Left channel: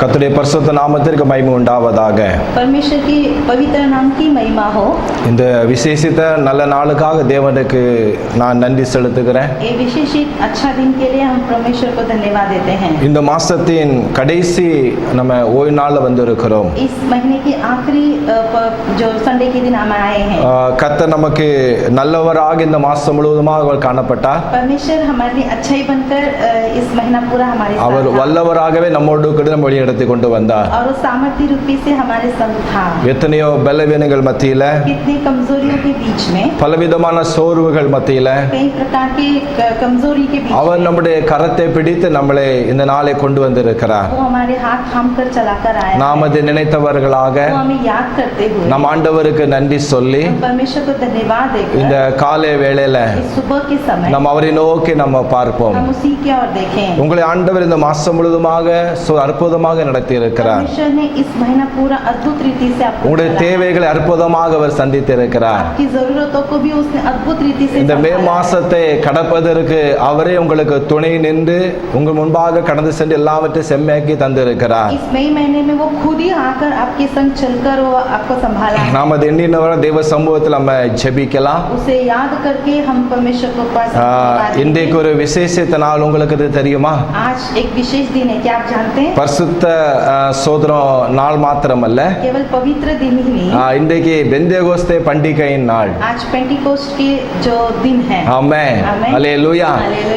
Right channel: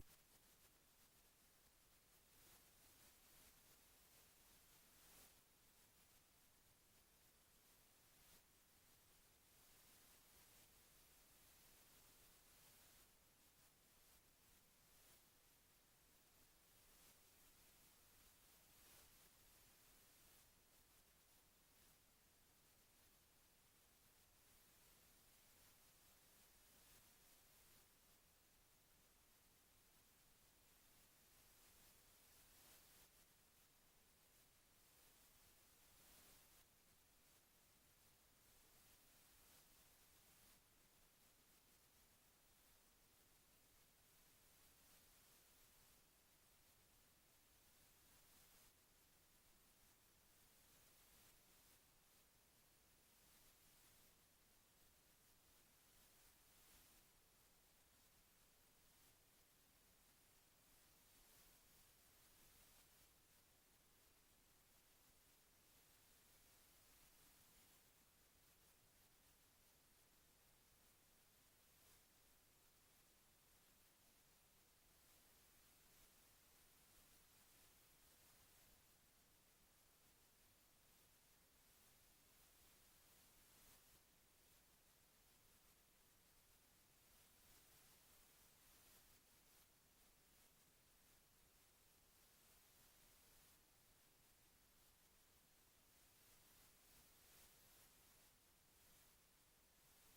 கர்த்தருடைய பரிசுத்த நாமத்திற்கு மகிமை உண்டாவதாக. परमेश्वर की पवित्र नाम की महिमा हो. இந்த விசேஷித்த நல்ல நாளுக்காக தேவனுக்கு நான் நன்றி செலுத்துகிறேன். ये विशेषित अच्छा दिन के लिए हम परमेश्वर को धन्यवाद देते हैं. இந்த மாசத்தின் கடைசி நம்ம ஓய்வு நாள்ல வந்திருக்கிறோம். इस महीने की आखिरी जो संडे के दिन हम आए हैं. கர்த்தர் நமக்கு நல்லவராக இந்த மாசம் முழுவதுமாக அவர் காணப்பட்டார். परमेश्वर हमारे लिए अच्छाई बनकर इस महीना पूरा हमारे साथ அவர் வல்லவராகவே நம்மோடு கூட நம்ம வழிநடத்தி கொண்டு வந்தார். और वो सामर्थ्य रूपी से हमारे संग था. எத்தனையோ பலவீனங்கள் மத்தியில, कितनी कमजोरियों के बीच में, பலவிதமான சோர்வுகள் மத்தியில कई प्रकार की कमजोरी के बीच அவர் நம்முடைய கரத்தை பிடித்து நம்மளை இந்த நாளை கொண்டு வந்திருக்கிறார். वो हमारे हाथ थाम कर चलाकर आया. நாம் அதை நினைத்தவர்களாக वो हमें याद करते हुए நம் ஆண்டவருக்கு நன்றி சொல்லி परमेश्वर को धन्यवाद देकर இந்த காலை வேளையில इस सुबह के समय நம்ம அவரை நோக்கி நம்ம பார்ப்போம். हम उसी की ओर देखें. உங்களை ஆண்டவர் இந்த மாசம் முழுவதுமாக அற்புதமாக நடத்தி இருக்கிறார். परमेश्वर ने इस महीना पूरा अद्भुत रीति से आपको உங்களுடைய தேவைகளை அற்புதமாக அவர் சந்தித்து இருக்கிறார். आपकी जरूरतों को भी उसने अद्भुत रीति से இந்த மே மாசத்தை கடப்பதற்கு அவரே உங்களுக்கு துணை நின்று உங்கள் முன்பாக கடந்து சென்று எல்லாவற்றையும் செம்மையாக்கி தந்திருக்கிறார். इस मई महीने में वो खुद ही आकर आपके संग चलकर वो आपको संभाला. நாம் அது எண்ணினவர தேவ சமூகத்தில் நம்ம ஜெபிக்கலாம். उसे याद करके हम परमेश्वर को पास. இன்றைக்கு ஒரு விசேஷித்த நாள், உங்களுக்கு இது தெரியுமா? आज एक विशेष दिन है, क्या आप जानते हैं? பரிசுத்த சோதரம் நாள் மாத்திரமல்ல, केवल पवित्र दिन ही नहीं, இன்றைக்கு பெந்தேகோஸ்தே பண்டிகையின் நாள். आज पेंटिकोस्ट के जो दिन है. ஆமென். அல்லேலூயா.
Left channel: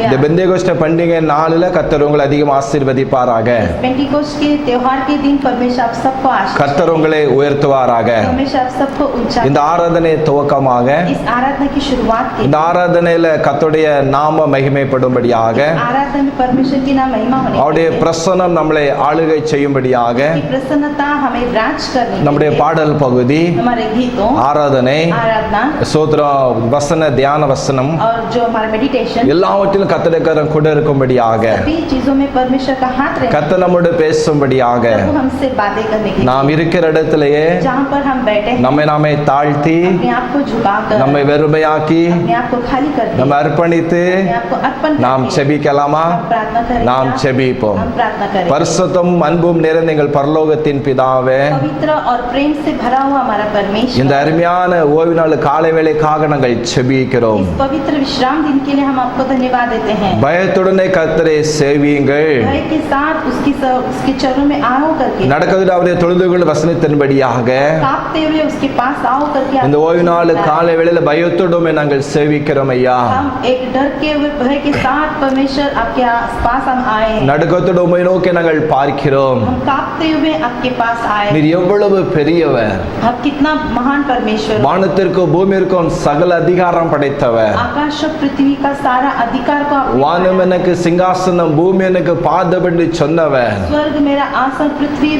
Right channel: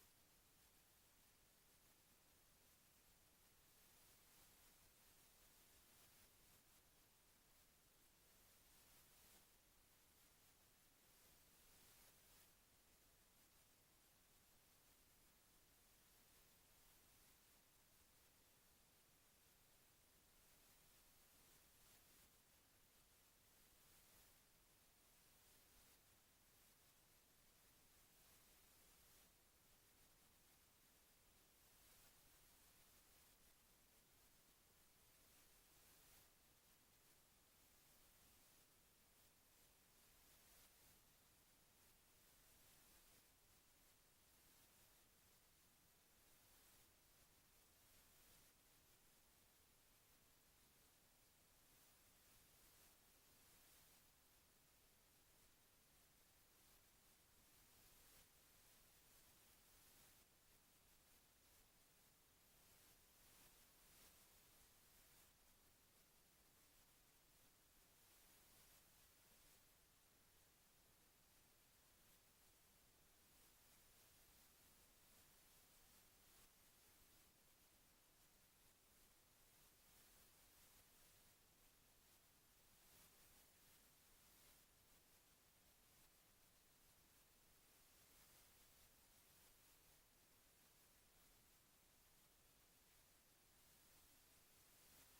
இந்த பெந்தேகோஸ்தே பண்டிகை நாளில கர்த்தர் உங்களை அதிகம் ஆசீர்வதிப்பாராக. पेंटिकोस्ट के त्योहार के दिन परमेश्वर आप सबको आशीष கர்த்தர் உங்களை உயர்த்துவாராக. परमेश्वर आप सबको ऊंचा. இந்த ஆராதனை துவக்கமாக इस आराधना की शुरुआत के இந்த ஆராதனையில கர்த்தருடைய நாம மகிமைப்படும்படியாக, आराधना में परमेश्वर की नाम महिमा होने அவருடைய के लिए, பிரசன்னம் நம்மளை ஆளுகை செய்யும்படியாக की प्रसन्नता हमें राज करने के நம்முடைய लिए, பாடல் பகுதி, हमारे गीतों, ஆராதனை, आराधना சோத்திரம், வசன தியான வசனம் और जो हमारा मेडिटेशन, எல்லாவற்றிலும் கர்த்தருடைய கரம் கூட இருக்கும்படியாக, सभी चीजों में परमेश्वर का हाथ रहे. கர்த்தர் நம்மோடு பேசும்படியாக, वो हमसे बातें करने के நாம் இருக்கிற இடத்திலேயே लिए, जहाँ पर हम बैठे हैं, நம்மை நாமே தாழ்த்தி, अपने आप को झुकाकर, நம்மை வெறுமையாக்கி, अपने आप को खाली कर நம்ம அர்ப்பணித்து अपने आप को अर्पण நாம் करके செபிக்கலாமா? हम प्रार्थना करें. நாம் செபிப்போம். हम प्रार्थना करें. பரிசுத்தம் அன்பும் நிறைந்த எங்கள் பரலோகத்தின் பிதாவே, पवित्र और प्रेम से भरा हुआ हमारा परमेश्वर, இந்த அருமையான ஓய்வு நாள் காலை வேளைக்காக நாங்கள் செபிக்கிறோம். इस पवित्र विश्राम दिन के लिए हम आपको धन्यवाद देते हैं. பயத்துடனே கர்த்தரை சேவியுங்கள். भय के साथ उसके चरणों में आओ करके, நடக்கதில் அவருடைய தொழுதுகள் வசனத்தின்படியாக कांपते हुए उसके पास आओ करके, இந்த ஓய்வு நாள் காலை வேளையில பயத்துடமே நாங்கள் சேவிக்கிறோம் ஐயா. हम एक डर के हुए भय के साथ परमेश्वर आपके पास हम आए हैं. நடுக்கத்தோடு உம்மை நோக்கி நாங்கள் பார்க்கிறோம். हम कांपते हुए आपके पास आए. நீர் எவ்வளவு பெரியவர், आप कितना महान परमेश्वर, வானத்திற்கும் பூமியிற்கும் சகல அதிகாரம் படைத்தவர். आकाश और पृथ्वी का सारा अधिकार को आपने வானம் எனக்கு சிங்காசனம், பூமி எனக்கு பாதபடி சொன்னவர். स्वर्ग मेरा आसन, पृथ्वी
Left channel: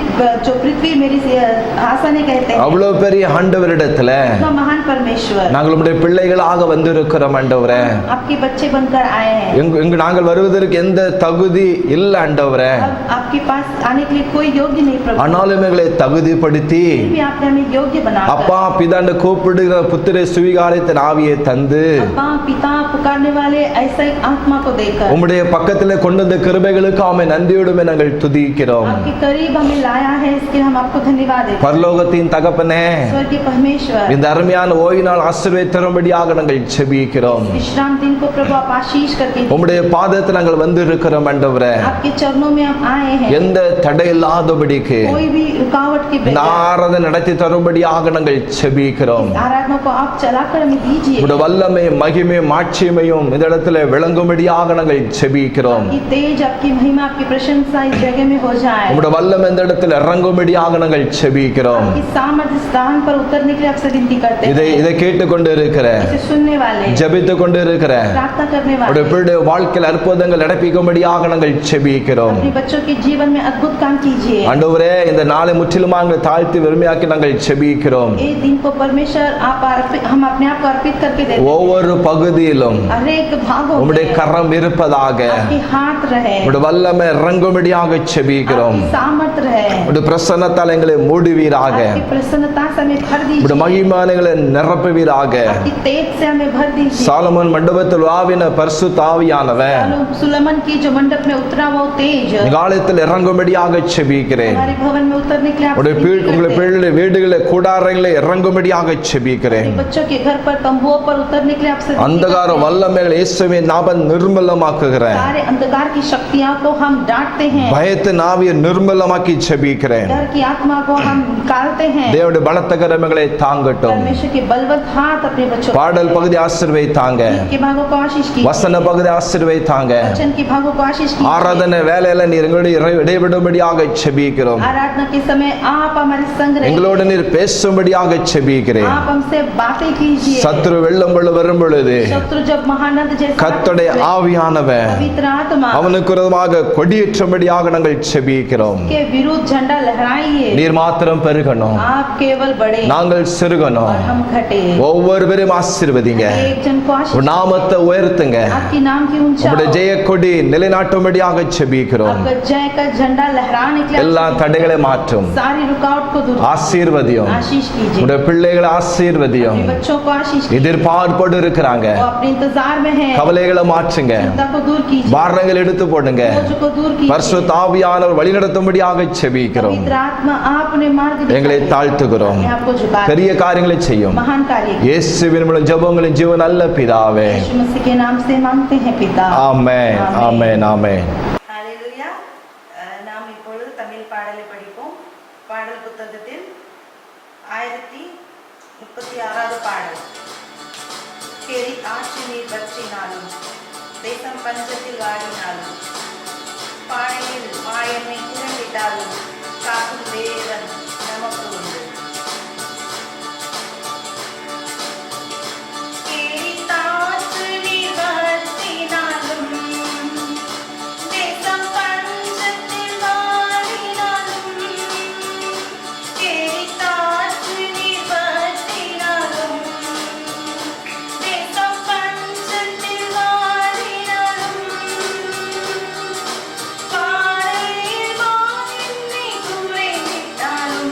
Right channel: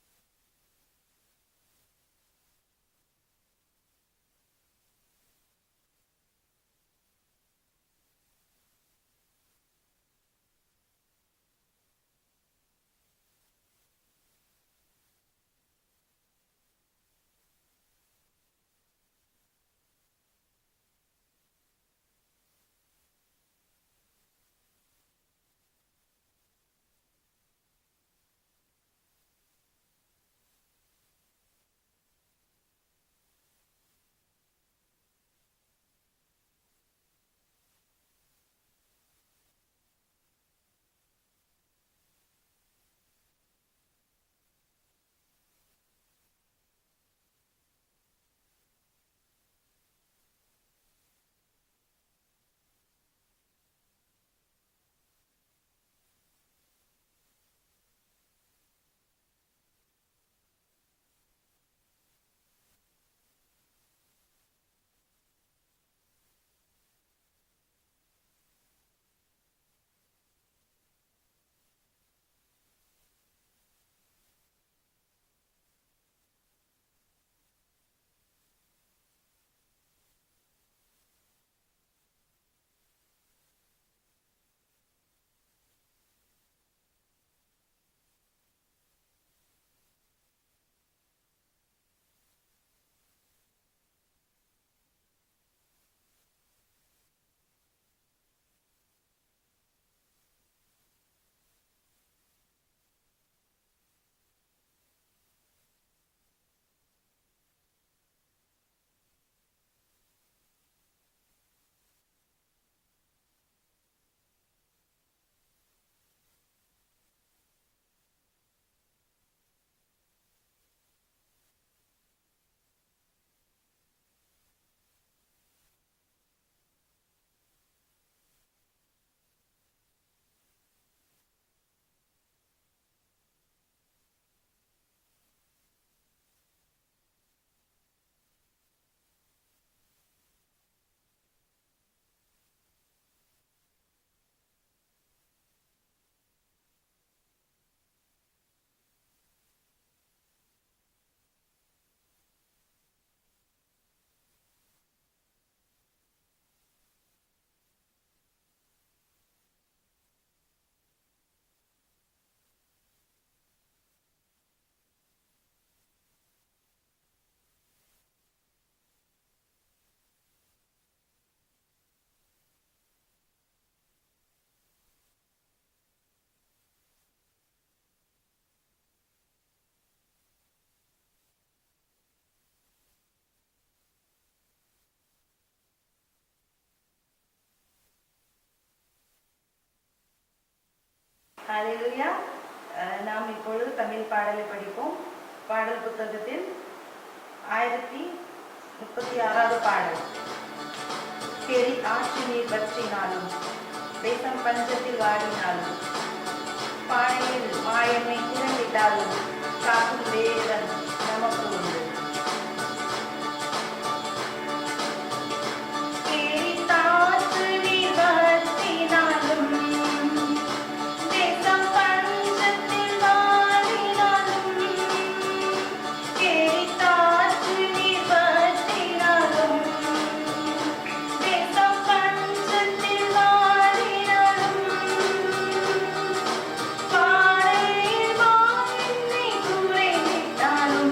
जो पृथ्वी मेरी आसन है कहते हैं. அவ்வளவு பெரிய ஆண்டவரிடத்துல इतना महान परमेश्वर, நாங்கள் உம்முடைய பிள்ளைகளாக வந்திருக்கிறோம் ஆண்டவரே. आपके बच्चे बनकर आए हैं. இங்கு நாங்கள் வருவதற்கு எந்த தகுதி இல்ல ஆண்டவரே. अब आपके पास आने के लिए कोई योग्य नहीं प्रभु, ஆனாலும் எங்களை தகுதிப்படுத்தி फिर भी आपने हमें योग्य बनाकर, அப்பா பிதான்னு கூப்பிடுகிற புத்திர சுவிகாரத்தின் ஆவியை தந்து अब्बा पिता पुकारने वाले ऐसा एक आत्मा को देकर உம்முடைய பக்கத்துல கொண்டு வந்த கிருபைகளுக்கு ஆமை நன்றியோடுமே நாங்கள் துதிக்கிறோம். आपके करीब हमें लाया है, इसके हम आपको धन्यवाद देते हैं. பரலோகத்தின் தகப்பனே, स्वर्गीय परमेश्वर, இந்த அருமையான ஓய்வு நாள் ஆசீர்வாதம் தரும்படியாக நாங்கள் செபிக்கிறோம். विश्राम दिन को प्रभु आप आशीष करके, உம்முடைய பாதத்தில் நாங்கள் வந்து இருக்கிறோம் ஆண்டவரே. आपके चरणों में हम आए हैं. எந்த தடை இல்லாதபடிக்கு कोई भी रुकावट के இந்த बगैर ஆராதனை நடத்தி தரும்படியாக நாங்கள் செபிக்கிறோம். आराधना को आप चलाकर हमें दीजिए. உம்முடைய வல்லமை மகிமை மாட்சிமையும் இந்த இடத்துல விளங்கும்படியாக நாங்கள் செபிக்கிறோம். आपकी तेज, आपकी महिमा, आपकी प्रशंसा इस जगह में हो जाए. உம்முடைய வல்லமை இந்த இடத்துல இறங்கும்படியாக நாங்கள் செபிக்கிறோம். आपकी सामर्थ्य इस स्थान पर उतरने के लिए आपसे विनती करते हैं. இதை கேட்டுக்கொண்டு இருக்கிற, इसे सुनने वाले, ஜெபித்து கொண்டு இருக்கிற प्रार्थना करने உம்முடைய वाले, பிள்ளைகளுடைய வாழ்க்கையில் அற்புதங்கள் நடப்பிக்கும்படியாக நாங்கள் செபிக்கிறோம். अपने बच्चों के जीवन में अद्भुत काम कीजिए. ஆண்டவரே, இந்த நாளை முற்றிலுமாக தாழ்த்தி வெறுமையாக்கி நாங்கள் செபிக்கிறோம். एक दिन को परमेश्वर हम अपने आप को अर्पित करके देते हैं. ஒவ்வொரு பகுதியிலும் हर एक भागों உம்முடைய में கரம் இருப்பதாக, आपके हाथ रहे, உம்முடைய வல்லமை இறங்கும்படியாக செபிக்கிறோம். आपकी सामर्थ रहे, உம்முடைய பிரசன்னத்தால் எங்களை மூடுவீராக, आपकी प्रसन्नता से हमें भर உம்முடைய दीजिए, மகிமானங்களை நிரப்புவீராக. आपकी तेज से हमें भर दीजिए. சாலமோன் மண்டபத்தில் வாவின பரிசுத்த ஆவியானவர் सुलेमान की जो मंडप में उतरा वो तेज காலத்தில் இறங்கும்படி இறங்கும்படியாக செபிக்கிறேன். हमारे भवन में उतरने के लिए உடைய आपसे विनती உங்களுடைய करते हैं। பிள்ளைகளுடைய வீடுகளில் கூடாரங்களில் இறங்கும்படியாக செபிக்கிறேன். अपने बच्चों के घर पर तंबुओं पर उतरने के लिए आपसे विनती अंधकार करते हैं। வல்லமைகள் இயேசுவின் நாமம் நிர்மூலமாக்குகிறேன். सारे अंधकार की शक्तियां को हम डांटते हैं। பயத்தின் ஆவியை நிர்மூலமாக்கி செபிக்கிறேன். डर की आत्मा को हम निकालते हैं। தேவனுடைய பலத்த கரங்களை தாங்கட்டும். परमेश्वर के बलवंत हाथ अपने बच्चों பாடல் பகுதி ஆசீர்வதித்தாங்க. के भागों को आशीष कीजिए। வசன பகுதி ஆசீர்வதித்தாங்க. वचन के भागों को आशीष कीजिए। ஆராதனை வேலையில நீர் எங்களுடைய இடைவிடும்படியாக செபிக்கிறோம். आराधना के समय आप हमारे संग रहिए। எங்களோடு நீர் பேசும்படியாக செபிக்கிறேன். आप हमसे बातें कीजिए। சத்துரு வெள்ளம் கொள்ள வரும் பொழுது शत्रु जब महानद जैसा கர்த்தருடைய ஆவியானவர் पवित्र आत्मा அவனுக்கு விரோதமாக கொடியேற்றும்படியாக நாங்கள் செபிக்கிறோம். के विरुद्ध झंडा लहराइए। நீர் மாத்திரம் பெருகணும், आप केवल बढ़े நாங்கள் और சிறுகணும். हम घटे। ஒவ்வொருவரும் ஆசீர்வதிங்க. एक जन को आशीष உன் நாமத்தை உயர்த்துங்க. आपकी नाम की ऊंचाई। உங்களுடைய ஜெய கொடி நிலைநாட்டும்படியாக செபிக்கிறோம். आपका जय का झंडा लहराने के लिए எல்லா தடைகளை மாற்றும். सारी रुकावट को दूर ஆசீர்வதியும். आशीष कीजिए। உங்களுடைய பிள்ளைகளை ஆசீர்வதியும். अपने बच्चों को आशीष कीजिए। எதிர்பார்ப்போடு இருக்கிறாங்க. वो अपने इंतजार में है। கவலைகளை மாற்றுங்க. चिंता को दूर कीजिए। பாரங்கள் எடுத்து போடுங்க. बोझ को दूर कीजिए। பரிசுத்த ஆவியானவர் வழிநடத்தும்படியாக செபிக்கிறோம். पवित्र आत्मा आपने मार्ग எங்களை दिखाया। தாழ்த்துகிறோம். मैं आपको झुका பெரிய காரியங்களை செய்யும். महान कार्य कीजिए। இயேசுவின் மூலம் ஜெபங்களின் ஜீவ நல்ல பிதாவே. यीशु मसीह के नाम से मांगते हैं पिता। ஆமென், ஆமென், ஆமென். ஹalleluya. நாம் இப்பொழுது தமிழ் பாடலை படிப்போம். பாடல் புத்தகத்தில் 1036வது பாடல். கேரி ஆட்சி நீர் பற்றினாலும் தேசம் பஞ்சத்தில் வாடினாலும் பானையில் மாயமை குறைந்திட்டாலும் காக்கும் தேவன் நமக்கு உண்டு. பாறையில் வானில் நீ குறைந்திட்டாலும்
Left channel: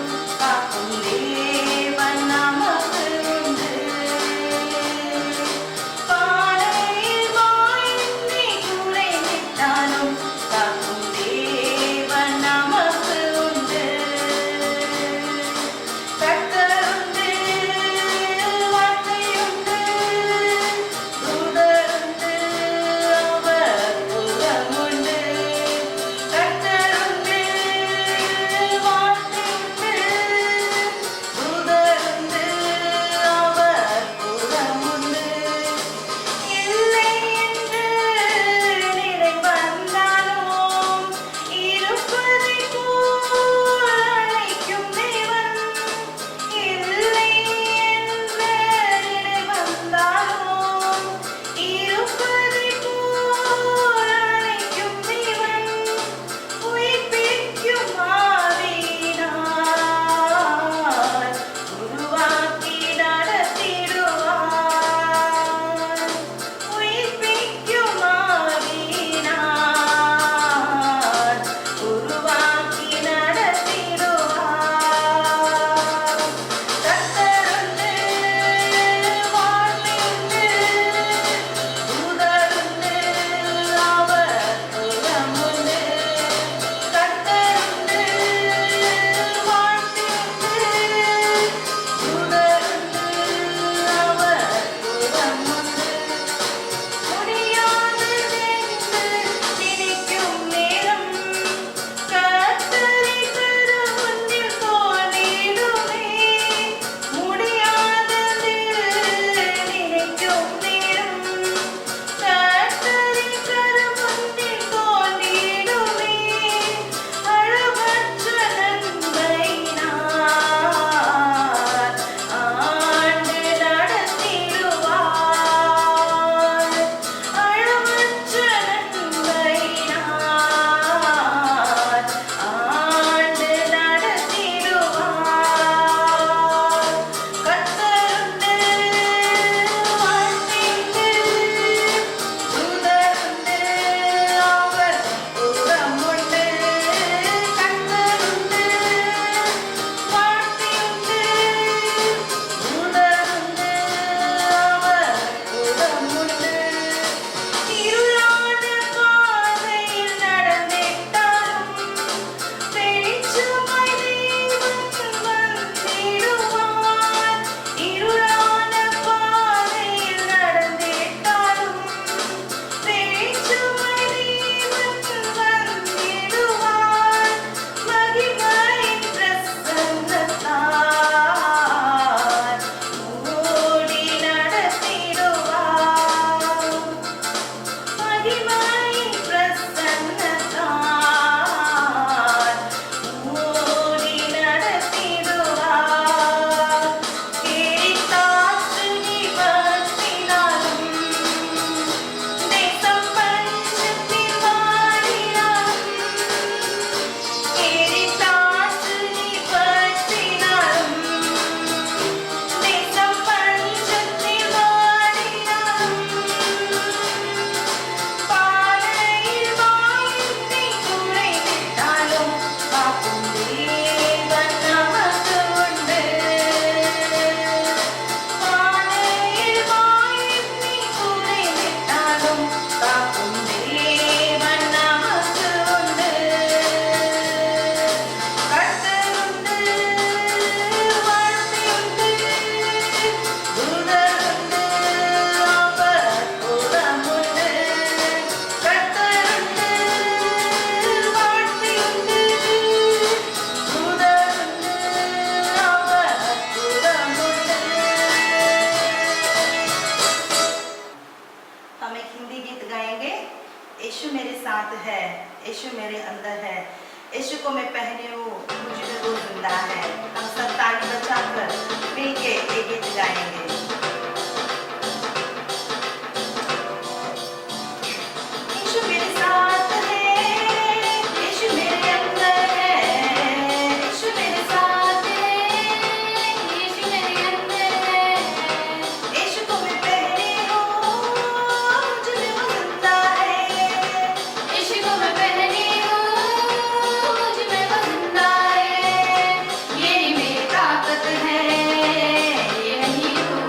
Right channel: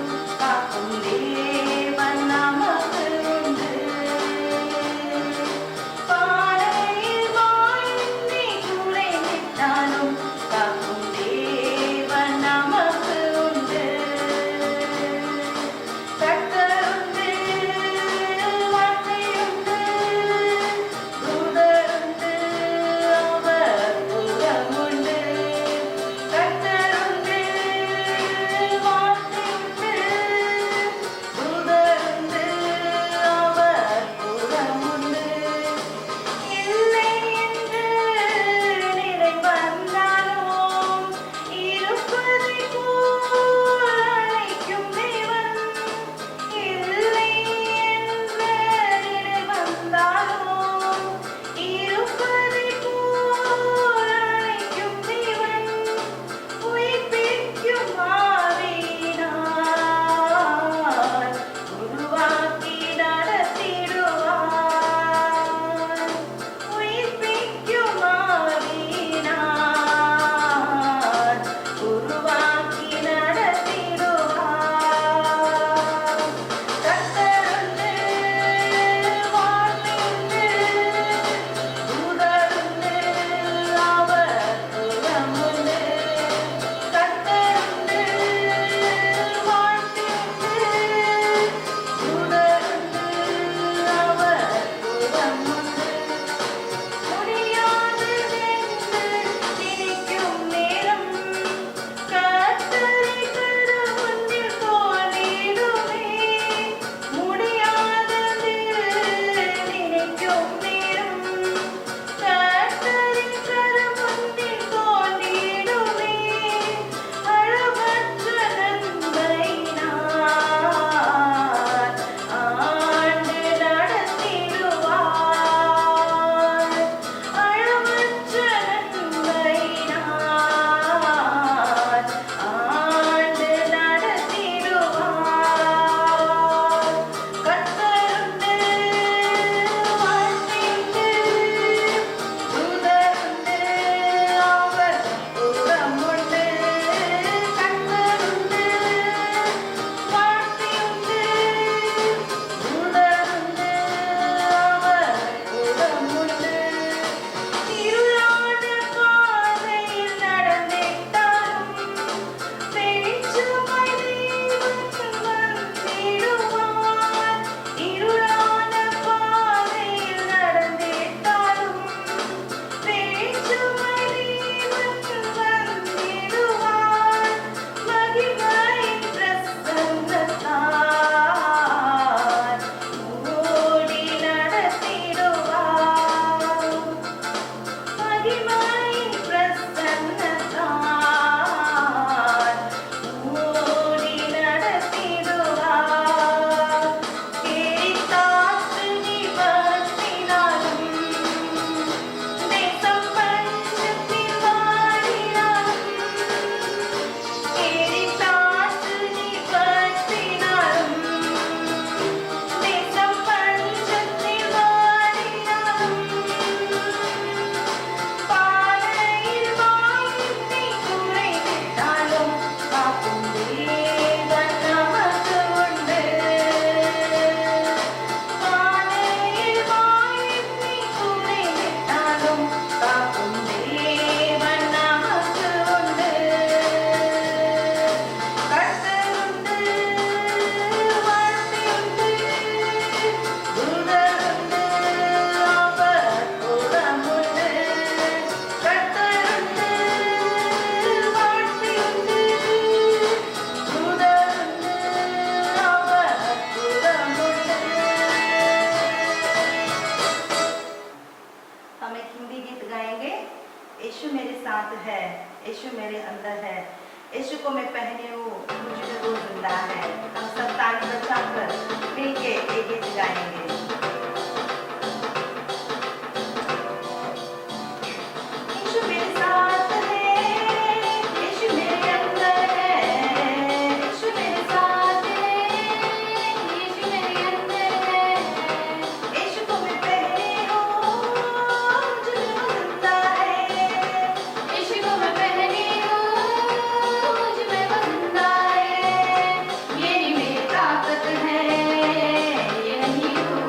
मिलता है। हम सब ताली बजाकर मिलके ये गीत गाएंगे। यीशु मेरे साथ है, यीशु मेरे अंदर है, यीशु मेरे साथ है, यीशु मेरे अंदर है। यीशु को मैं पहली हूँ, मुझ में वो जिंदा है। यीशु को मैं पहली हूँ, मुझ में वो जिंदा है। यही मेरी ताकत है, ये नहीं हूँ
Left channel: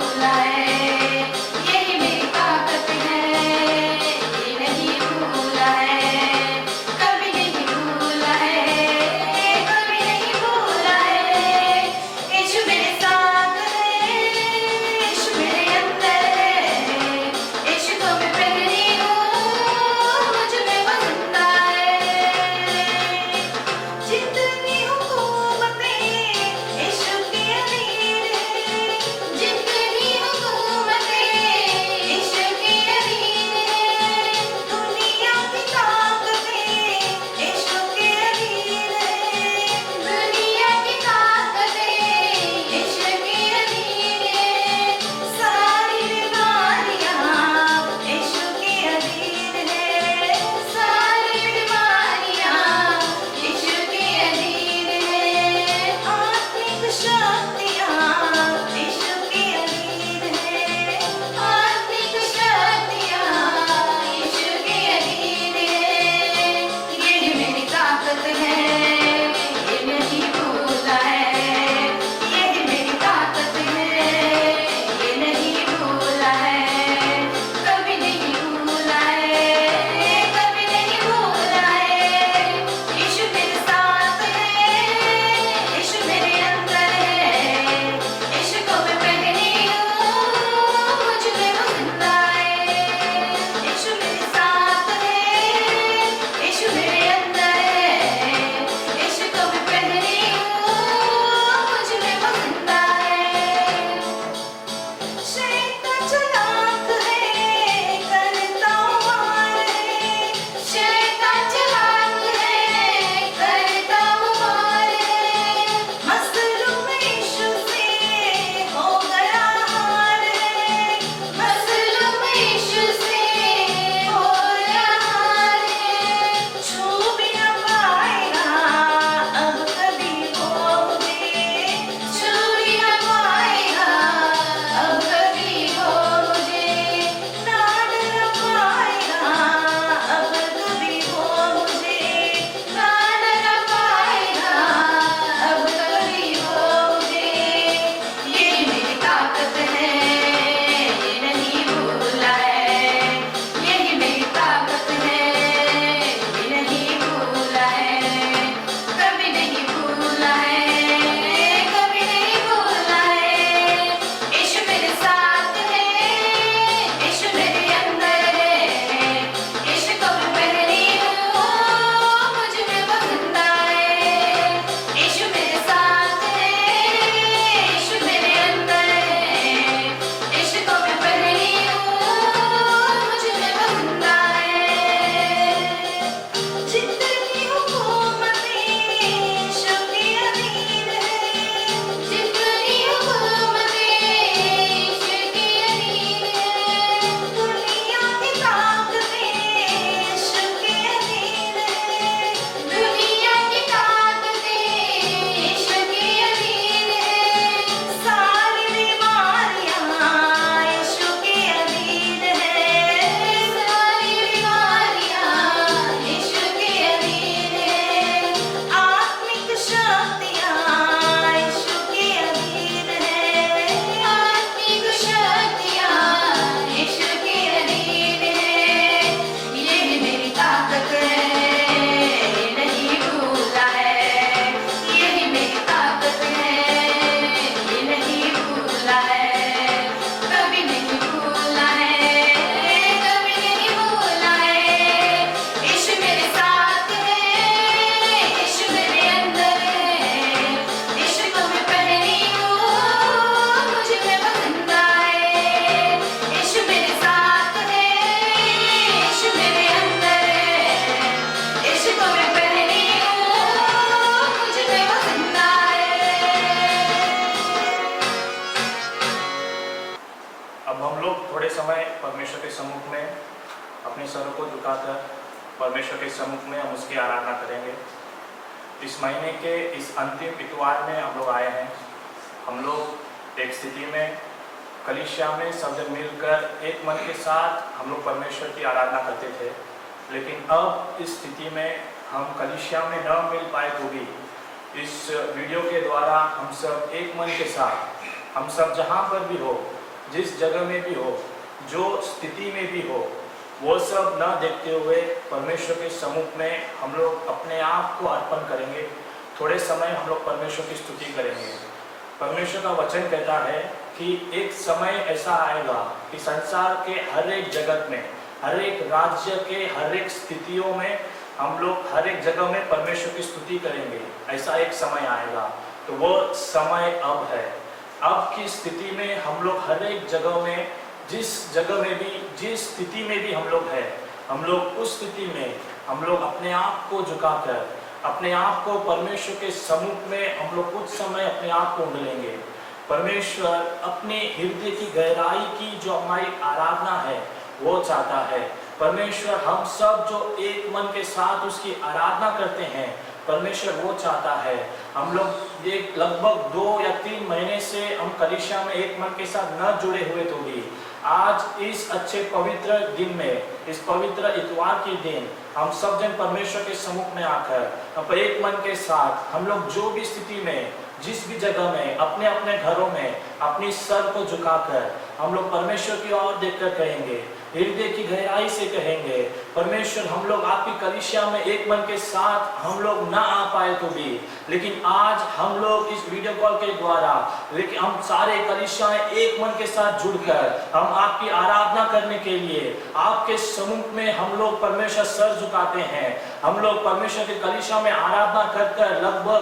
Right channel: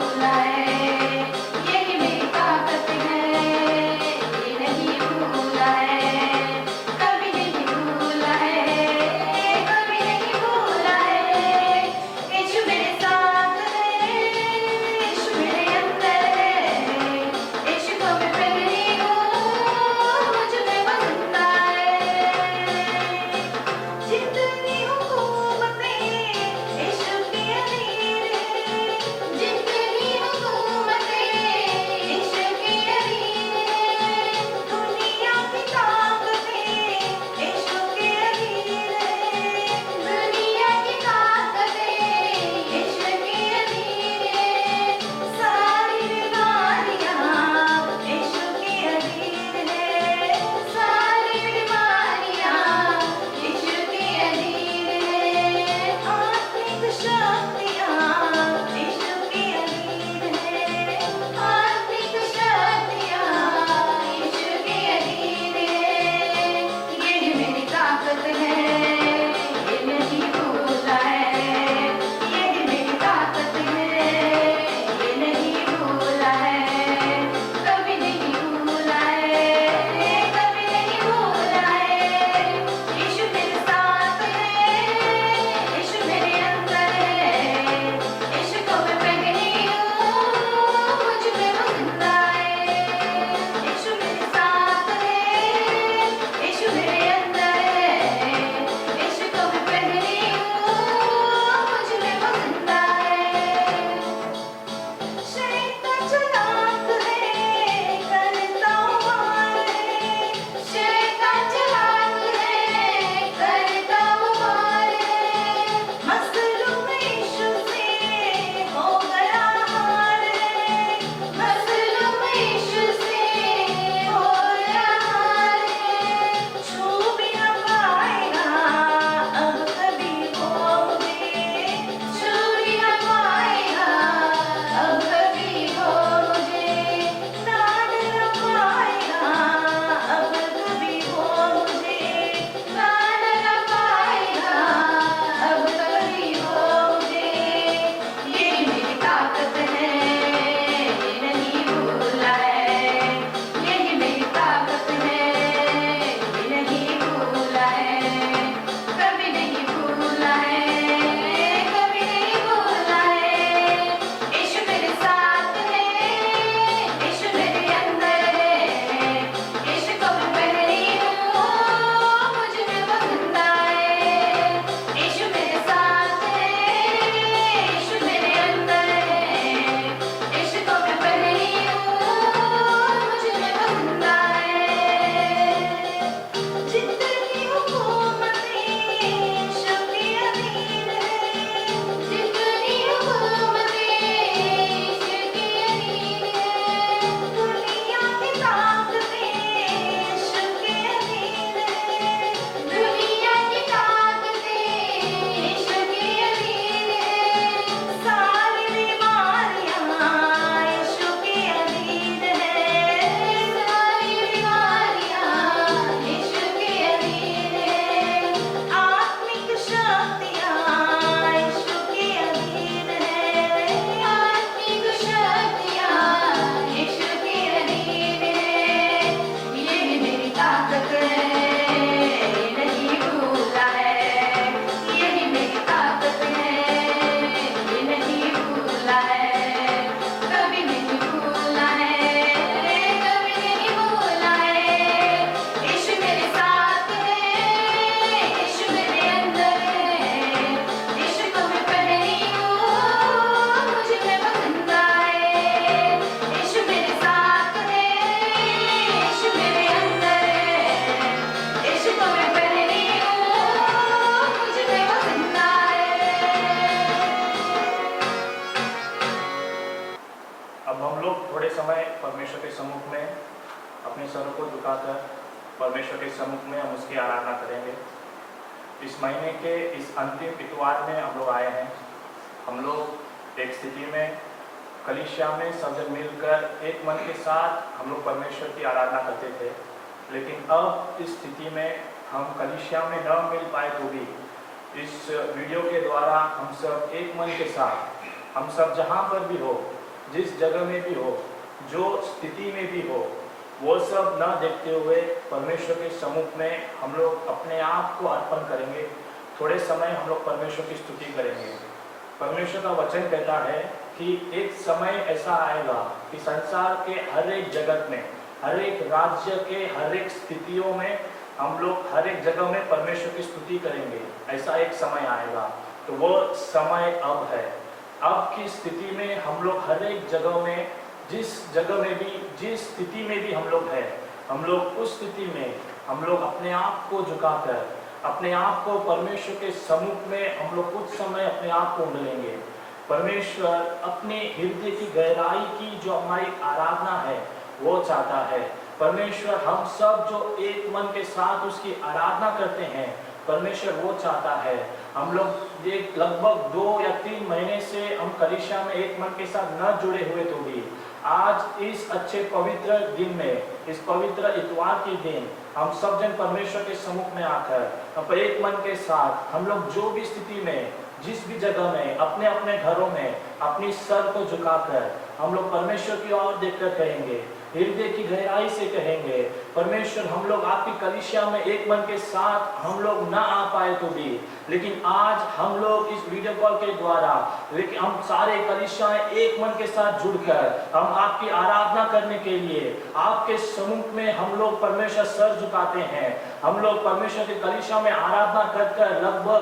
परमेश्वर के सम्मुख में अपने सरों को झुकाकर परमेश्वर के सम्मुख में हम उसकी आराधना करेंगे। इस महीने के इस अंतिम इतवार में हम लोग आए हैं। हम लोग एक स्थिति में कलीसिया में सब जन मिलकर एक मन के साथ हम लोग परमेश्वर की आराधना करते थे, लेकिन अब इस स्थिति में हम कलीसिया में न मिल पाए तो भी इस वीडियो के द्वारा हम सब एक मन के साथ, हम सब जहाँ पर भी हो, जिस जगह में भी हो, जो स्थिति में भी हो, वो सब न देखते हुए परमेश्वर के सम्मुख में हम लोग अपने आप को अर्पण करेंगे। थोड़े समय हम लोग परमेश्वर की स्तुति करेंगे। परमेश्वर का वचन कहता है कि एक समय ऐसा आएगा कि संसार के हर एक जगत में, हर एक राज्य के हर एक स्थितियों में हम लोग हर एक जगह में परमेश्वर की स्तुति करेंगे। ऐसा एक समय आएगा, तो वो समय अब है। अब की स्थिति में हम लोग हर एक जगह में, जिस जगह में भी, जिस स्थिति में भी हम लोग हैं, हम लोग उस स्थिति में हम लोग अपने आप को झुकाकर, अपने आप को परमेश्वर के सम्मुख में हम लोग कुछ समय अपने आप को उंडलेंगे। परमेश्वर अपने हृदय की गहराई की जो हमारी आराधना है वो चाहता है। परमेश्वर हम सब जो एक मन के साथ उसकी आराधना करते हैं, परमेश्वर वो चाहता है। हम लोग एक लगभग 2 या 3 महीने से हम कलीसिया में एक मन के साथ न जुड़े हुए तो भी आज इस अच्छे पवित्र दिन में, इस पवित्र इतवार के दिन हम सब जन परमेश्वर के सम्मुख में आकर अब एक मन के साथ हम लोग जो भी स्थिति में, जिस भी जगह में, अपने अपने घरों में अपनी सर को झुकाकर हम लोग परमेश्वर की ओर देखकर कहेंगे, हृदय की गहराई से कहेंगे, परमेश्वर हम लोग आपकी कलीसिया में एक मन के साथ हम लोग ना आ पाए तो भी, लेकिन आज हम लोग इस वीडियो कॉल के द्वारा, लेकिन हम सारे कलीसिया में एक मन के साथ जुड़कर हम आपकी आराधना करने के लिए आपके सम्मुख में हम लोग परमेश्वर सर झुकाते हैं। हम लोग परमेश्वर की कलीसिया में आराधना करकर लगभग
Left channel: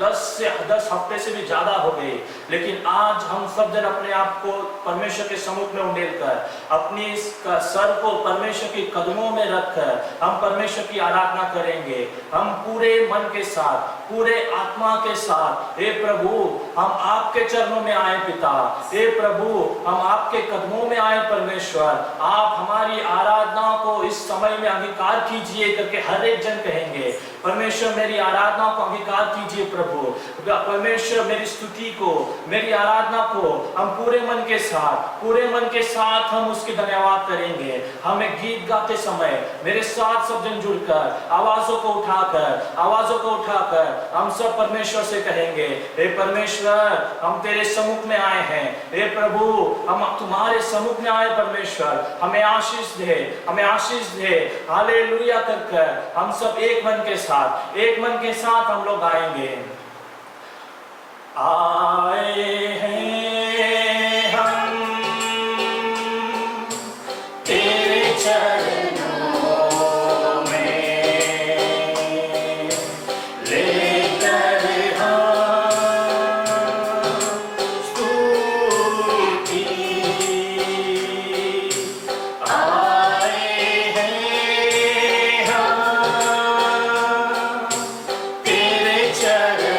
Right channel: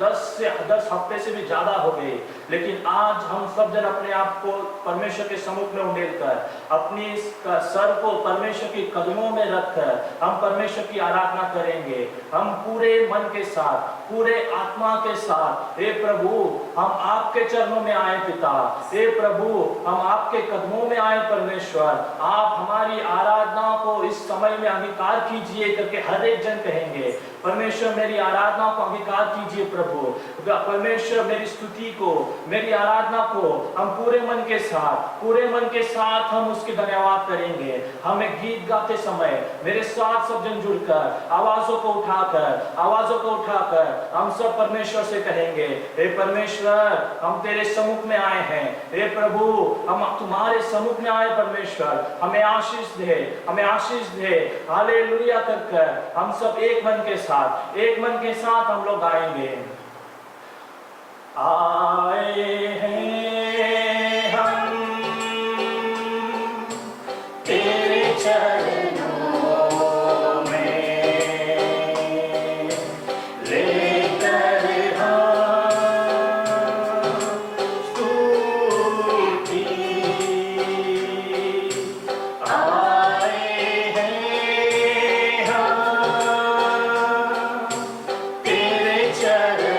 10 हफ्ते से भी ज्यादा हो गए, लेकिन आज हम सब जन अपने आप को परमेश्वर के सम्मुख में उंडेलकर अपनी सर को परमेश्वर के कदमों में रखकर हम परमेश्वर की आराधना करेंगे। हम पूरे मन के साथ, पूरे आत्मा के साथ, हे प्रभु हम आपके चरणों में आए पिता, हे प्रभु हम आपके कदमों में आए परमेश्वर, आप हमारी आराधना को इस समय में अंगीकार कीजिए करके हर एक जन कहेंगे। परमेश्वर मेरी आराधना को अंगीकार कीजिए प्रभु, परमेश्वर मेरी स्तुति को, मेरी आराधना को हम पूरे मन के साथ हम उसके धन्यवाद करेंगे। हमें गीत गाते समय मेरे साथ सब जन जुड़कर आवाजों को उठाकर हम सब परमेश्वर से कहेंगे, हे परमेश्वर हम तेरे सम्मुख में आए हैं, हे प्रभु हम तुम्हारे सम्मुख में आए परमेश्वर, हमें आशीष दे, हालेलुया कर हम सब एक मन के साथ हम लोग आएंगे। आए हैं हम तेरे चरणों में, लेकर हम स्तुति, आए हैं हम तेरे चरणों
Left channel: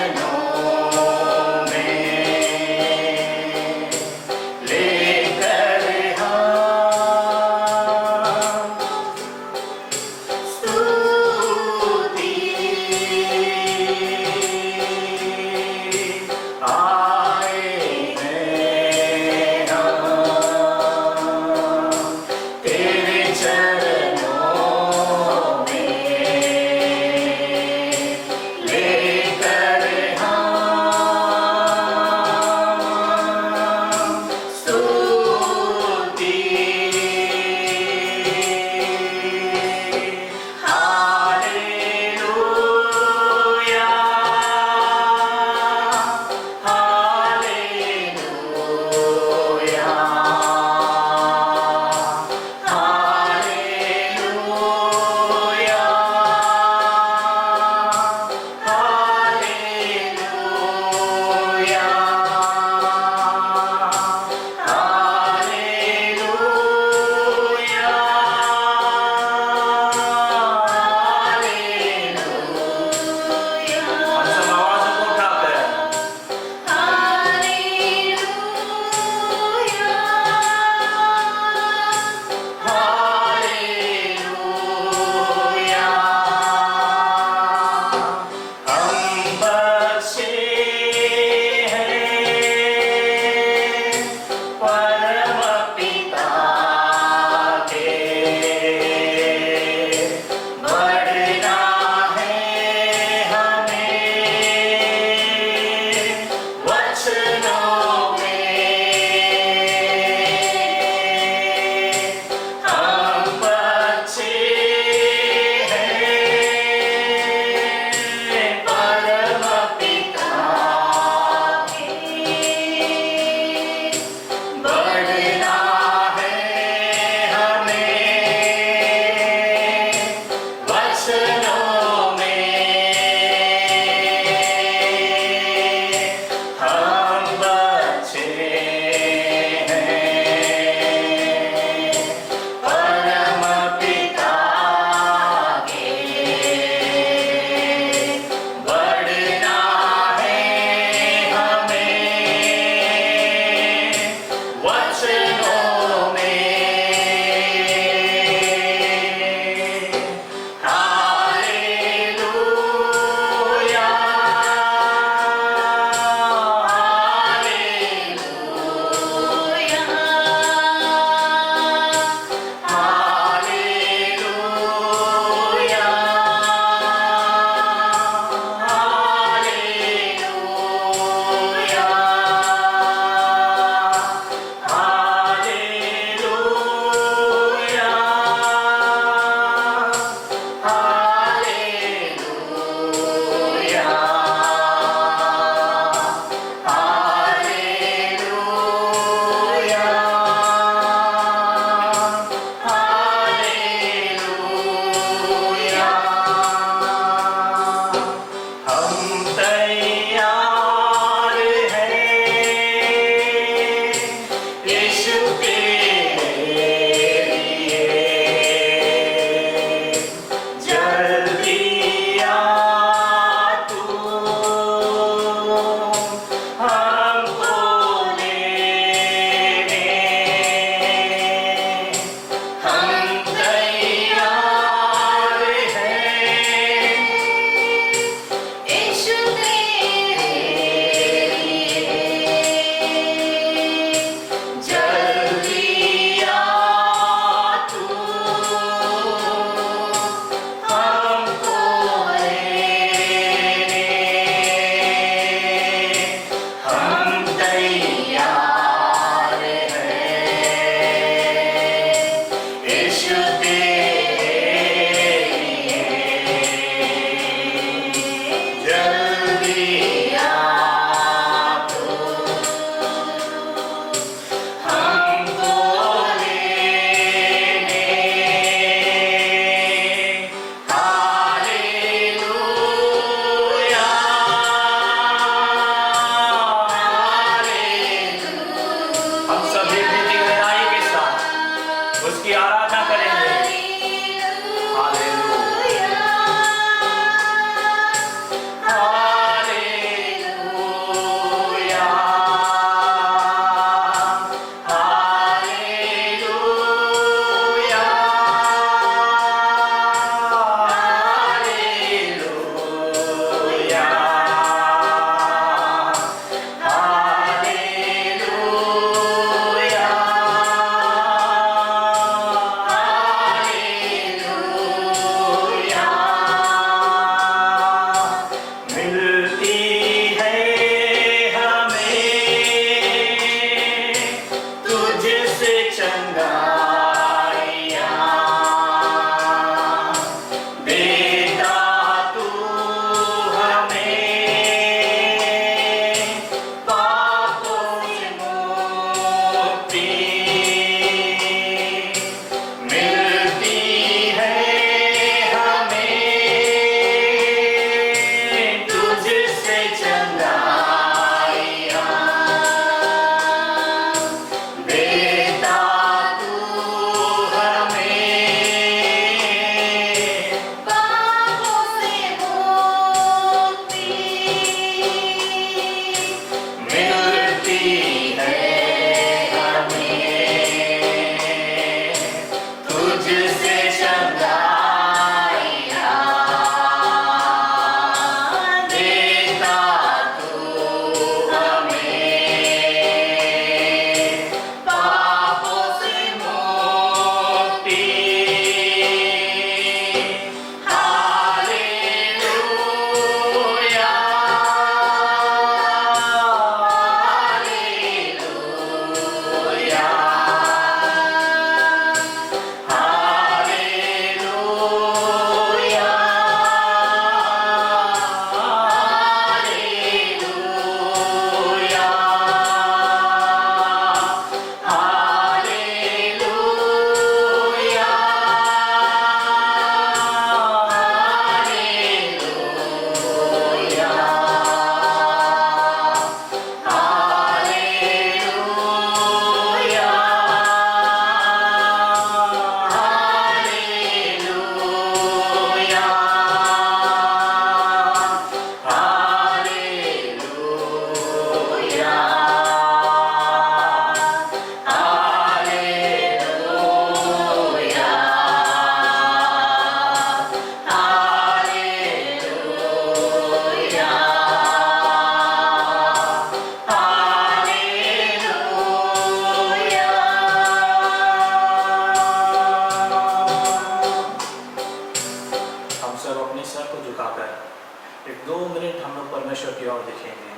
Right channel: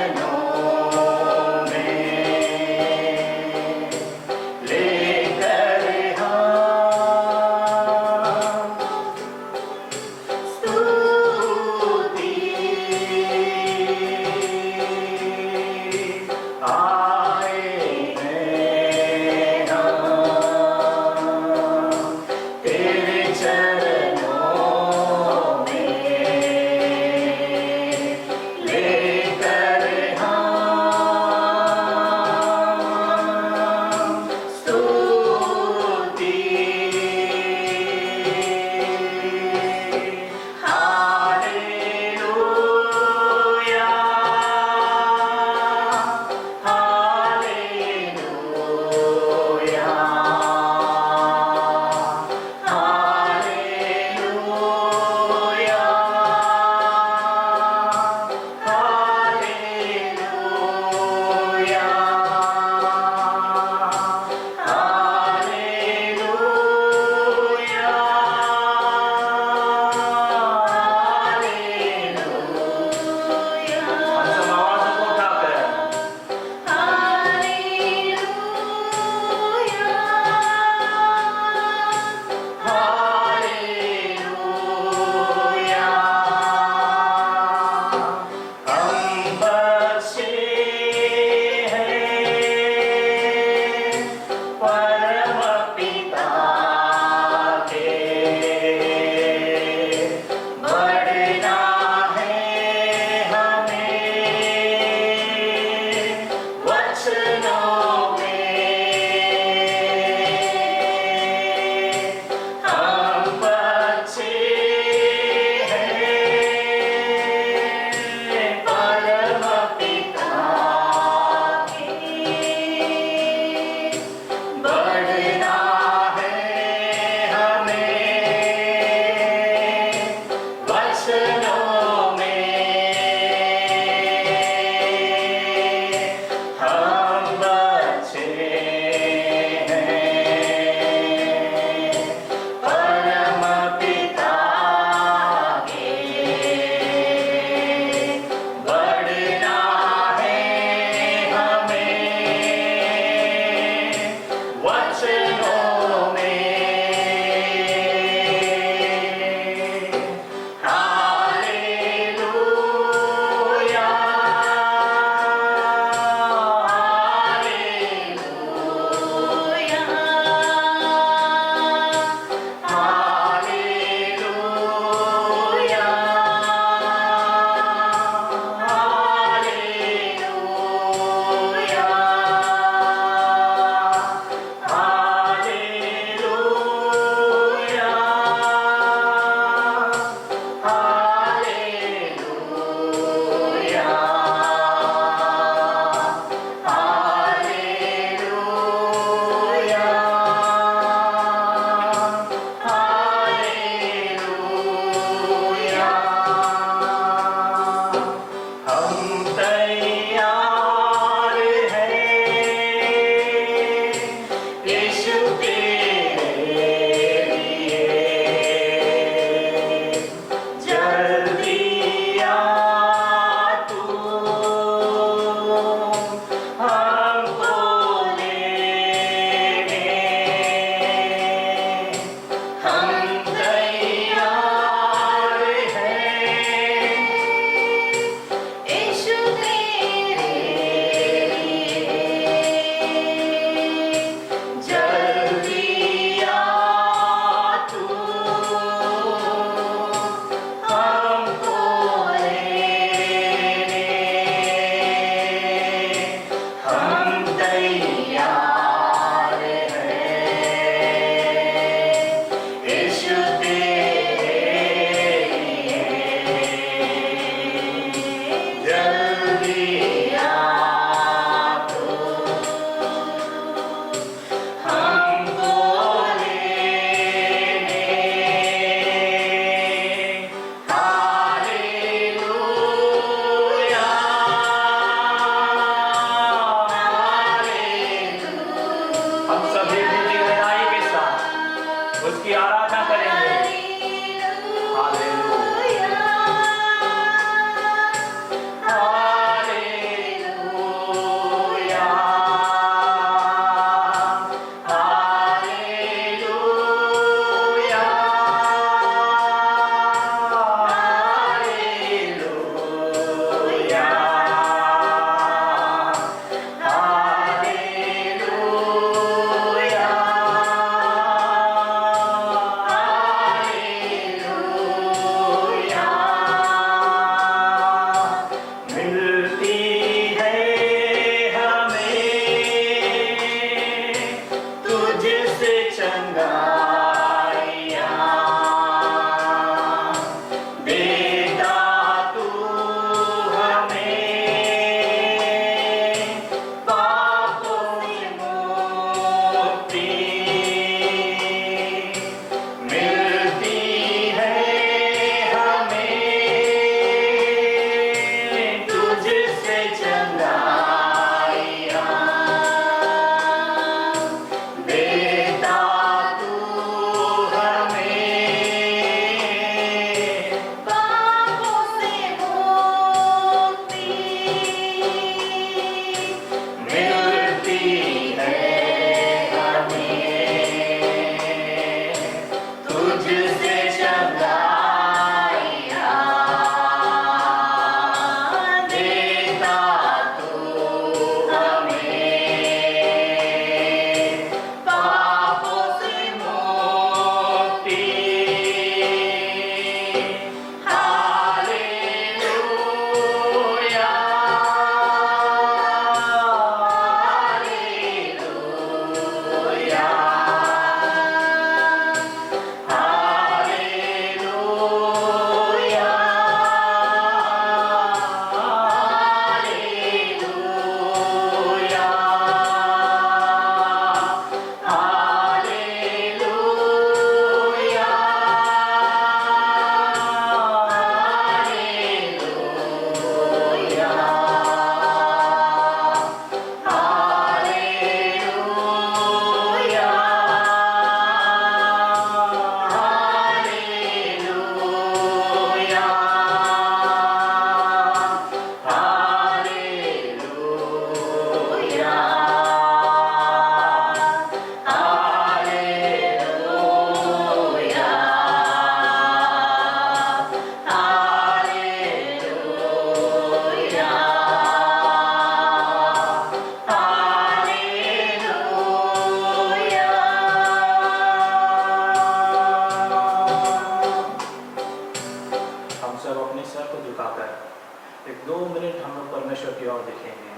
देखेंगे।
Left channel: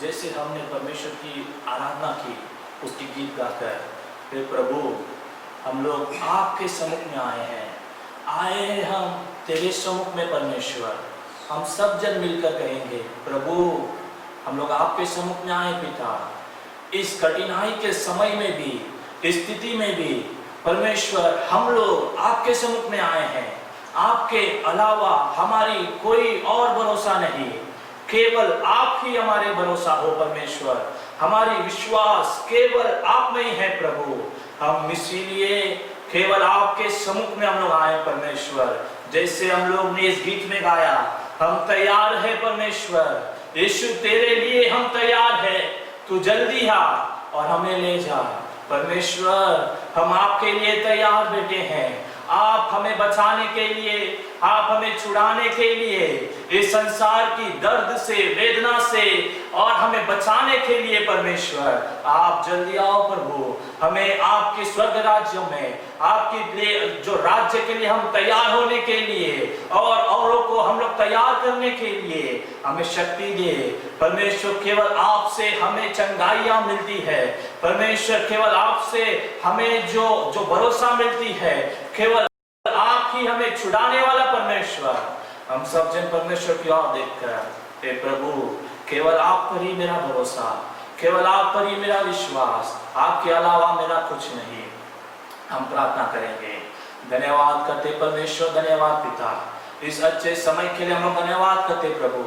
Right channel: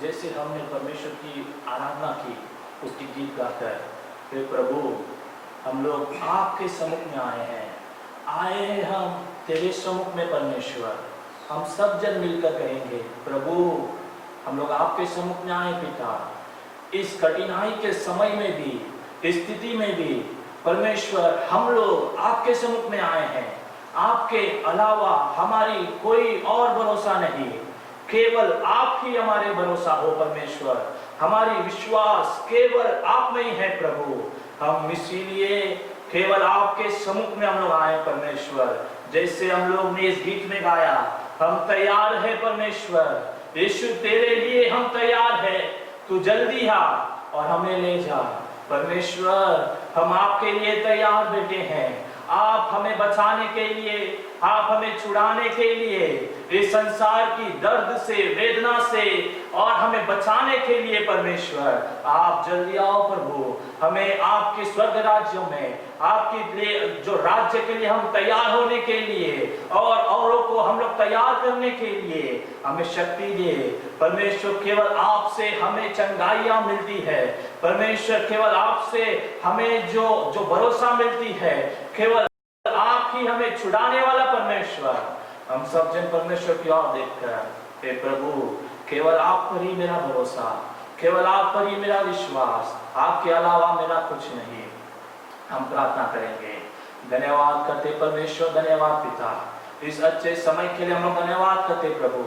जैसे हमने परमेश्वर की आराधना की, उसकी गीत गाकर, हे प्रभु हम लोग आपके सम्मुख में आए हैं हम तेरे सम्मुख में परमेश्वर। हम सब जन मिलकर कहेंगे प्रभु हम लोग आपके सम्मुख में आए पिता, इस कठिनाई के समय में भी, इस स्थिति में भी परमेश्वर हम लोग आपके सम्मुख में आए हैं। आपके अलावा हमारी कोई और भरोसा नहीं, केवल आप ही हमारे भरोसा हो परमेश्वर। हमारी विश्वास केवल आप में ही है प्रभु। हम इसीलिए केवल आपके सम्मुख में हम लोग आए परमेश्वर। जैसे हम लोग ने इस गीत में गाया, हम तैयार है परमेश्वर, यीशु तेरे लिए हम तैयार है, तू जल्दी आ और हमें ले जा परमेश्वर। हम आपके लिए तैयार बेटे हैं, आप हमें बचाने के लिए, आप हमें छुड़ाने के लिए, इस संसार की दर्द से, वेदना से और हमें बचाने के लिए परमेश्वर आप जल्दी आओ प्रभु। हमें आपके स्वर्ग राज्यों में, आपके लिए जो राज्य के लिए हम तैयार होने के लिए और औरों को हम लोग तैयार करने के लिए हमें शक्ति दे परमेश्वर। केवल आपसे हमें चंगाइयां मिलती है परमेश्वर, केवल आपसे हमें जो भरोसा मिलती है, केवल आप ही हमें छुड़ाने वाला परमेश्वर। हम सब जन परमेश्वर की ओर देखकर, हे प्रभु केवल आप पर ही मेरा भरोसा, केवल आप पर ही मेरा विश्वास, आपके अलावा मेरा कुछ नहीं। हम प्रार्थना करेंगे। धन्यवाद करते परमेश्वर, धन्यवाद पिता, इस अच्छे समय के लिए हम लोग धन्यवाद करते प्रभु।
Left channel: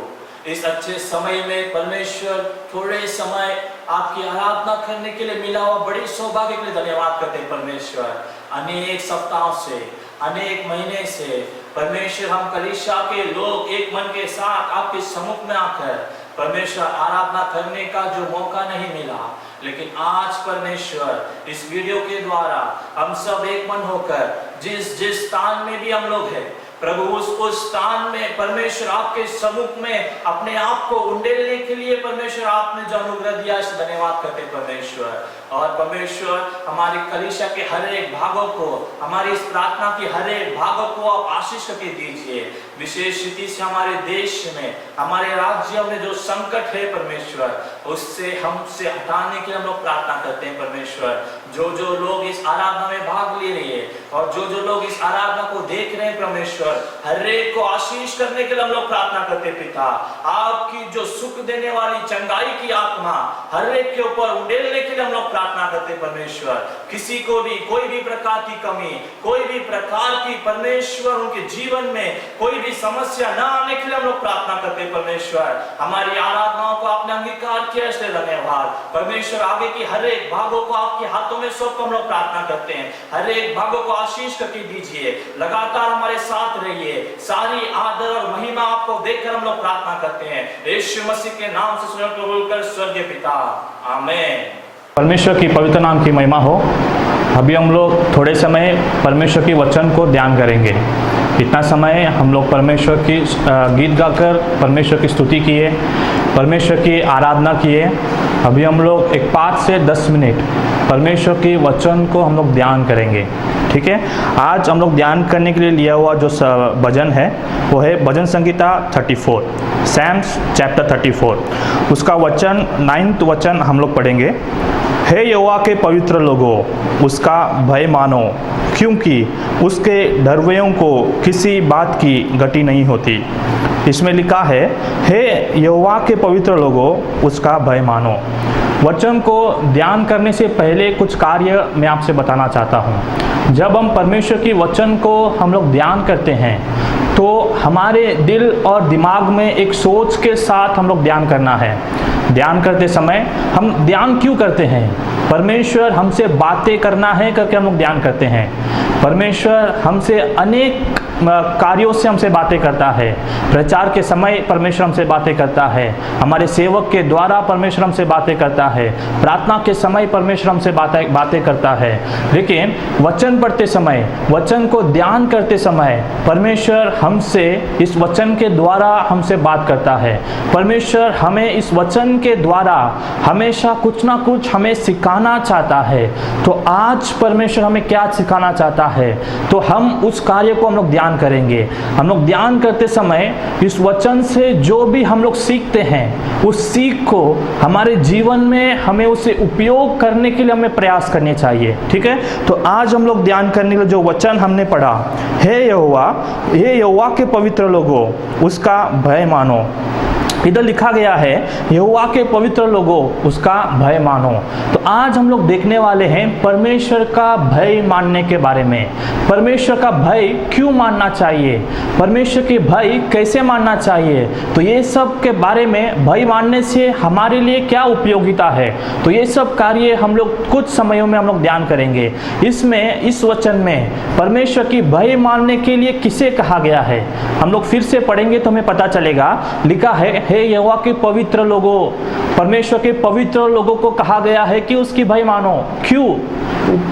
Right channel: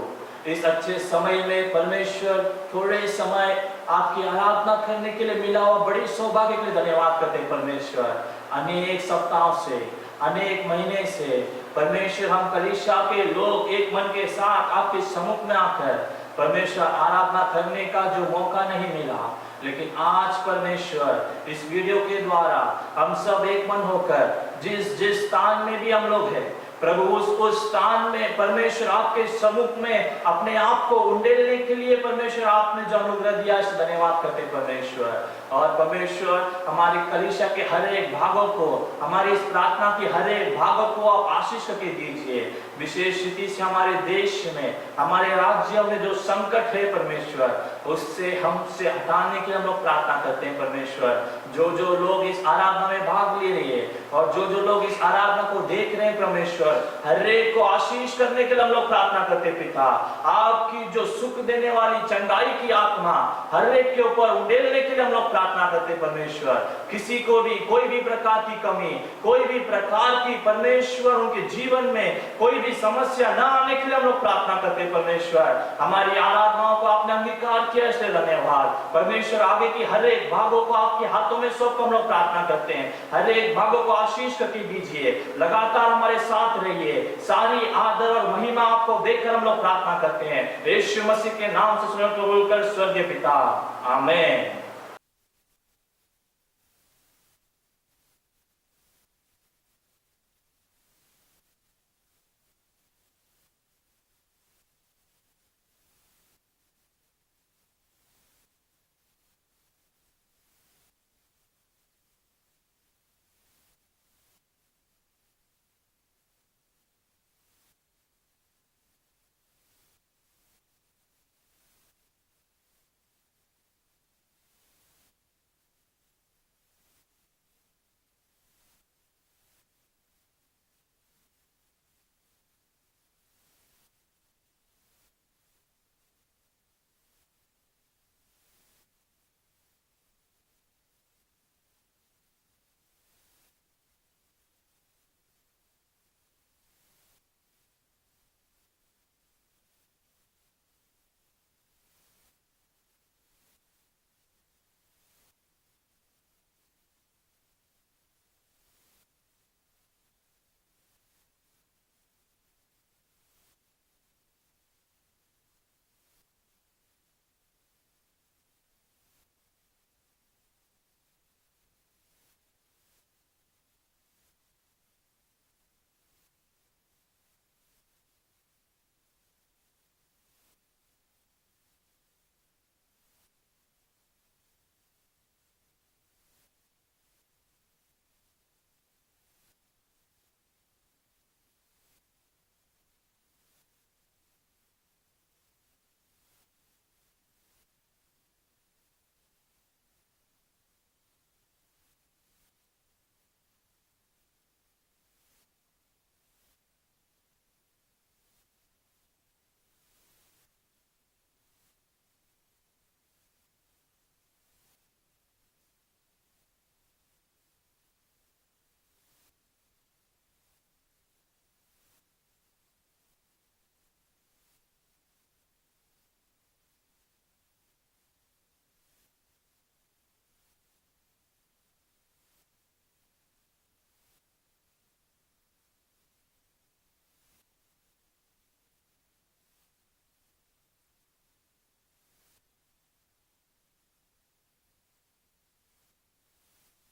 इस अच्छे समय में परमेश्वर थोड़े समय आपकी आराधना करने के लिए मिला हुआ बड़ी सौभाग्य के लिए धन्यवाद करते परमेश्वर। अनेक सप्ताहों से, अनेक महीने से परमेश्वर हम कलीसिया के लोग एक मन के साथ आपके सम्मुख में आकर परमेश्वर आराधना करने का जो मौका नहीं मिला, लेकिन आज परमेश्वर इस वीडियो के द्वारा हम सब एक मन होकर जिस स्थान में भी हम लोग हैं प्रभु, उस स्थान में परमेश्वर आपके सम्मुख में अपने आप को उंडेलने के लिए परमेश्वर आपने जो अनुग्रह दिया इस धन्यवाद करते परमेश्वर। और परमेश्वर हमारी कलीसिया के हर एक भागों को, हमारी इस प्रार्थना की हर एक भागों को आप आशीष करके दीजिए। विशेष रीति से हमारे देश में, हमारे राज्य में जो संकट है परमेश्वर, उससे हमसे हटाने के लिए हम लोग प्रार्थना करते हैं परमेश्वर। जो लोग इस आराधना में भाग ले रहे हैं और जो लोग इस आराधना को देख रहे हैं परमेश्वर, हर एक को आशीष करने के लिए हम लोग प्रार्थना करते पिता। आपकी जो सुख देने वाली चंगाई की आत्मा हर एक के ऊपर उंडेलने के लिए हम लोग प्रार्थना करते परमेश्वर। किसी को भी कोई भी प्रकार की कमी, कोई भी प्रकार की परमेश्वर उनके जीवन में कोई भी समस्या ना आने के लिए हम लोग प्रार्थना करते परमेश्वर। हमारी आराधनाओं को आपने अंगीकार किया इसलिए धन्यवाद परमेश्वर। आगे की हर एक भागों को आपके हाथों में सौंप हम लोग प्रार्थना करते हैं। हर एक भागों को आशीष करके दीजिए, लगातार हमारे साथ रहिए। सारी आदर और महिमा आपको देकर हम लोग प्रार्थना करते हैं यीशु मसीह के नाम से बोलकर स्वर्गीय पिता, आमीन। परमेश्वर की पवित्र नाम की महिमा हो। अभी हम लोग थोड़े समय परमेश्वर की वचन को ध्यान करेंगे। इतना समय हम लोग परमेश्वर की गीत गाकर परमेश्वर की स्तुति किए, परमेश्वर की आराधना किए। अभी हम लोग एक 5 से 10 मिनट परमेश्वर की वचन को हम लोग ध्यान करेंगे, ठीक है। आज हम लोग ध्यान करने के लिए लिया हुआ जो भजन है वो है भजन संगीता 34, सैम्स चैप्टर 34। उसका वचन 9th वचन हम लोग पढ़ेंगे। हे यहोवा के पवित्र लोगों, उसका भय मानो, क्योंकि उसके डरवैयों को किसी बात की गति नहीं होती। इसमें लिखा है, हे यहोवा के पवित्र लोगों, उसका भय मानो। वचन को ध्यान करने से पहले कुछ कार्य मैं आपसे बताना चाहता हूँ। जब हम परमेश्वर की वचन को हम लोग ध्यान करते हैं तो हमारे दिल और दिमाग में एक सोच के साथ हम लोग ध्यान करना है। ध्यान करते समय हम ध्यान क्यों करते हैं? परमेश्वर हमसे बातें करना है करके हम लोग ध्यान करते हैं। परमेश्वर हमसे अनेक कार्यों से हमसे बातें करता है। प्रचार के समय परमेश्वर हमसे बातें करता है, हमारे सेवक के द्वारा परमेश्वर हमसे बातें करता है, प्रार्थना के समय परमेश्वर हमसे बातें करता है। लेकिन वचन पढ़ते समय, वचन को ध्यान करते समय परमेश्वर हमसे इस वचन के द्वारा हमसे बात करता है। परमेश्वर हमें इस वचन के द्वारा हमेशा कुछ ना कुछ हमें सिखाना चाहता है। तो आज परमेश्वर हमें क्या सिखाना चाहता है, तो हम उस कार्य को हम लोग ध्यान ध्यान करेंगे। हम लोग ध्यान करते समय इस वचन से जो भी हम लोग सीखते हैं उस सीख को हमारे जीवन में हमें उसे उपयोग करने के लिए हमें प्रयास करने चाहिए। ठीक है, तो आज हम लोग ध्यान करने के लिए जो वचन हमने पढ़ा, हे यहोवा के पवित्र लोगों उसका भय मानो। इधर लिखा गया है यहोवा के पवित्र लोगों उसका भय मानो। तो आज हम लोग देखने वाले हैं परमेश्वर का भय मानने के बारे में। परमेश्वर का भय क्यों मानना चाहिए, परमेश्वर के भय कैसे मानना चाहिए, तो ये सब के बारे में भय मानने से हमारे लिए क्या उपयोगिता है, तो ये सब कार्य हम लोग कुछ समयों में हम लोग ध्यान करेंगे। इसमें इस वचन में परमेश्वर की भय मानने के लिए किसे कहा गया है हम लोग फिर से पढ़ेंगे तो हमें पता चलेगा। लिखा है हे यहोवा के पवित्र लोगों, परमेश्वर के पवित्र लोगों को कहा गया है कि उसकी भय मानो। क्यों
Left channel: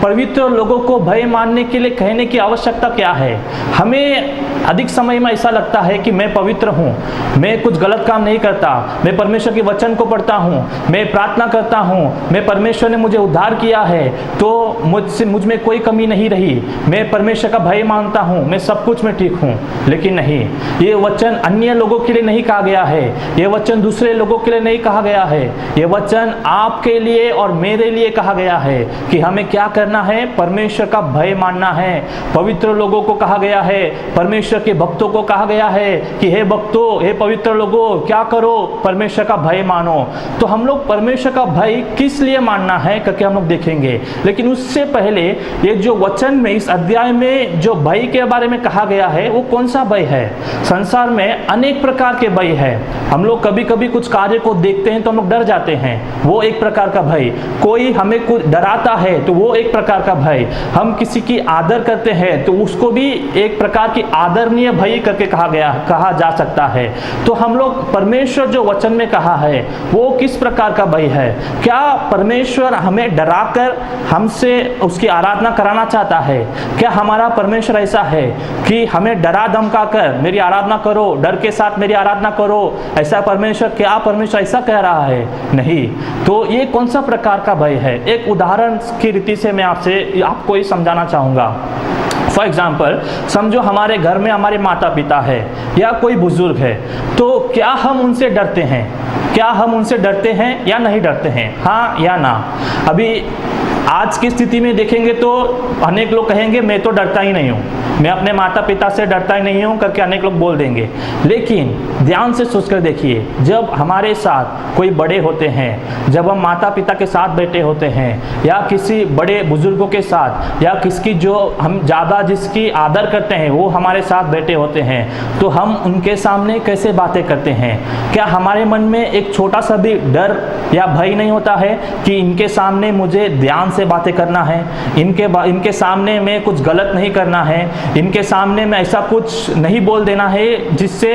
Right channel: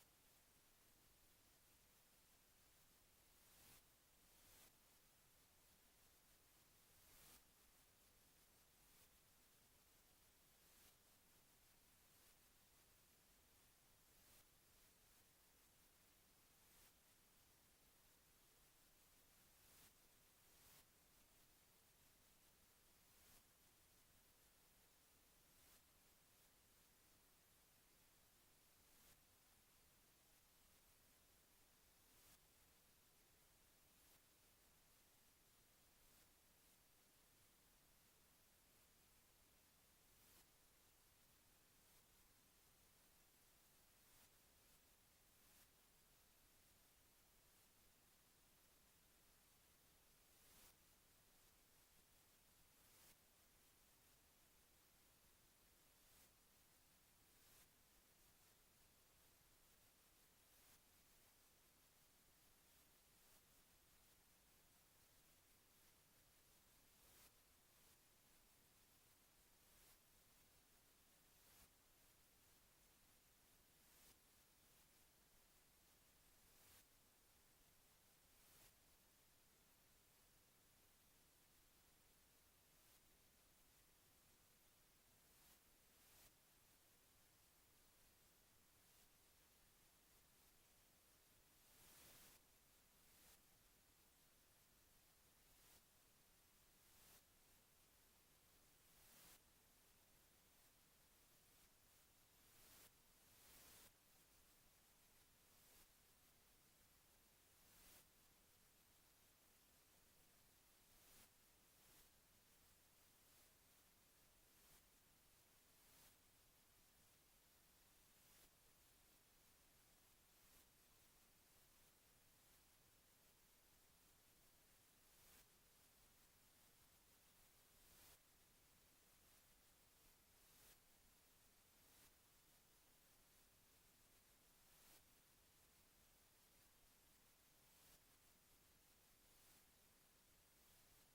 पवित्र लोगों को भय मानने के लिए कहने की आवश्यकता क्या है? हमें अधिक समय में ऐसा लगता है कि मैं पवित्र हूँ, मैं कुछ गलत काम नहीं करता, मैं परमेश्वर के वचन को पढ़ता हूँ, मैं प्रार्थना करता हूँ, मैं परमेश्वर ने मुझे उद्धार किया है तो मुझ में कोई कमी नहीं रही, मैं परमेश्वर का भय मानता हूँ, मैं सब कुछ में ठीक हूँ। लेकिन नहीं, ये वचन अन्य लोगों के लिए नहीं कहा गया है, ये वचन दूसरे लोगों के लिए नहीं कहा गया है, ये वचन आपके लिए और मेरे लिए कहा गया है कि हमें क्या करना है, परमेश्वर का भय मानना है। पवित्र लोगों को कहा गया है, परमेश्वर के भक्तों को कहा गया है कि हे भक्तों, हे पवित्र लोगों क्या करो, परमेश्वर का भय मानो। तो हम लोग परमेश्वर का भय किस लिए मानना है करके हम लोग देखेंगे। लेकिन उससे पहले ये जो वचन में इस अध्याय में जो भय के बारे में कहा गया है वो कौन सा भय है? संसार में अनेक प्रकार के भय है। हम लोग कभी कभी कुछ कार्य को देखते हैं तो हम लोग डर जाते हैं, वो एक प्रकार का भय। कोई हमें कुछ डराता है तो वो एक प्रकार का भय। हम किसी की आदर करते हैं तो उसको भी एक प्रकार की आदरणीय भय करके कहा जा सकता है। तो हम लोग परमेश्वर जो वचन में कहा है वो किस प्रकार का भय है? क्या परमेश्वर हमें डराकर हमसे उसकी आराधना कराना चाहता है? क्या हमारा परमेश्वर ऐसा है कि हमें डरा धमका कर मेरी आराधना करो, डर के साथ मेरी आराधना करो, ऐसा परमेश्वर, क्या परमेश्वर ऐसा कह रहा है? नहीं। तो ये कौन सा प्रकार का भय है? एक उदाहरण की रीति से मैं आपको ये समझाना चाहूंगा। फॉर एग्जाम्पल, समझो हमारे घर में हमारे माता पिता है या कोई बुजुर्ग है, तो क्या हम उनसे डरते हैं? क्या हम उनसे डरते हैं या नहीं डरते हैं? हाँ या ना? अभी आज की स्थिति में देखेंगे तो अनेक लोग कहेंगे मैं तो डरता ही नहीं हूँ, मैं अपने माता पिता से डरता ही नहीं हूँ करके अनेक लोग बोल देंगे। लेकिन ध्यान से सोचकर देखिए, जब हमारे साथ कोई बड़े होते हैं, जब हम माता पिता के साथ बैठे होते हैं या किसी बड़े बुजुर्गों के साथ या किसकी जो हम ज़्यादा जिसकी आदर करते हैं वो हमारे साथ बैठे होते हैं, तो हम उनके सामने कैसे बातें करते हैं? क्या हमारे मन में एक छोटा सा भी डर या भय नहीं होता है कि इनके सामने मुझे ध्यान से बातें करना है, इनके सामने में कुछ गलत नहीं करना है, इनके सामने में ऐसा कुछ नहीं बोल देना है जिससे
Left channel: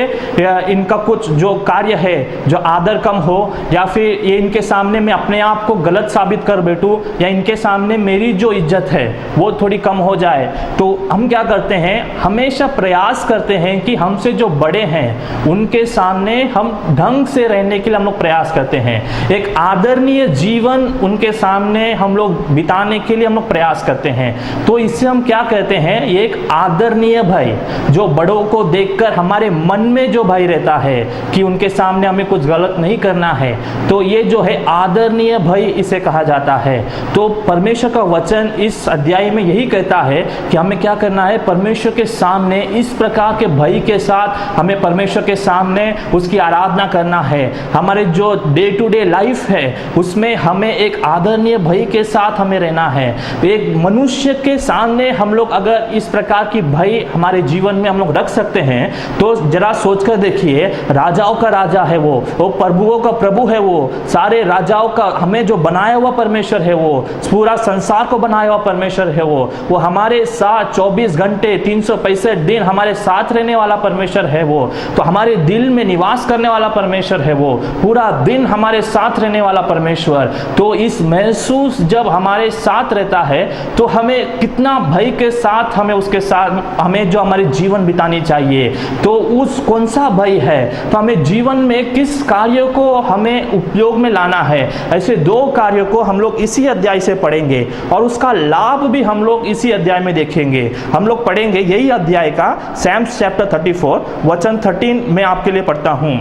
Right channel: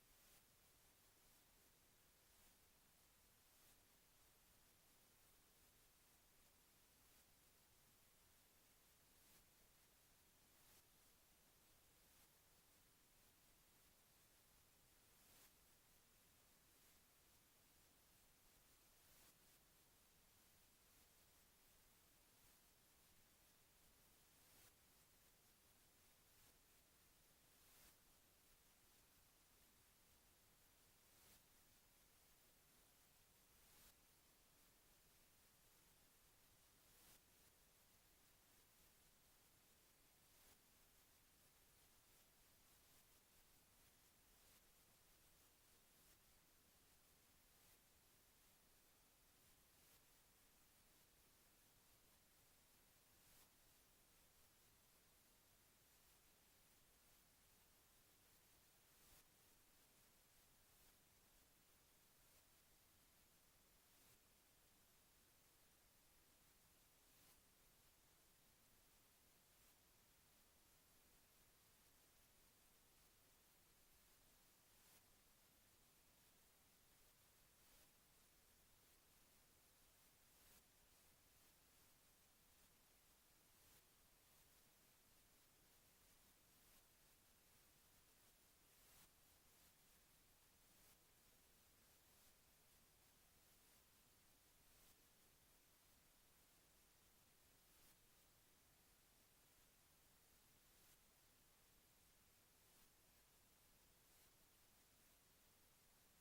इनका कुछ जो कार्य है जो आदर कम हो, या फिर ये इनके सामने में अपने आप को गलत साबित कर बैठूं, या इनके सामने मेरी जो इज्जत है वो थोड़ी कम हो जाए। तो हम क्या करते हैं, हमेशा प्रयास करते हैं कि हमसे जो बड़े हैं उनके सामने हम ढंग से रहने के लिए हम लोग प्रयास करते हैं, एक आदरणीय जीवन उनके सामने हम लोग बिताने के लिए हम लोग प्रयास करते हैं। तो इससे हम क्या कहते हैं, ये एक आदरणीय भय, जो बड़ों को देखकर हमारे मन में जो भय रहता है कि उनके सामने हमें कुछ गलत नहीं करना है, तो ये जो है आदरणीय भय इसे कहा जाता है। तो परमेश्वर का वचन इस अध्याय में यही कहता है कि हमें क्या करना है, परमेश्वर के सामने इस प्रकार के भय के साथ हमें परमेश्वर के सामने उसकी आराधना करना है। हमारे जो डे टू डे लाइफ है उसमें हमें एक आदरणीय भय के साथ हमें रहना है। एक मनुष्य के सामने हम लोग अगर इस प्रकार की भय हमारे जीवन में हम लोग रख सकते हैं तो जरा सोचकर देखिए, राजाओं का राजा है वो प्रभुओं का प्रभु है, वो सारे राजाओं का हमें जो बनाया हुआ परमेश्वर है, वो पूरा संसार को बनाया हुआ परमेश्वर है, वो हमारे साथ 24 घंटे 365 दिन हमारे साथ रहने वाला परमेश्वर है, वो तो हमारे दिल में निवास करने वाला परमेश्वर है, वो पूरा दिन हमारे साथ रहने वाला परमेश्वर। तो इस महसूस जब हमारे साथ रहता है तो हमें कितना भय के साथ हमें उसके साथ हमें जो हमारे जीवन बितानी चाहिए। तो उस कौन सा भय है, तो हमें जीवन में किस कार्य को हमें उपयोग में लाना है, ऐसे 2 कार्यों को हम लोग इसी अध्याय से पढ़ेंगे और उसका लाभ भी हम लोग इसी अध्याय में देखेंगे। हम लोग पढ़ेंगे यही अध्याय का Psalms chapter 34 वचन 13 में आपके लिए पढ़ता हूं।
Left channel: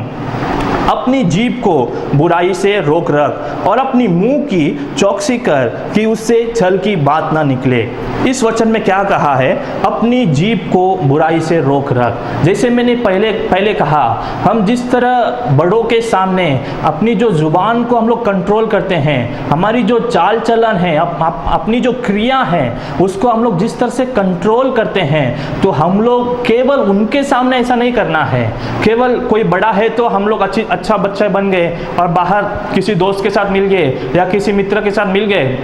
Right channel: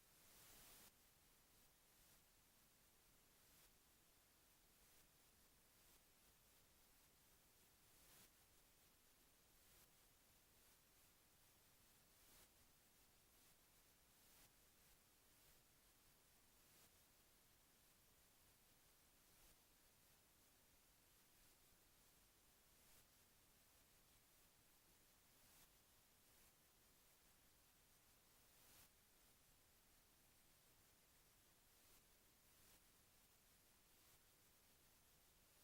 अपनी जीभ को बुराई से रोक रख और अपनी मुंह की चौकसी कर कि उससे छल की बात ना निकले। इस वचन में क्या कहा है? अपनी जीभ को बुराई से रोक रख। जैसे मैंने पहले कहा, हम जिस तरह बड़ों के सामने अपनी जो जुबान को हम लोग कंट्रोल करते हैं, हमारी जो चाल चलन है, अपनी जो क्रिया है, उसको हम लोग जिस तरह से कंट्रोल करते हैं, तो हम लोग केवल उनके सामने ऐसा नहीं करना है। केवल कोई बड़ा है तो हम लोग अच्छा बच्चा बन गए और बाहर किसी दोस्त के साथ मिल गए या किसी मित्र के साथ मिल गए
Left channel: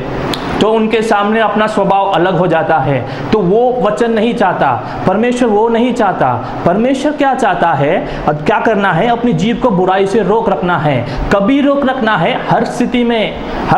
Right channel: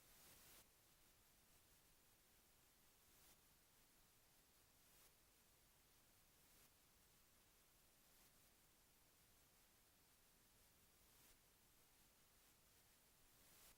तो उनके सामने अपना स्वभाव अलग हो जाता है। तो वो वचन नहीं चाहता परमेश्वर, वो नहीं चाहता। परमेश्वर क्या चाहता है, अब क्या करना है? अपनी जीभ को बुराई से रोक रखना है। कभी रोक रखना है? हर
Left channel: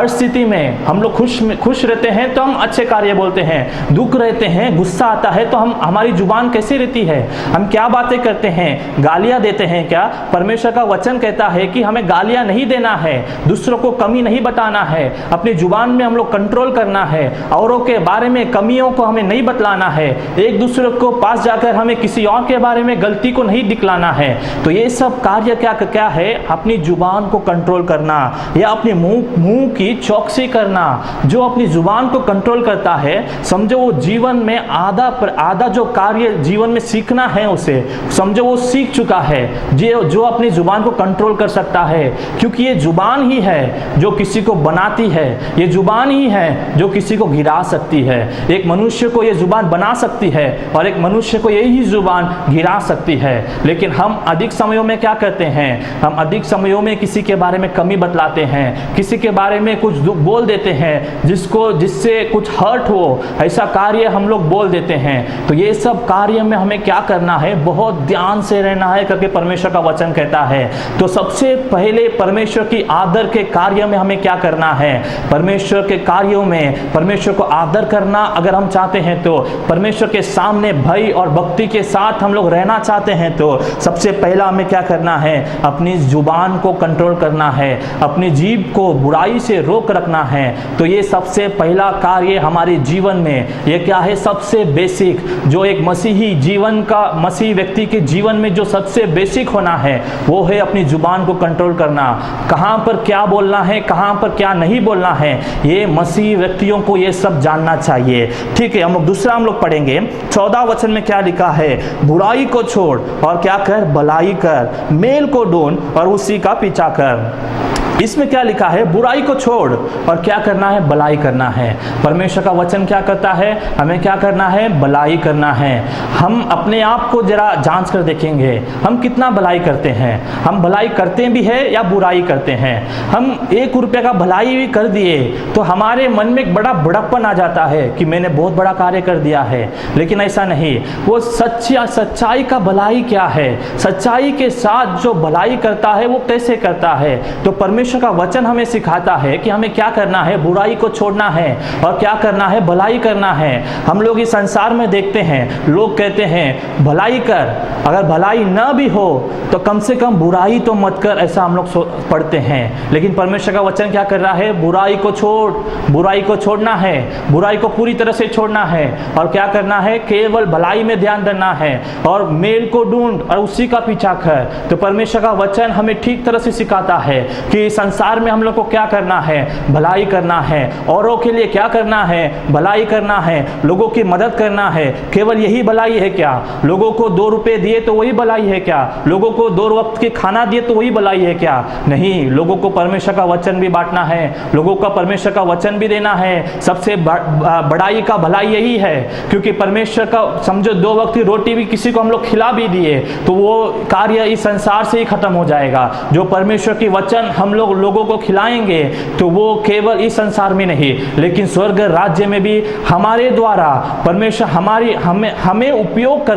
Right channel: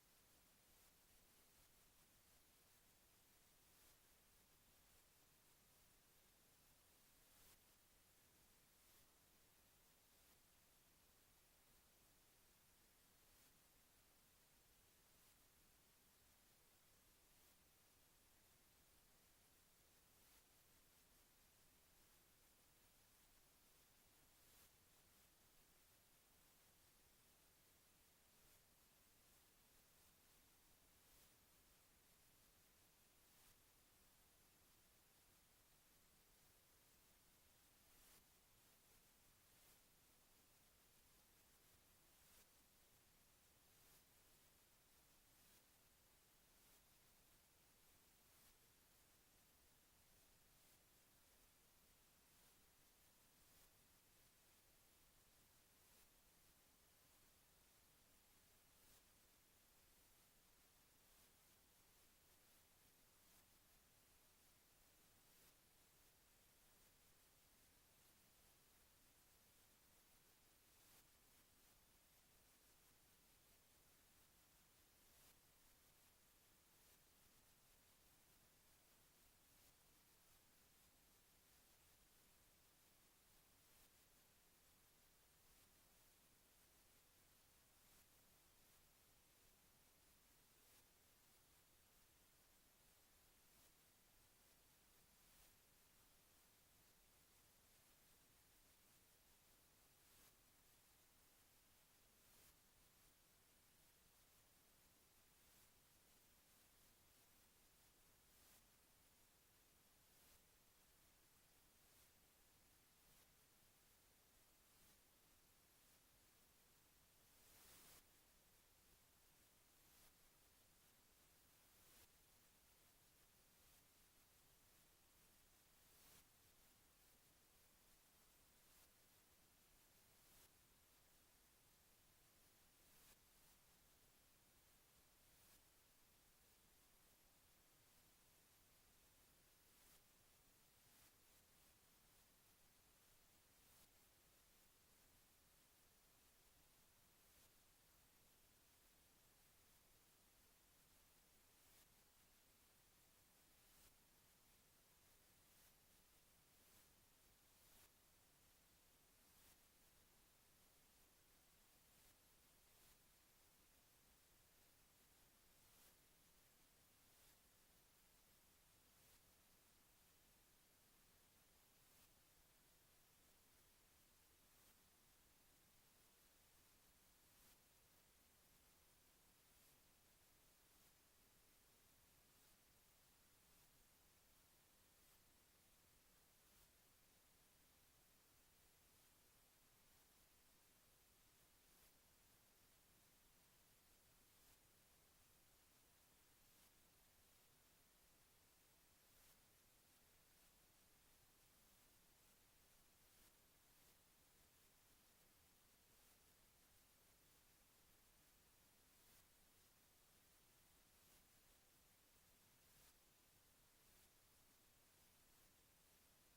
स्थिति में हम लोग खुश रहते हैं तो हम अच्छे कार्य बोलते हैं, दुख रहते हैं, गुस्सा आता है तो हमारी जुबान कैसी रहती है, हम क्या बातें करते हैं, गालियां देते हैं क्या? परमेश्वर का वचन कहता है कि हमें गालियां नहीं देना है, दूसरों को कमी नहीं बताना है, अपनी जुबान में हम लोग कंट्रोल करना है, औरों के बारे में कमियों को हमें नहीं बतलाना है, एक दूसरे को पास जाकर हमें किसी और के बारे में गलती को नहीं दिखलाना है। तो ये सब कार्य क्या है? अपनी जुबान को कंट्रोल करना या अपने मुंह की चौकसी करना। जो अपनी जुबान को कंट्रोल करता है, समझो वो जीवन में आधा जो कार्य जीवन में सीखना है उसे समझो वो सीख चुका है, जो अपनी जुबान को कंट्रोल कर सकता है। क्योंकि ये जुबान ही है जो किसी को बनाती है, ये जुबान ही है जो किसी को गिरा सकती है। एक मनुष्य को ये जुबान बना सकती है और एक मनुष्य को यही जुबान गिरा सकती है। लेकिन हम अधिक समयों में क्या करते हैं? हम अधिक समयों में किसी के बारे में कमी बतलाते हैं, किसी के बारे में कुछ दुख बोल देते हैं जिससे कुछ हर्ट हो, ऐसा कार्य हम लोग बोल देते हैं। तो ये सब कार्य में हमें क्या करना है? बहुत ध्यान से रहना है करके परमेश्वर का वचन कहता है। तो सबसे पहले परमेश्वर की आदर के कार्य में हमें क्या करना है? परमेश्वर के कार्यों में परमेश्वर को आदर करना अगर हम चाहते हैं, तो परमेश्वर के सामने भय और भक्ति के साथ हम लोग रहना चाहते हैं, तो सबसे पहला हमें क्या करना है? अपनी जुबान को कंट्रोल करना है, अपनी जीभ को बुराई से रोक रखना है। तो ये सबसे पहला कार्य हमारे जीवन में, ये क्या है? सबसे बेसिक, जो एक मसीही जीवन का, मसीही व्यक्ति के जीवन में जो सबसे बेसिक होना है, वो है अपनी जुबान को कंट्रोल करना। कहां पर क्या बोलना है, कहां पर क्या नहीं बोलना है, ये मसीही व्यक्तियों को ये सब जानना चाहिए। ठीक है, हम लोग पढ़ेंगे 14 वचन में क्या लिखा है? बुराई को छोड़ और क्या कर? भलाई कर, मेल को ढूंढ और उसी का पीछा कर। इसमें क्या लिखा है? बुराई को छोड़ और क्या करना है? भलाई करना है। परमेश्वर का वचन क्या करता है? हमें क्या करना है? भलाई करना है। हम अपने आप को जरा जांच कर देखेंगे, हम कितना भलाई करते हैं? हम भलाई करते भी है या बुराई करते हैं? हम 1 रुपये का भलाई भी कर दिए तो हमारे मन में एक बड़ा बड़प्पन आ जाता है कि मैंने बहुत बड़ा कार्य कर दिया है। लेकिन ऐसा नहीं, वो सच्चाई का भलाई क्या है? सच्चाई के साथ जो भलाई करता है वो कैसे करता है? तो परमेश्वर का वचन हमें सिखाता है कि हमें क्या करना है? बुराई को छोड़ना है और क्या करना है? भलाई करना है। हम लोग इस संसार में देखते हैं, लोग कहते हैं भलाई कर, अगर भलाई न भी हो तो कम से कम बुराई तो मत कर, ऐसा हम लोग पढ़ते हैं। लेकिन परमेश्वर का वचन क्या कर रहा है? बुराई को छोड़, बुराई को छोड़ना है, बुराई को पूरी तरह से छोड़ना है और क्या करना है? केवल भलाई में ध्यान देना है और मेल को ढूंढ और उसी का पीछा कर। तो परमेश्वर का वचन हमें ठीक तरह से सिखाता है कि संसार में हम लोग को क्या करना है? भलाई करना है। औरों के लिए क्या करना है? भलाई करना है, लोगों की मदद करना है। केवल यही भलाई है क्या? लोगों को 2 रुपए दिए तो वही भलाई है क्या? लोगों को 2 वक्त के खाना दिए तो वही भलाई है क्या? नहीं, लोगों को परमेश्वर का वचन भी बांटना है, लोगों का परमेश्वर का वचन भी देना है। सबसे बड़ाई का भलाई यही है, क्योंकि परमेश्वर का समझो 2 वक्त की रोटी भी किसी को हम लोग खिला भी दिए तो वो कार्य इस संसार से ही खत्म हो जाएगा। जो परमेश्वर की वचन हम लोग लोगों को खिलाएंगे तो वो केवल इस संसार में नहीं लेकिन स्वर्ग राज्य में भी हमारे द्वारा परमेश्वर हमें उपयोग कर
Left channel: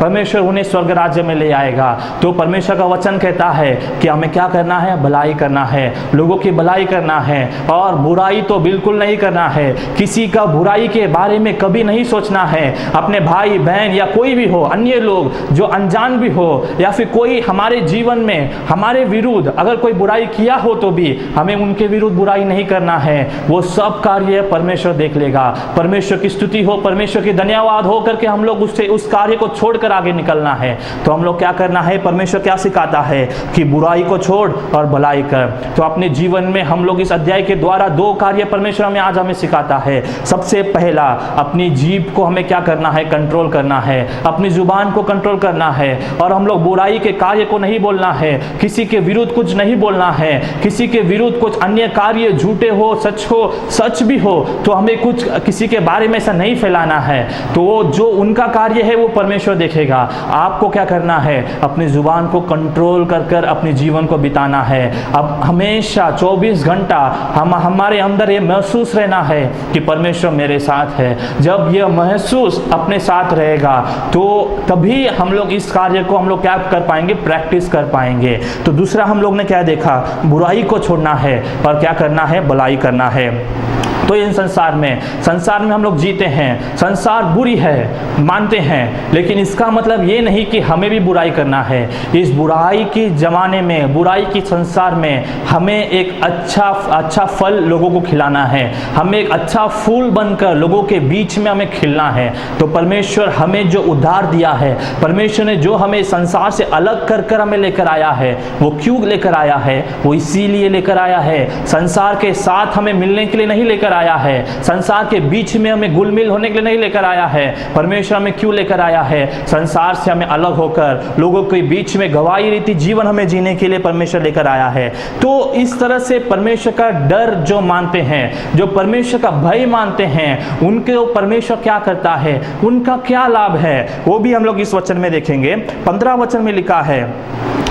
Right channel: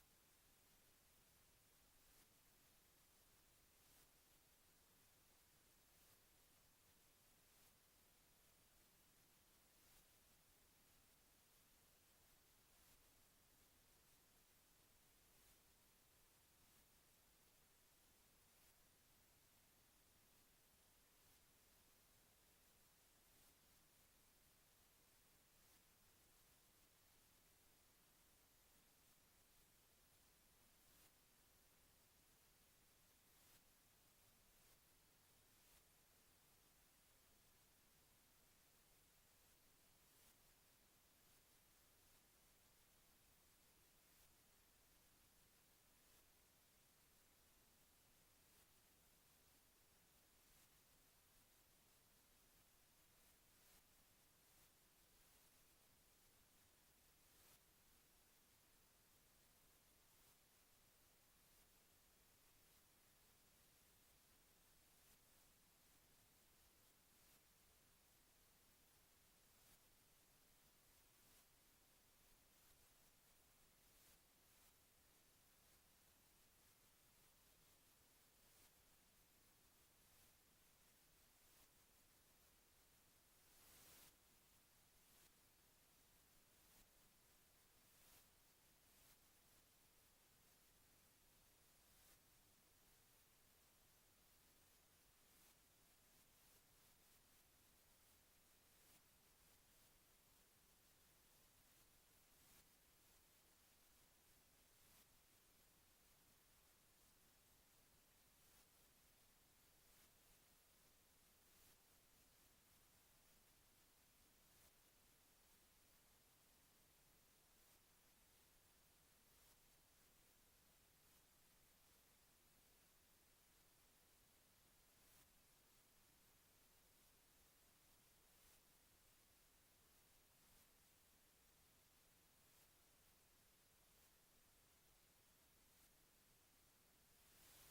परमेश्वर उन्हें स्वर्ग राज्य में ले आएगा। तो परमेश्वर का वचन कहता है कि हमें क्या करना है, भलाई करना है, लोगों की भलाई करना है और बुराई तो बिल्कुल नहीं करना है। किसी का बुराई के बारे में कभी नहीं सोचना है। अपने भाई बहन या कोई भी हो, अन्य लोग जो अनजान भी हो या फिर कोई हमारे जीवन में हमारे विरुद्ध अगर कोई बुराई किया हो तो भी हमें उनके विरुद्ध बुराई नहीं करना है। वो सब कार्य परमेश्वर देख लेगा। परमेश्वर की स्तुति हो, परमेश्वर की धन्यवाद हो करके हम लोग उससे उस कार्य को छोड़कर आगे निकलना है। तो हम लोग क्या करना है, परमेश्वर क्या सिखाता है कि बुराई को छोड़ और भलाई कर। तो अपने जीवन में हम लोग इस अध्याय के द्वारा दो कार्य परमेश्वर हमें सिखाता है। सबसे पहला, अपनी जीभ को हमें क्या करना है, कंट्रोल करना है, अपनी जुबान को कंट्रोल करना है और हम लोग बुराई के कार्य को नहीं बोलना है, किसी के विरुद्ध कुछ नहीं बोलना है, किसी के विरुद्ध कुछ अन्य कार्य झूठे हो सच भी हो तो हमें कुछ किसी के बारे में ऐसा नहीं फैलाना है। तो वो जो उनका कार्य है वो परमेश्वर देखेगा। आपको क्या करना है, अपनी जुबान को कंट्रोल कर अपने जीवन को बिताना है। अब हमेशा 24 घंटा हमारे अंदर ये महसूस रहना है कि परमेश्वर मेरे साथ है। जब यह महसूस अपने साथ रहेगा तो तभी हम लोग इस कार्य को हम लोग क्या कर पाएंगे, प्रैक्टिस कर पाएंगे। तो दूसरा हम लोग ने क्या देखा, बुराई को छोड़ना है और क्या करना है, भलाई करना है। तो इन संसार में हम लोग जीते हैं, संसार बुरी है मानते हैं, लेकिन इसका मतलब ये नहीं कि हमें भी बुराई करना है। इस बुराई की जमाने में, बुराई की संसार में हमें एक अच्छा फल लोगों को खिलाना है, हमें एक अच्छा फूल बनकर लोगों के बीच में हमें खिलना है। तो परमेश्वर हमें जो उद्धार दिया है, परमेश्वर ने जो हमें संसार से अलग कर हमें लेकर आया है, वो क्यों लेकर आया है, वो इसीलिए लेकर आया है। संसार के साथ हमें मिलने के लिए नहीं लेकर आया है, संसार के बीच में हमें घुल-मिल होने के लिए नहीं लेकर आया है। परमेश्वर हमें क्यों लेकर आया है, संसार से हमें अलग होकर लोगों के बीच में गवाही रीति जीवन हमें जीने के लिए परमेश्वर लेकर आया है। तो इस तरह से परमेश्वर का डर जो मानते हैं, जो परमेश्वर का भय मानते हैं, उनके परमेश्वर क्या करता है, उनका क्या लाभ है, वो भी हम लोग इस वचन में देखेंगे। 15 वचन में लिखा है,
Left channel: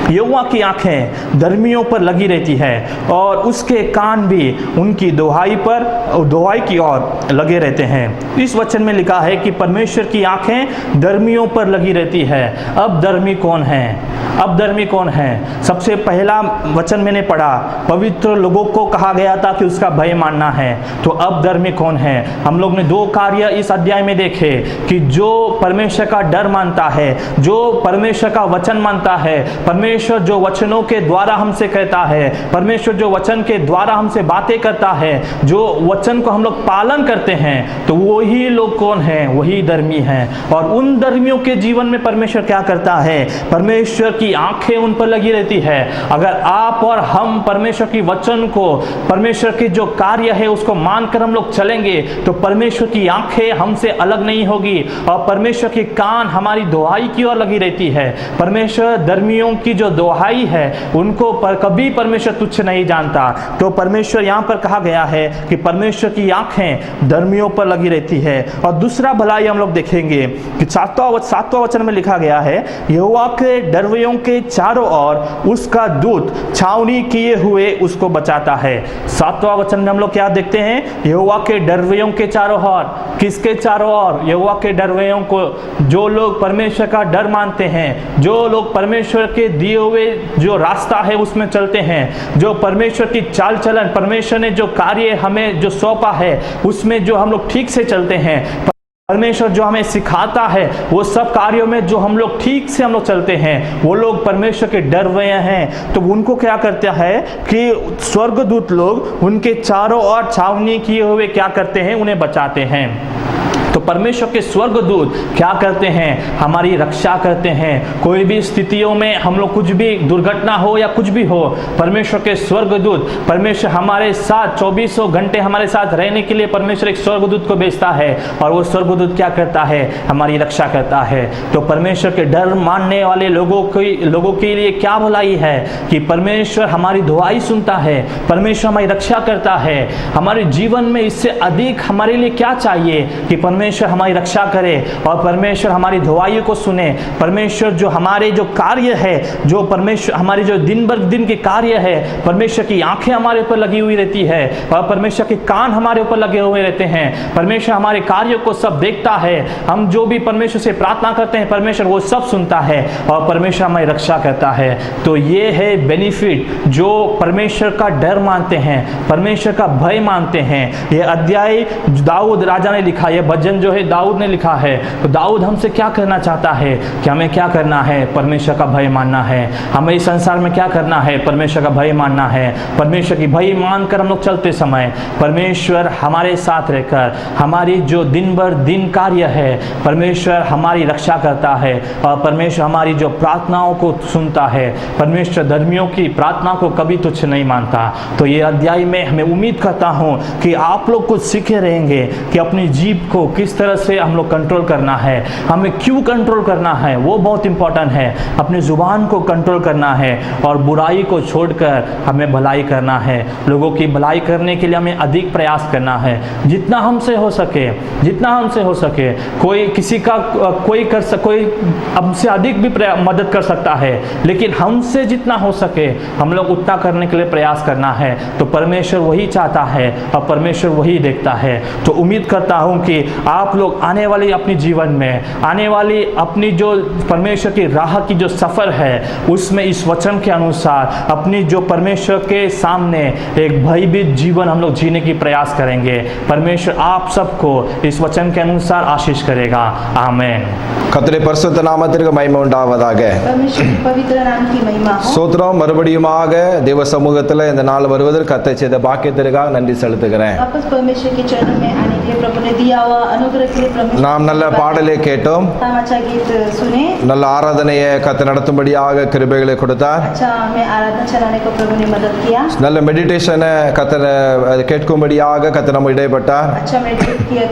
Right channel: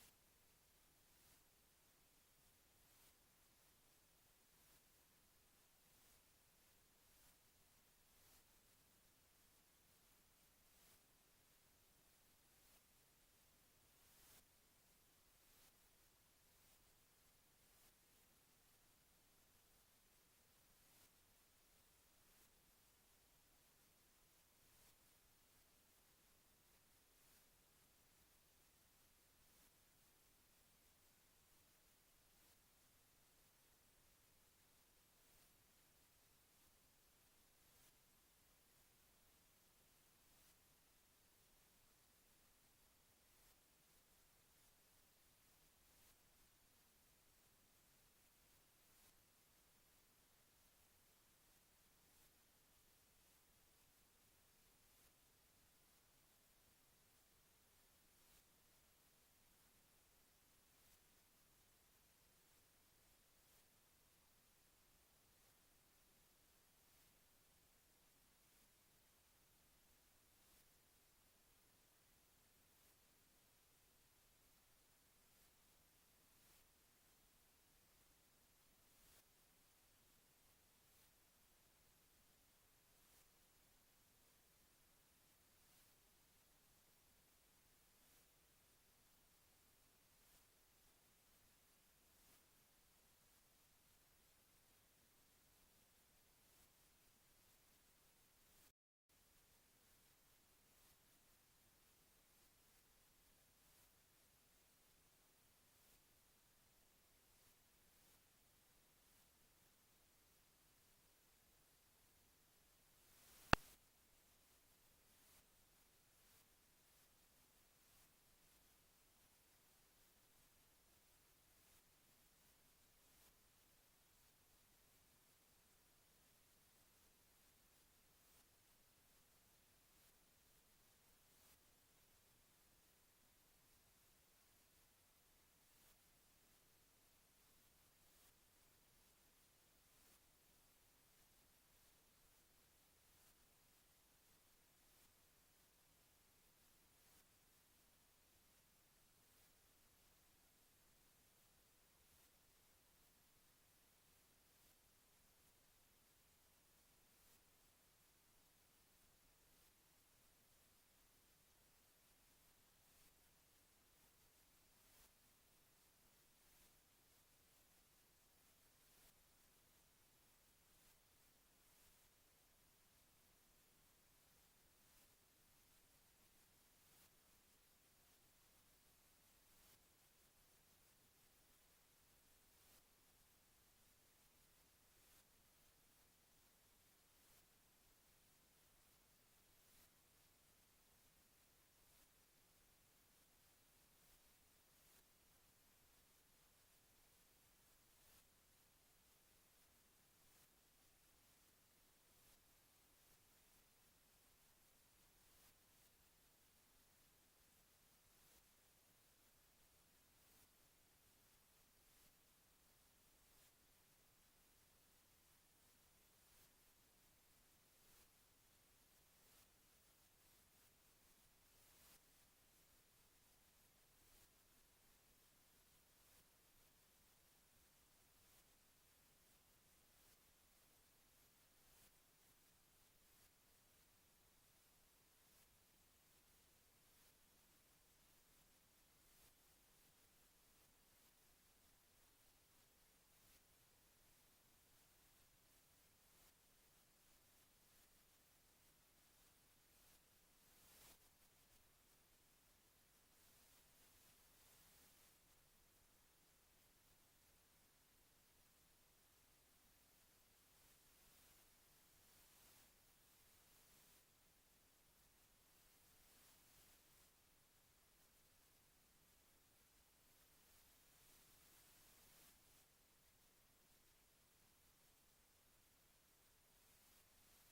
यहोवा की आंखें धर्मियों पर लगी रहती है और उसके कान भी उनकी दुहाई की ओर लगे रहते हैं। इस वचन में लिखा है कि परमेश्वर की आंखें धर्मियों पर लगी रहती है। अब धर्मी कौन है, अब धर्मी कौन है? सबसे पहला वचन मैंने पढ़ा, पवित्र लोगों को कहा गया था कि उसका भय मानना है। तो अब धर्मी कौन है? हम लोग ने दो कार्य इस अध्याय में देखे कि जो परमेश्वर का डर मानता है, जो परमेश्वर का वचन मानता है, परमेश्वर जो वचनों के द्वारा हमसे कहता है, परमेश्वर जो वचन के द्वारा हमसे बातें करता है, जो वचन को हम लोग पालन करते हैं, तो वही लोग कौन हैं? वही धर्मी हैं। और उन धर्मियों के जीवन में परमेश्वर क्या करता है? परमेश्वर की आंखें उन पर लगी रहती है। अगर आप और हम परमेश्वर की वचन को, परमेश्वर की जो कार्य है उसको मानकर हम लोग चलेंगे तो परमेश्वर की आंखें हमसे अलग नहीं होगी और परमेश्वर के कान हमारी दुहाई की ओर लगी रहती है। परमेश्वर धर्मियों की जो दुहाई है उनको कभी परमेश्वर तुच्छ नहीं जानता। तो परमेश्वर यहाँ पर कहा गया है कि परमेश्वर की आंखें धर्मियों पर लगी रहती है। और दूसरा भलाई हम लोग देखेंगे कि सातवां वचन में लिखा गया है, यहोवा के डरवैयों के चारों ओर उसका दूत छावनी किए हुए उसको बचाता है। सातवां वचन में हम लोग क्या देखते हैं? यहोवा के डरवैयों के चारों ओर। किसके चारों ओर? यहोवा के डरवैयों को। जो लोग परमेश्वर का डर मानते हैं, जो लोग परमेश्वर के दिए हुए जो रास्ता है उसमें चलते हैं, जो परमेश्वर की चाल चलन, परमेश्वर ने जो कार्य हमें जो सौंपा है उसमें जो हम लोग ठीक से चलते हैं, परमेश्वर जो हमें सिखाता है वो सब कार्यों में जो हम लोग ठीक से हम लोग चलते हैं, वो लोग परमेश्वर के डर हुए हैं। तो उनको क्या करता है कि स्वर्गदूत लोग उनके चारों ओर छावनी किए हुए क्या करते हैं? उन्हें बचाते हैं। तो परमेश्वर के स्वर्गदूत क्या करते हैं? हमारी रक्षा करते हैं। कोई भी स्थितियों में हम लोग, कुछ भी दुर्घटना हो या कुछ भी हो, परमेश्वर के स्वर्गदूत, परमेश्वर हमारे साथ 24 घंटे हमारे साथ रहने के लिए परमेश्वर एक स्वर्गदूत को भेजता है और वो स्वर्गदूत क्या करता है? हमारी रक्षा करता है। तो परमेश्वर के डर मानने वाले लोगों के लिए क्या भलाई है कि परमेश्वर हमारी दुआई सुनता है, परमेश्वर हमारी रक्षा करता है। हमारे जीवन में इससे अधिक हमारे लिए क्या चाहिए कि परमेश्वर परमेश्वर हमारी रक्षा करे और परमेश्वर हमारी दुआओं को सुने। परमेश्वर जो हमारे जो कार्य है, जो परमेश्वर हमारी जो दिन भर दिन के कार्य है, परमेश्वर की आंखें हमारे ऊपर लगी हुई रहती है और परमेश्वर के कान हमारे ऊपर लगे हुए रहते हैं। परमेश्वर हमारे कार्यों को सब देखता है। हम जो भी परमेश्वर से प्रार्थना करते हैं परमेश्वर वो सब सुनता है और परमेश्वर हमारी रक्षा करता है। तो ये है बेनिफिट जो परमेश्वर का डर मानते हैं, परमेश्वर का भय मानते हैं। ये अध्याय दाऊद राजा ने लिखा, ये भजन जो है दाऊद ने लिखा है। तो दाऊद हमसे क्या करना चाहता है कि हमें क्या करना है? परमेश्वर का भय मानना है। हमें इस संसार में क्या करना है? परमेश्वर का भय मानना है। परमेश्वर की भय मानकर हम लोग चलते समय परमेश्वर हमारे साथ रहकर हमारी जो दिन भर दिन कार्य है परमेश्वर हमारी रक्षा करता है और परमेश्वर हमारी जो प्रार्थनाओं को सुनता है। परमेश्वर धर्मियों की प्रार्थना को कभी तुच्छ नहीं मानता। तो ये अध्याय में हमें उम्मीद करता हूँ कि आप लोग कुछ सीखे रहेंगे कि अपनी जीभ को किस तरह से हम लोग कंट्रोल करना है, हमें क्यों कंट्रोल करना है, वो बहुत इंपॉर्टेंट है। अपनी जुबान को कंट्रोल करना है और बुराई को छोड़कर हमें भलाई करना है। लोगों की भलाई करने के लिए हमें अधिक प्रयास करना है, जितना हमसे हो सके, जितना हमसे हो सके। कोई किसी का कोई हमसे अधिक भी मदद कर सकता है, लेकिन हमसे जितना हो सके हम लोग उतना करने के लिए प्रयास करना है। तो परमेश्वर वही चाहता है और परमेश्वर वही देखता है। तो उम्मीद करता हूँ कि आप लोग आने वाली अपनी जीवन में, आने वाली अपनी जो परमेश्वर की राह की जो सफ़र है उसमें इस वचन के अनुसार अपनी जो परमेश्वर के सामने एक भयभीत जीवन हम लोग जीने की प्रयास करेंगे। परमेश्वर आप सबको इस वचन के अनुसार आशीष करेगा। आमीन। கர்த்தருடைய பரிசுத்த நாமத்திற்கு மகிமை உண்டாவதாக. परमेश्वर की पवित्र नाम की महिमा हो। ஸ்தோத்திரம். மறுபடியுமாக தேவ சமூகத்தில் இந்த நாள் வருவதற்கு கர்த்தர் செய்த பாக்கியத்திற்காக நன்றி செலுத்துகிறேன். वापस परमेश्वर के चरणों में आने के लिए प्रभु ने दिया हुआ अनुग्रह के लिए परमेश्वर நாம் நல்ல பாடலை கேட்டோம், हम अच्छा गीत सुने, நல்ல ஆராதனையை கர்த்தர் நடத்தும்படியாக கிருபைகளை கொடுத்தார். अच्छा हमें आराधना चलाने को प्रभु ने मदद किया, நல்ல மெடிடேஷனை கர்த்தர் கேட்கும்படியாக கர்த்தர் நம்ம இடைப்பட்டார். अच्छा मेडिटेट किया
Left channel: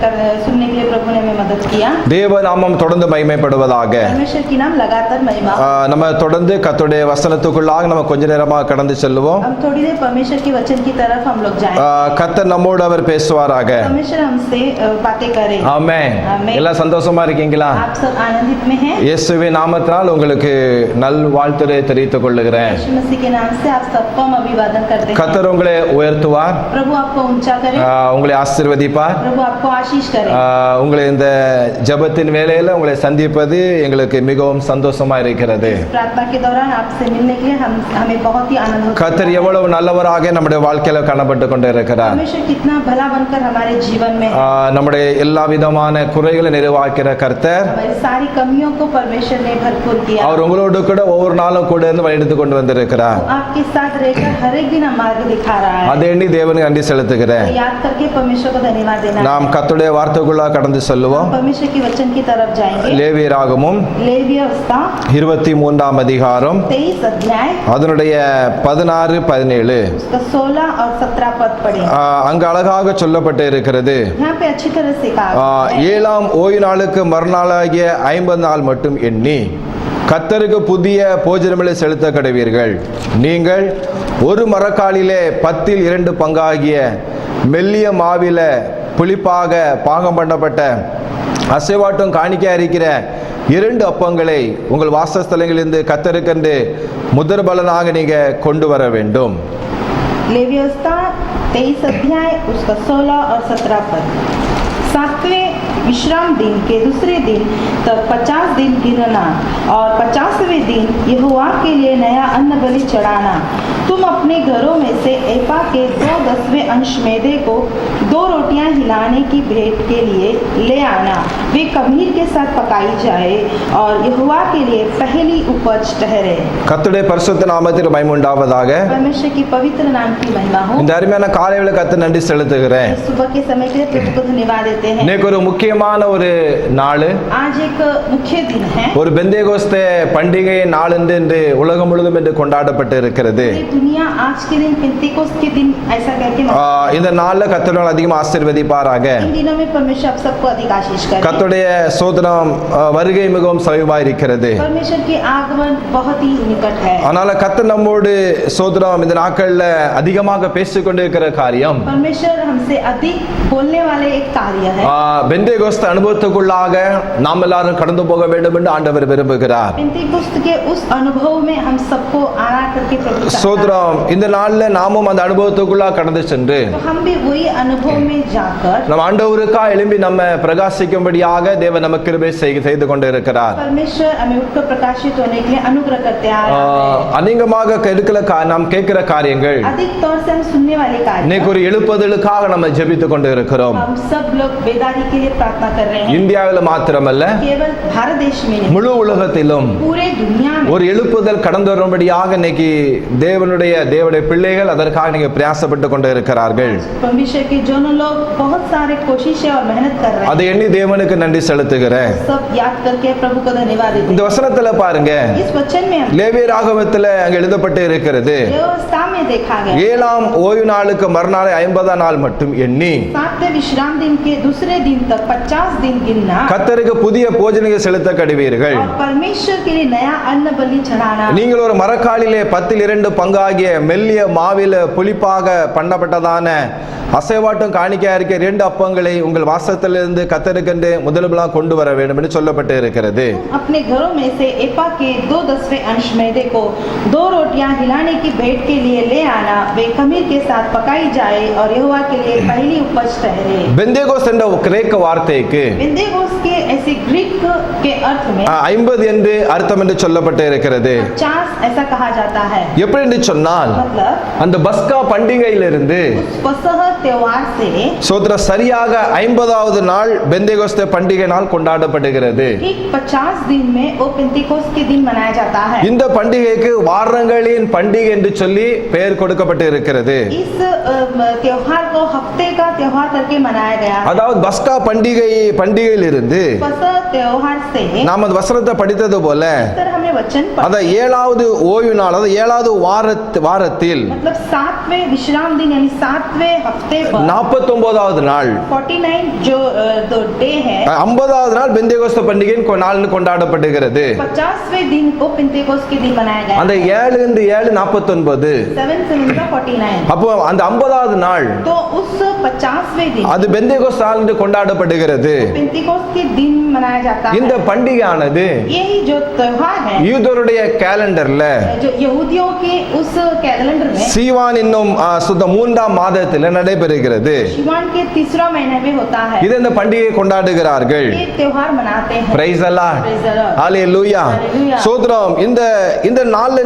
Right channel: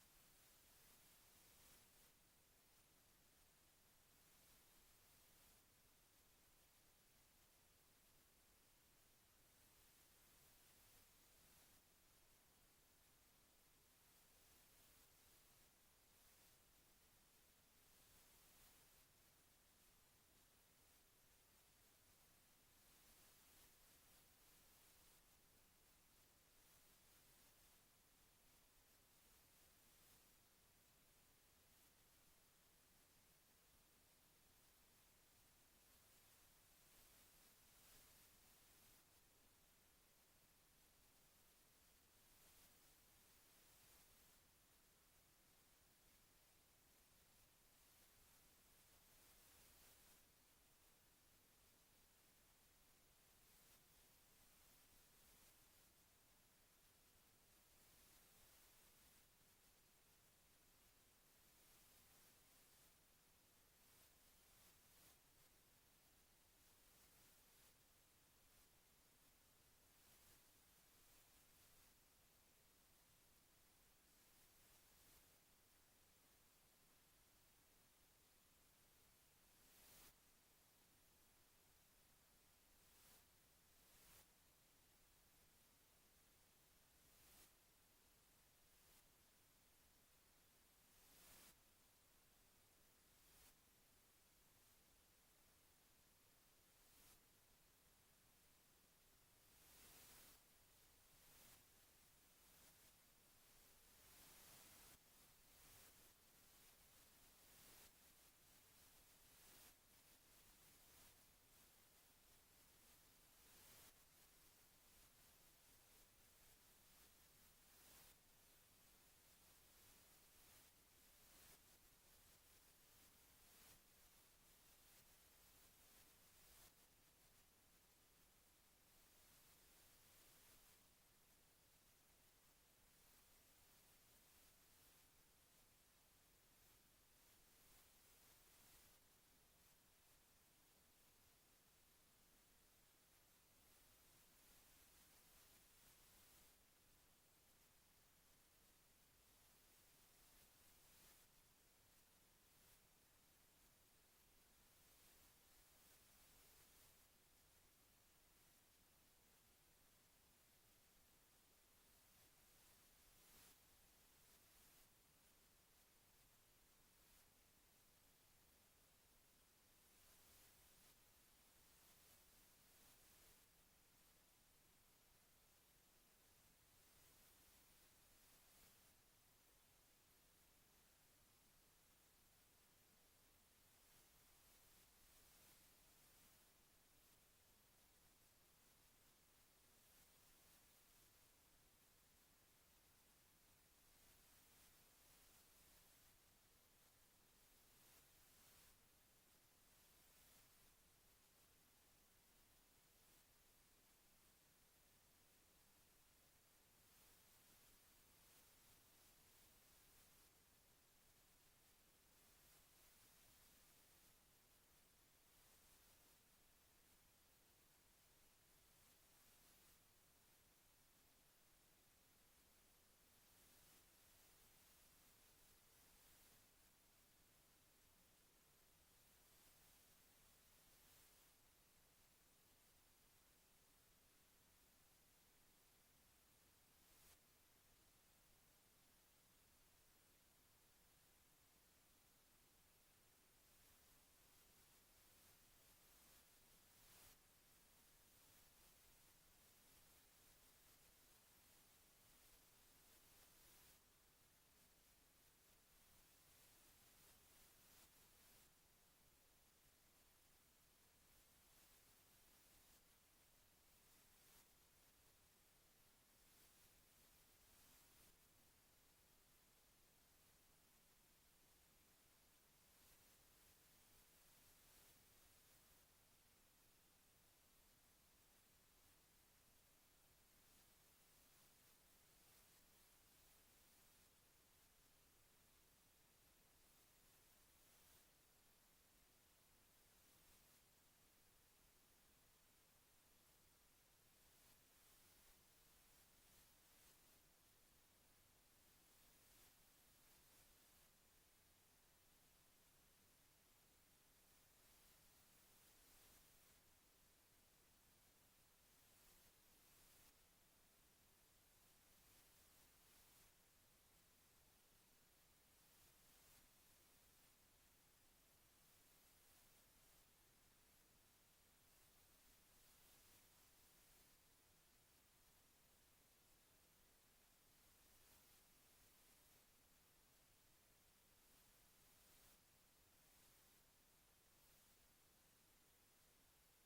सुनने के लिए प्रभु ने हमें मदद किया। தேவ நாமம் தொடர்ந்து மகிமைப்படுவதாக. परमेश्वर की नाम लगातार महिमा हो। நம்ம தொடர்ந்து கர்த்தருடைய வசனத்துக்குள்ளாக நம்ம கொஞ்ச நேரமாக கடந்து செல்லுவோம். हम थोड़ी देर परमेश्वर के वचन की तरफ हम लोग जाएं। கர்த்தர் நம்மோடு அவர் பேசுவாராக. परमेश्वर हमसे बातें करे। ஆமென். ஆமென். எல்லாம் சந்தோஷமா இருக்கீங்களா? आप सब आनंदित में हैं? இயேசுவின் நாமத்தினால் உங்களுக்கு நல் வாழ்த்துரை தெரிவித்துக் கொள்ளுகிறேன். यीशु मसीह के नाम से आप सबको हम अभिवादन करते हैं। கர்த்தர் உங்களை உயர்த்துவார், प्रभु आपको ऊंचा करे, உங்களை ஆசீர்வதிப்பார். प्रभु आपको आशीष करे। உங்களை இந்த ஜெபத்தின் வேளையில உங்களை சந்திப்பது எங்களுக்கு மிகவும் சந்தோஷமா இருக்கிறது. प्रार्थना के दौरान आपसे मिलने के लिए हमें बहुत ही आनंद होता है। கர்த்தர் எவ்வளவு நல்லவராக நம்முடைய வாழ்க்கையில காணப்பட்டு கொண்டிருக்கிறார். परमेश्वर कितना भला बनकर हमारे जीवन में है। நம்முடைய எல்லா விதமான குறைகளை நிறைவாக்கிற கர்த்தர் हमारी सारी कमियों को परमेश्वर ने भरपूर किया। அவர் உங்களோடு கூட ஒவ்வொரு நாளும் கூட இருந்து வழிநடத்தி கொண்டு வந்திருக்கிறார். वो आपके साथ रहकर हर एक दिन मार्ग दिखा रहा है। அதை எண்ணி தேவனுக்கு நன்றி செலுத்துகிறேன். तो याद करके परमेश्वर को धन्यवाद देना। நாம் கர்த்தருடைய வார்த்தைக்குள்ள கடந்து செல்லுவோம். परमेश्वर के वचन की तरफ जाएंगे। லேவியராகமம் लेवीय व्यवस्था 23ஆம் அதிகாரம் 23 अध्याय அதனுடைய 16, 17 उसका 16 और 17 पद पढ़ें। அங்கு அழகாக சொல்லப்பட்டு இருக்கிறது. यहाँ पे अच्छी तरह से कहा है। 7ஆம் ஓய்வு நாளுக்கு மறுநாளாகிய 50 நாள் மட்டும் எண்ணி கர்த்தருக்கு புதிய போஜனங்களை செலுத்த கடவீர்கள். நீங்கள் ஒரு மரக்காலிலே 10 பங்காகிய மெல்லிய மாவில புளிப்பாக பாகம் பண்ணப்பட்ட அசைவாட்டும் காணிக்கையா இருக்கிற 2 அப்பங்களை உங்கள் வாசஸ்தலங்களிலிருந்து கர்த்தருக்கென்று முதற் பலனாக நீங்க கொண்டு வர வேண்டும். लेवीय व्यवस्था 23 अध्याय उसका 16 और 17 पद। 7वें विश्राम दिन के दूसरे दिन तक 50 दिन गिनना और 50वें दिन यहोवा के लिए नया अन्न बलि चढ़ाना। तुम अपने घरों में से एपा के 2/10 अंश मैदे को 2 रोटियां हिलाने की भेंट के लिए ले आना। वे खमीर के साथ पकाई जाए और यहोवा के लिए पहली उपज ठहरे। கர்த்தருடைய பரிசுத்த நாமத்திற்கு மகிமை உண்டாவதாக. परमेश्वर की पवित्र नाम की महिमा हो। இந்த அருமையான காலையில கர்த்தர் நன்றி செலுத்துகிறேன். सुबह के समय के लिए प्रभु को धन्यवाद देते हैं। இன்னைக்கு ஒரு முக்கியமான ஒரு நாள், आज एक मुख्य दिन है। ஒரு பெந்தேகோஸ்தே பண்டிகை நாள் என்று உலகம் முழுவதும் என்று கொண்டாடப்பட்டு இருக்கிறது. पूरी दुनिया आज के दिन पेंतिकोस्त के दिन ऐसा करके இந்த நாள்ல கர்த்தர் அதிகமா ஆசீர்வதிப்பாராக. इन दिनों में परमेश्वर आप सबको अधिक आशीष करे। கர்த்தருடைய சோதனம் வருகை மிகவும் சமீபமாக இருக்கிறது. परमेश्वर की आगमन बहुत ही निकट है। அதனால கர்த்தர் நம்மோடு சோதனம் இந்த நாட்கள்ல அதிகமாக பேசிக்கொண்டிருக்கிற காரியம் परमेश्वर हमसे अधिक बोलने वाले एक कार्य है। பெந்தேகோஸ்து அனுபவத்துக்குள்ளாக நாம் எல்லாரும் கடந்து போக வேண்டும் என்று ஆண்டவர் விரும்புகிறார். पेंतिकुस्त के उस अनुभव में हम सबको आना करके प्रभु चाहता है। சோதரம் இந்த நாள்ல நாமும் அந்த அனுபவத்துக்குள்ளாக கடந்து சென்று तो हम भी वही अनुभव में जाकर நம் ஆண்டவருக்கா எழும்பி நம்ம பிரகாசிக்கும்படியாக தேவன் நமக்கு கிருபை செய்து கொண்டு இருக்கிறார். परमेश्वर हमें उठकर प्रकाशित होने के लिए अनुग्रह करते आ रहा है। அநேகமாக நாம் கேட்கிற காரியங்கள் अधिक तौर से हम सुनने वाले कार्य இன்னைக்கு ஒரு எழுப்புதலுக்காக நம்ம ஜெபித்துக் கொண்டு இருக்கிறோம். हम सब लोग बेदारी के लिए प्रार्थना कर रहे हैं। இந்தியாவில் மாத்திரமல்ல केवल भारत देश में नहीं, முழு உலகத்திலும் पूरे दुनिया में ஒரு எழுப்புதல் கடந்து வரும்படியாக இன்னைக்கு தேவனுடைய பிள்ளைகள் அதற்காக நீங்க பிரயாசப்பட்டு கொண்டு இருக்கிறார்கள். परमेश्वर के जो लोग बहुत सारे कोशिशें और मेहनत कर रहे அதை எண்ணி தேவனுக்கு நன்றி செலுத்துகிறேன். हैं, सब याद करके प्रभु को धन्यवाद देते இந்த வசனத்துல பாருங்க, हैं। इस वचन में हम லேவியராகமத்துல அங்க எழுதப்பட்டு இருக்கிறது, व्यवस्था में देखा गया 7ஆம் ஓய்வு நாளுக்கு மறுநாள் 50ஆம் நாள் மட்டும் எண்ணி 7वें विश्राम दिन के दूसरे दिन तक 50 दिन गिनना கர்த்தருக்கு புதிய போஜனங்களை செலுத்த கடுவீர்கள். और परमेश्वर के लिए नया अन्न बलि चढ़ाना। நீங்கள் ஒரு மரக்காலிலே 10 பங்காகிய மெல்லிய மாவில புளிப்பாக பண்ணப்பட்டதான அசைவாட்டும் காணிக்கையா இருக்க 2 அப்பங்களை உங்கள் வாசத்திலிருந்து கர்த்தருக்கென்று முதல்வலாக கொண்டு வர வேண்டும் என்று சொல்லப்பட்டு இருக்கிறது. अपने घरों में से एपा के 2/10 अंश मैदे को 2 रोटियां हिलाने की भेंट के लिए ले आना, वे खमीर के साथ पकाई जाए और यहोवा के लिए पहली उपज ठहरे। பெந்தேகோஸ் என்ற கிரேக்க வார்த்தைக்கு पेंतेकोस्त के ऐसे ग्रीक के अर्थ में 50 என்று அர்த்தம் என்று சொல்லப்பட்டு இருக்கிறது. 50 ऐसा कहा जाता है। எப்படி என்று சொன்னால் मतलब அந்த பஸ்கா பண்டிகையிலிருந்து उस फसह त्योहार से சோதர சரியாக 50வது நாள் பெந்தேகோஸ்தே பண்டிகை நாள் கொண்டாடப்படுகிறது. ठीक 50 दिन में वो पेंतिकोस्त के दिन मनाया जाता है। இந்த பண்டிகைக்கு வாரங்களின் பண்டிகை என்று சொல்லி பெயர் கொடுக்கப்பட்டு இருக்கிறது. इस त्योहार को हफ्ते का त्योहार करके मनाया गया है। அதாவது பஸ்கா பண்டிகையிலிருந்து फसह त्योहार से நாம் அந்த வசனத்தை படித்தது போல सर हमने वचन पढ़ा, அந்த 7வது ஓய்வு நாள், அதாவது 7வது வாரத்தில் मतलब 7वें विश्राम दिन यानी 7वें हफ्ते पर 49வது நாள் 49 जो डे है, 50வது நாள் பெந்தேகோஸ்தே பண்டிகையின் நாள்னு கொண்டாடப்படுகிறது. 50वें दिन को पेंतिकोस्त के दिन मनाया गया। அந்த 7 into 7 49. 7 49, அப்போ அந்த 50வது நாள் तो उस 50वें दिन அது பெந்தேகோஸ்தே நாள் என்று கொண்டாடப்படுகிறது. पेंतिकोस्त के दिन मनाया जाता இந்த है। பண்டிகையானது यही जो त्योहार है யூதருடைய கேலண்டர்ல जो यहूदियों के उस कैलेंडर में சீவான் என்னும் சுத்த 3ஆம் மாதத்தில் நடைபெறுகிறது. शिवान के 3रा महीने में होता है। இது இந்த பண்டிகையை கொண்டாடுகிறார்கள். ये त्योहार मनाते हैं। Praise Allah, Praise the Lord. ஹalleluya. Hallelujah. சோதரம் இந்த நாள்ல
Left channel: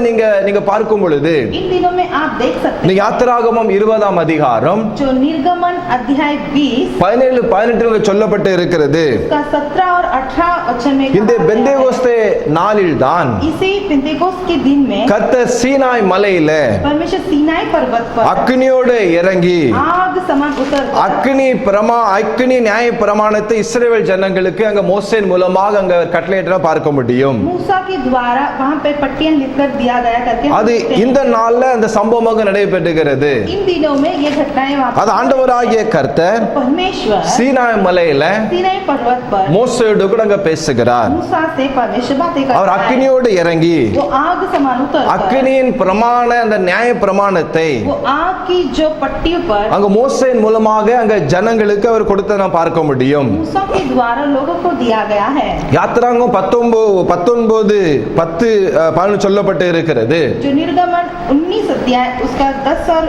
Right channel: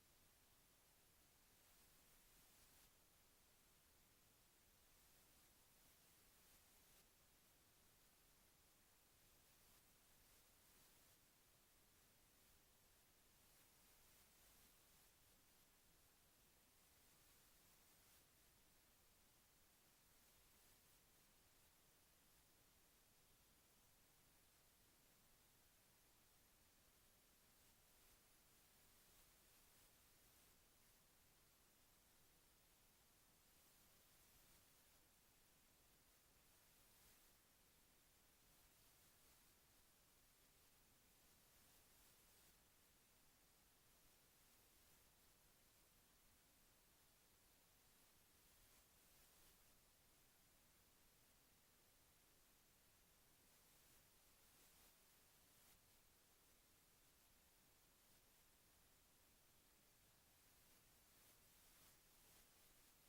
நீங்க பார்க்கும் பொழுது इन दिनों में आप देख सकते இந்த हैं யாத்திராகமம் 20ஆம் அதிகாரம் जो निर्गमन अध्याय 20 17 சொல்லப்பட்டு இருக்கிறது. का 17 और 18 वचन में இந்த कहा गया है, பெந்தேகோஸ்தே நாளில் தான் इसी पेंतेकोस्त के दिन में கர்த்தர் சீனாய் மலையில परमेश्वर सीनाई पर्वत पर அக்னியோடு இறங்கி आग समान उतर அக்னி நியாய பிரமாணத்தை இஸ்ரவேல் ஜனங்களுக்கு அங்க மோசேன் மூலமாக அங்க கட்டளையிட்ட பார்க்க முடியும். मूसा के द्वारा वहां पे पट्टियां लिखकर दिया गया करके हम அது देखते हैं। இந்த நாள்ல அந்த சம்பவமாக நடைபெறுகிறது. इन दिनों में ये घटनाएं वहां அது ஆண்டவராகிய கர்த்தர் परमेश्वर சீனாய் மலையில सीनाई पर्वत पर மோசேயோடு கூட அங்க பேசுகிறார். मूसा से परमेश्वर बातें அவர் करता है। அக்னியோடு இறங்கி वो आग समान उतर அக்னியின் பிரமாண அந்த நியாய பிரமாணத்தை वो आग की जो पट्टी पर அங்க மோசேயின் மூலமாக அங்க ஜனங்களுக்கு அவர் கொடுத்த நாம் பார்க்க முடியும். मूसा के द्वारा लोगों को दिया गया है। யாத்திராங்கம் 19:10 சொல்லப்பட்டு இருக்கிறது. जो निर्गमन 19 अध्याय उसका 10 और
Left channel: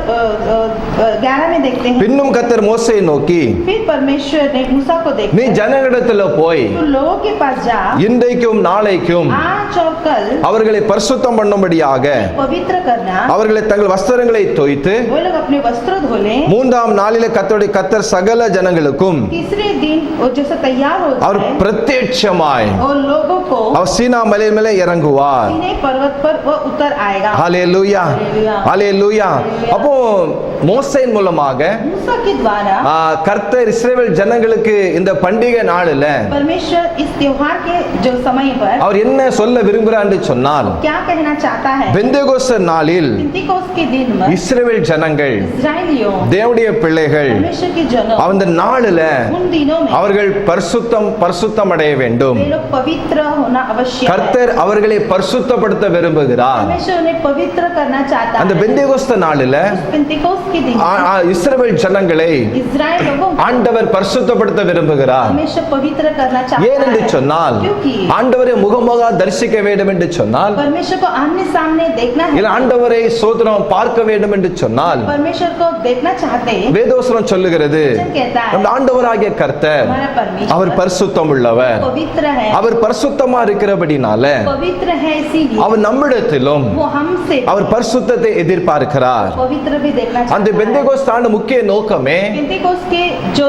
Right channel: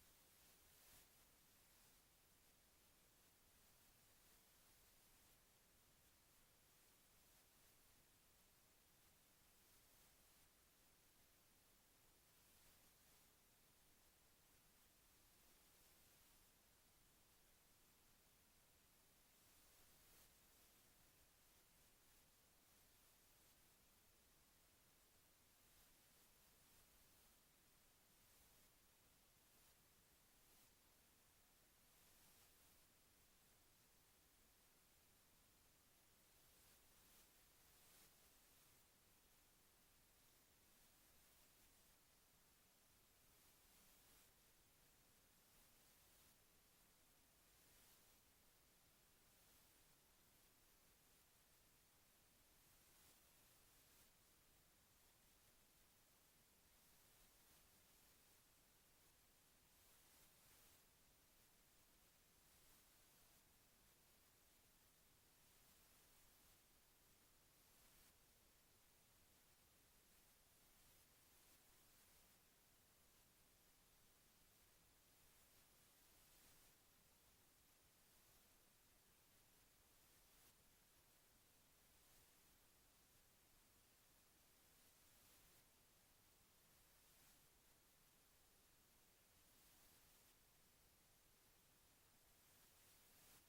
11 में देखते हैं। பின்னும் கர்த்தர் மோசேயை நோக்கி, फिर परमेश्वर ने मूसा को நீ देखा, ஜனங்களிடத்துல போய் तो लोगों के पास जा, இன்றைக்கும் நாளைக்கும் आज और कल அவர்களை பரிசுத்தம் பண்ணும்படியாக पवित्र करना, அவர்களை தங்கள் வஸ்திரங்களை தோய்த்து वो लोग अपने वस्त्र धो लें। 3ஆம் நாளிலே கர்த்தர் சகல ஜனங்களுக்கும் तीसरे दिन वो जैसे तैयार होता அவர் है பிரத்யட்சமாய் और लोगों को அவர் சீனா மலை மேலே இறங்குவார். सीनै पर्वत पर वो उतर आएगा। ஹalleluya, ஹalleluya. அப்போ மோசேயின் மூலமாக मूसा के द्वारा கர்த்தர் இஸ்ரவேல் ஜனங்களுக்கு இந்த பண்டிகை நாளில் परमेश्वर इस त्योहार के जो समय पर அவர் என்ன சொல்ல சொல்ல விரும்புகிறார் என்று சொன்னால், क्या कहना चाहता है? பெந்தேகோஸ்து நாளில் पेंतिकोस्त के दिन में இஸ்ரவேல் ஜனங்கள், इस्राएलियों, தேவனுடைய பிள்ளைகள் परमेश्वर के जनों, அந்த நாளில उन दिनों में அவர்கள் பரிசுத்தம் அடைய வேண்டும். वे लोग पवित्र होना आवश्यक है। கர்த்தர் அவர்களை பரிசுத்தப்படுத்த விரும்புகிறார். परमेश्वर उन्हें पवित्र करना चाहता அந்த है। பெந்தேகோஸ்து நாளில पेंतिकोस्त के दिन இஸ்ரவேல் ஜனங்களை इस्राएल लोगों को ஆண்டவர் பரிசுத்தப்படுத்த விரும்புகிறார். परमेश्वर पवित्र करना चाहता ஏன் என்று है। சொன்னால், क्योंकि ஆண்டவரை முகமுக தரிசிக்க வேண்டும் என்று சொன்னால், परमेश्वर को आमने सामने देखना है। இல்ல ஆண்டவரை சோதனம் பார்க்க வேண்டும் என்று சொன்னால், परमेश्वर को देखना चाहते हैं। வேதவசனம் சொல்லுகிறது, वचन कहता है நம்ம ஆண்டவராகிய கர்த்தர் हमारा அவர் परमेश्वर பரிசுத்தம் உள்ளவர். पवित्र है। அவர் பரிசுத்தமா இருக்கிறபடினால पवित्र है, इसीलिए அவர் நம்மிடத்திலும் वो हमसे அவர் பரிசுத்தத்தை எதிர்பார்க்கிறார். पवित्र भी देखना அந்த चाहता है। பெந்தேகோஸ்து ஆண்டு முக்கிய நோக்கமே, पेंतिकोस्त के जो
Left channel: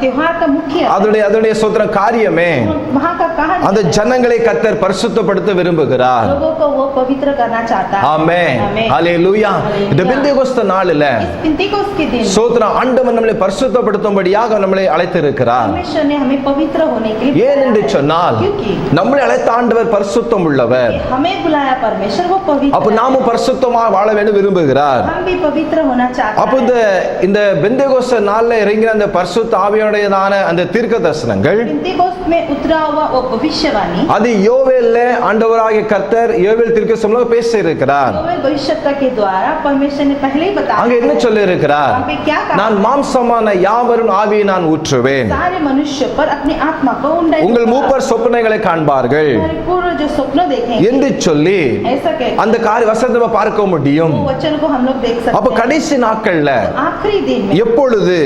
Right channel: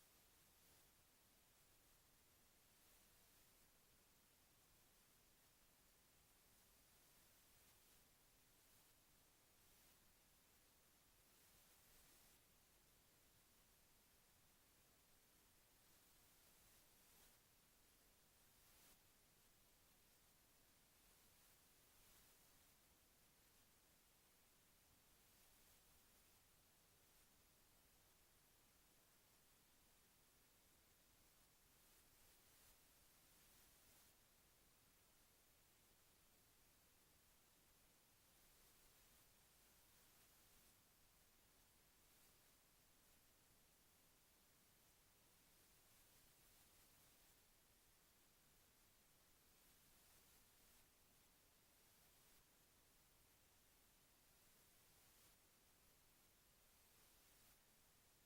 त्योहार का मुख्य அதனுடைய சோதன காரியமே, वहाँ का कहा அந்த ஜனங்களை கர்த்தர் பரிசுத்தப்படுத்த விரும்புகிறார். लोगों को वो पवित्र करना चाहता है। ஆமென். ஆமென். ஹalleluya. இந்த பெந்தேகோஸ்து நாளில इस पेंतिकोस्त के दिन சோதன ஆண்டவர் நம்மளை பரிசுத்தப்படுத்தும்படியாக நம்மளை அழைத்திருக்கிறார். परमेश्वर ने हमें पवित्र होने के लिए ஏன் என்று बुलाया है। சொன்னால், क्योंकि நம்மளை அழைத்த ஆண்டவர் பரிசுத்தம் உள்ளவர். हमें बुलाया परमेश्वर वो அப்ப पवित्र நாமும் है। பரிசுத்தமா வாழ வேண்டும் விரும்புகிறார். हम भी पवित्र होना चाहते அப்ப हैं। இந்த பெந்தேகோஸ்து நாள்ல இறங்கின அந்த பரிசுத்த ஆவியானவருடையதான அந்த தீர்க்க தரிசனங்கள், पेंतिकोस्त में उतरा हुआ वो भविष्यवाणी அது யோவேல்ல ஆண்டவராகிய கர்த்தர் யோவேல் தீர்க்கதரிசனம்ல பேசி இருக்கிறார். योवेल भविष्यवक्ता के द्वारा परमेश्वर ने पहले ही बताया அங்க என்ன है। சொல்லி இருக்கிறார்? वहाँ पे क्या कहा? நான் மாம்சமான யாவரும் ஆவியை நான் ஊற்றுவேன். सारे मनुष्य पर अपनी आत्मा को उंडेल உங்கள் மூப்பர் சொப்பனைகளை காண்பார்கள் हमारे पूर्व जो स्वप्न देखेंगे என்று சொல்லி ऐसा कहते அந்த காரிய வசனத்தை பார்க்க முடியும். वो वचन को हम लोग देख அப்ப सकते हैं। கடைசி நாட்கள்ல आखिरी दिन में எப்பொழுது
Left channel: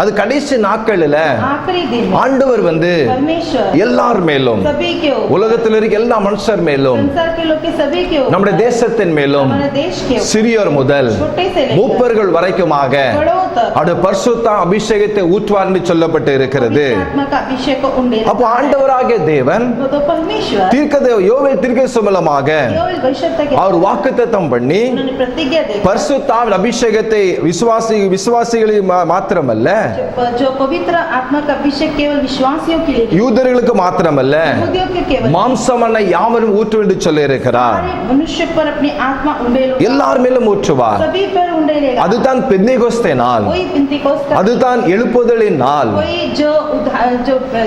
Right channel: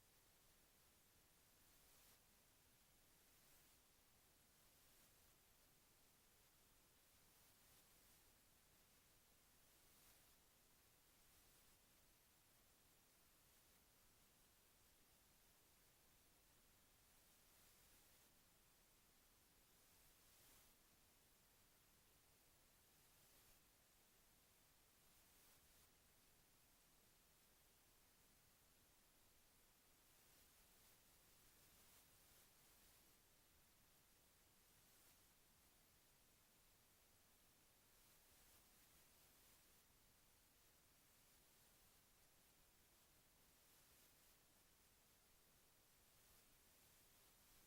அது கடைசி நாட்கள்ல आखिरी दिन में ஆண்டவர் परमेश्वर எல்லார் மேலும், सभी के ऊपर, உலகத்தில் இருக்க எல்லா மனுஷர் மேலும், संसार के लोग के सभी के ऊपर, நம்முடைய தேசத்தின் மேலும், हमारे देश के ऊपर, சிறியோர் முதல் छोटे से लेकर மூப்பர்கள் வரைக்குமாக बड़ों तक அவருடைய பரிசுத்த அபிஷேகத்தை ஊற்றுவார் என்று சொல்லப்பட்டு இருக்கிறது. पवित्र आत्मा का अभिषेक को उंडेल அப்போ ஆண்டவராகிய தேவன் वो तो परमेश्वर யோவேல் தீர்க்கதரிசி மூலமாக योवेल भविष्यवक्ता के அவர் வாக்குத்தத்தம் பண்ணி उन्होंने प्रतिज्ञा दी பரிசுத்தாவின் அபிஷேகத்தை விசுவாசிகளில் மாத்திரமல்ல, जो पवित्र आत्मा का अभिषेक केवल विश्वासियों के लिए யூதர்களுக்கு மாத்திரமல்ல, यहूदियों के केवल மாம்சமான யாவரும் ஊற்றும் என்று சொல்லி இருக்கிறார். सारे मनुष्य पर अपनी आत्मा उंडेल எல்லார் மேலும் ஊற்றுவார். सभी पर उंडेलेगा। அதுதான் பெந்தேகோஸ்தே நாள், कोई पेंतिकोस्त का அதுதான் எழுப்புதலின் நாள். कोई जो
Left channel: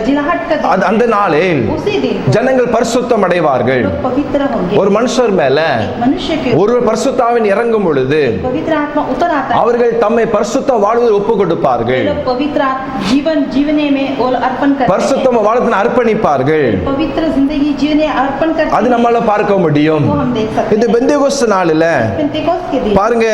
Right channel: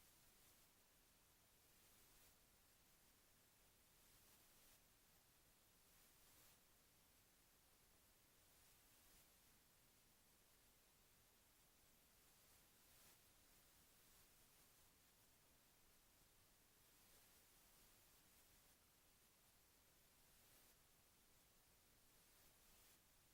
जिलाहट का दिन அந்த நாளில் उसी दिन को ஜனங்கள் பரிசுத்தம் அடைவார்கள். लोग पवित्र होंगे। ஒரு மனுஷர் மேல एक मनुष्य के ஒரு பரிசுத்தாவின் இறங்கும் பொழுது पवित्र आत्मा उतर आता है। அவர்கள் தம்மை பரிசுத்த வாழ்வில் ஒப்பு वे கொடுப்பார்கள். लोग पवित्र जीवन जीवने में वो अर्पण करते பரிசுத்தம் வாழ்வில் அர்ப்பணிப்பார்கள். हैं। पवित्र जिंदगी जीवने अर्पण करते அது हैं। நம்மால பார்க்க முடியும். वो हम देख सकते இந்த हैं। பெந்தேகோஸ்து நாளில पेंतिकोस्त के दिन பாருங்க,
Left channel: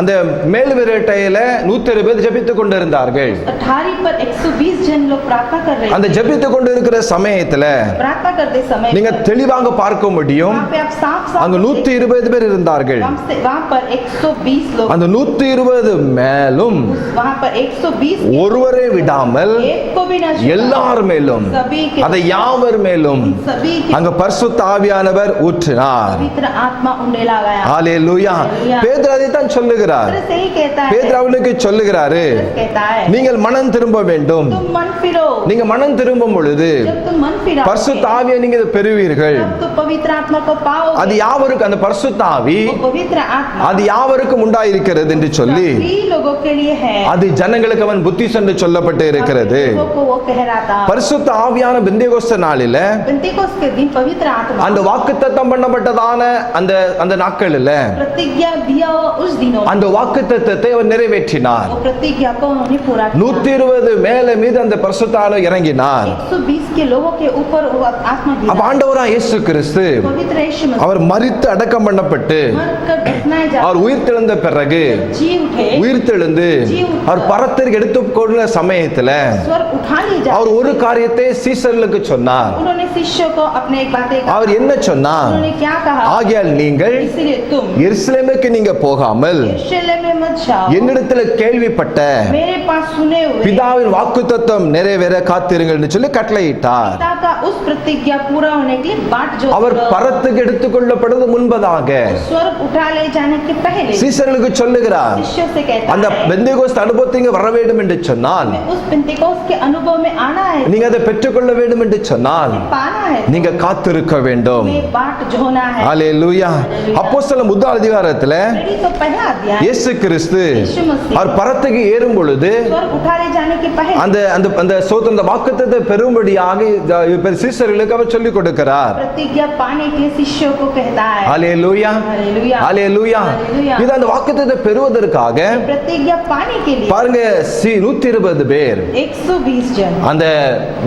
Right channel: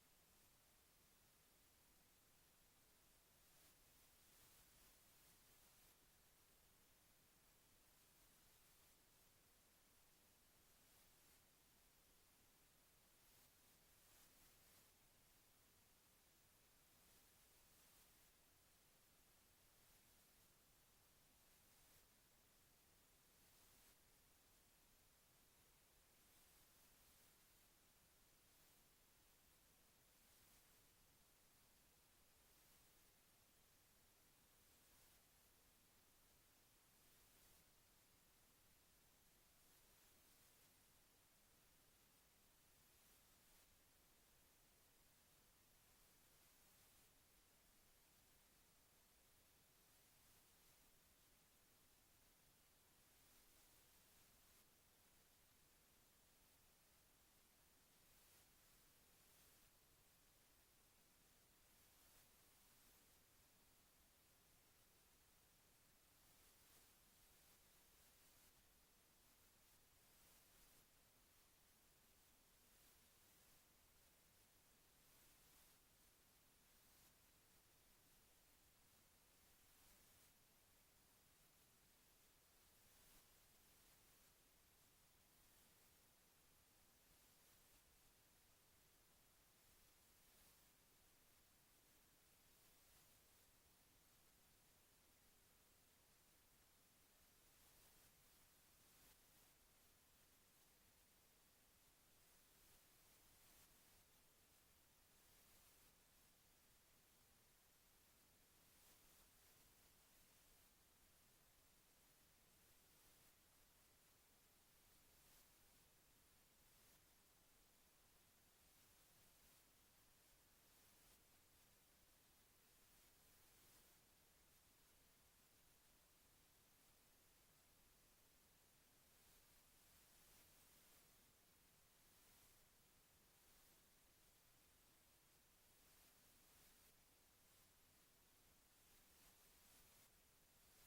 அந்த மேல் விரட்டையில 120 பேர் ஜெபித்துக் கொண்டிருந்தார்கள். अठारी पर 120 जन लोग प्रार्थना कर रहे அந்த थे। ஜெபித்துக் கொண்டிருக்கிற சமயத்துல प्रार्थना करते समय நீங்க தெளிவாக பார்க்க முடியும், वहाँ पे आप साफ साफ அங்க 120 பேர் இருந்தார்கள். वहाँ पर 120 लोग, அந்த 120 மேலும் वहाँ पर 120 ஒருவரை விடாமல் एक को भी न छूटा। எல்லார் மேலும், सभी के அதை யாவர் மேலும் सभी के அங்க பரிசுத்த ஆவியானவர் ஊற்றினார். पवित्र आत्मा उंडेला गया। ஹalleluya. Hallelujah. பேதுரு அதைத்தான் சொல்லுகிறார். पवित्र से ही कहता है, பேதுரு அவனுக்கு சொல்லுகிறாரு, कहता है நீங்கள் மனம் திரும்ப வேண்டும். तुम मन फिरो। நீங்க மனம் திரும்பும் பொழுது जब तुम मन फिराओगे, பரிசுத்த ஆவியை நீங்க பெறுவீர்கள். तब तुम पवित्र आत्मा को पाओगे। அது யாவருக்கு, அந்த பரிசுத்த ஆவி वो पवित्र आत्मा அது யாவருக்கும் உண்டாயிருக்கிறது என்று சொல்லி सभी लोगों के लिए है। அது ஜனங்களுக்கு அவன் புத்தி என்று சொல்லப்பட்டு இருக்கிறது. सभी लोगों को वो कहराता। பரிசுத்த ஆவியான பெந்தேகோஸ்து நாளில पेंतिकोस्त के दिन पवित्र आत्मा அந்த வாக்குத்தத்தம் பண்ணப்பட்டதான அந்த அந்த நாட்களில प्रतिज्ञा दिया हुआ उस दिनों में அந்த வாக்குத்தத்தத்தை அவர் நிறைவேற்றினார். वो प्रतिज्ञा को उन्होंने पूरा किया। 120 மேல மீது அந்த பரிசுத்த ஆவி இறங்கினார். 120 के लोगों के ऊपर वो आत्मा அப்ப गिरा। ஆண்டவராகிய இயேசு கிறிஸ்து पवित्र यीशु मसीह அவர் மரித்து அடக்கம் பண்ணப்பட்டு मरकर दफनाए அவர் जाते உயிர்த்தெழுந்த பிறகு जी उठे உயிர்த்தெழுந்து அவர் பரத்திற்கு எடுத்துக்கொண்ட சமயத்துல स्वर्ग उठा लिए அவர் जाते ஒரு காரியத்தை சீசர்களுக்கு சொன்னார். उन्होंने शिष्यों को अपने एक बातें कहा। அவர் என்ன சொன்னார்? उन्होंने क्या कहा? ஆகையால் நீங்கள் इसलिए तुम எருசலேமுக்கு நீங்க போகாமல் यरूशलेम में मत जाओ, என்னிடத்துல கேள்விப்பட்ட मेरे पास सुने हुए பிதாவின் வாக்குத்தத்தம் நிறைவேற காத்திருங்கள் என்று சொல்லி கட்டளையிட்டார். पिता का उस प्रतिज्ञा पूरा होने के लिए बाट जो அவர் பரத்துக்கு எடுத்துக்கொள்ளப்படுவது முன்பதாக स्वर्ग उठा ले जाने के पहले சீசர்களுக்கு சொல்லுகிறார், शिष्यों से कहता அந்த है பெந்தேகோஸ்து அனுபவத்துக்கு வர வேண்டும் என்று சொன்னால், हमें उस पेंतिकोस्त के अनुभव में आना है, நீங்க அதை பெற்றுக்கொள்ள வேண்டும் என்று சொன்னால் पाना है, நீங்க காத்திருக்க வேண்டும். हमें बाट जोना है। ஹalleluya. அப்போஸ்தலர் முதல் அதிகாரத்துல प्रेरित तो पहला अध्याय இயேசு கிறிஸ்து यीशु मसीह அவர் பரத்துக்கு ஏறும் பொழுது स्वर्ग उठा ले जाने के पहले அந்த அந்த அந்த அந்த வாக்குத்தத்தத்தை பெறும்படியாக சீசர்களுக்கு அவர் சொல்லிக் கொடுக்கிறார். प्रतिज्ञा पाने के लिए शिष्यों को कहता है। ஹalleluya. हालेलुया ஹalleluya. हालेलुया। இது அந்த வாக்குத்தத்தத்தை பெறுவதற்காக प्रतिज्ञा पाने के लिए பாருங்க 120 பேர் 120 जन அந்த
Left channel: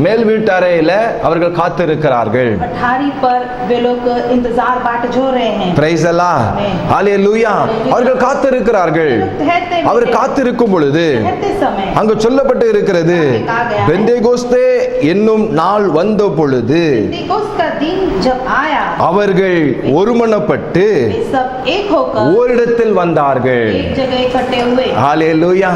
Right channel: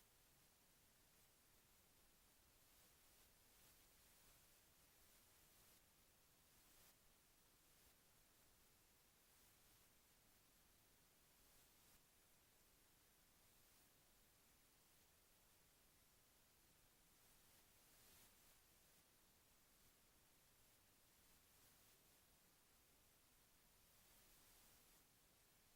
மேல் வீட்டறையில அவர்கள் காத்திருக்கிறார்கள். पठारी पर वे लोग इंतजार बाट जो रहे हैं। பிரைஸ் அல்லாஹ். ஹalleluya. அவர்கள் காத்திருக்கிறார்கள். ठहरते அவர் காத்திருக்கும் பொழுது ठहरते समय அங்கு சொல்லப்பட்டு இருக்கிறது, பெந்தேகோஸ்தே என்னும் நாள் வந்த பொழுது पेंतिकोस्त का दिन जब आया அவர்கள் ஒருமனப்பட்டு वे सब एक होकर ஓரிடத்தில் வந்தார்கள். एक जगह इकट्ठे हुए। ஹalleluya.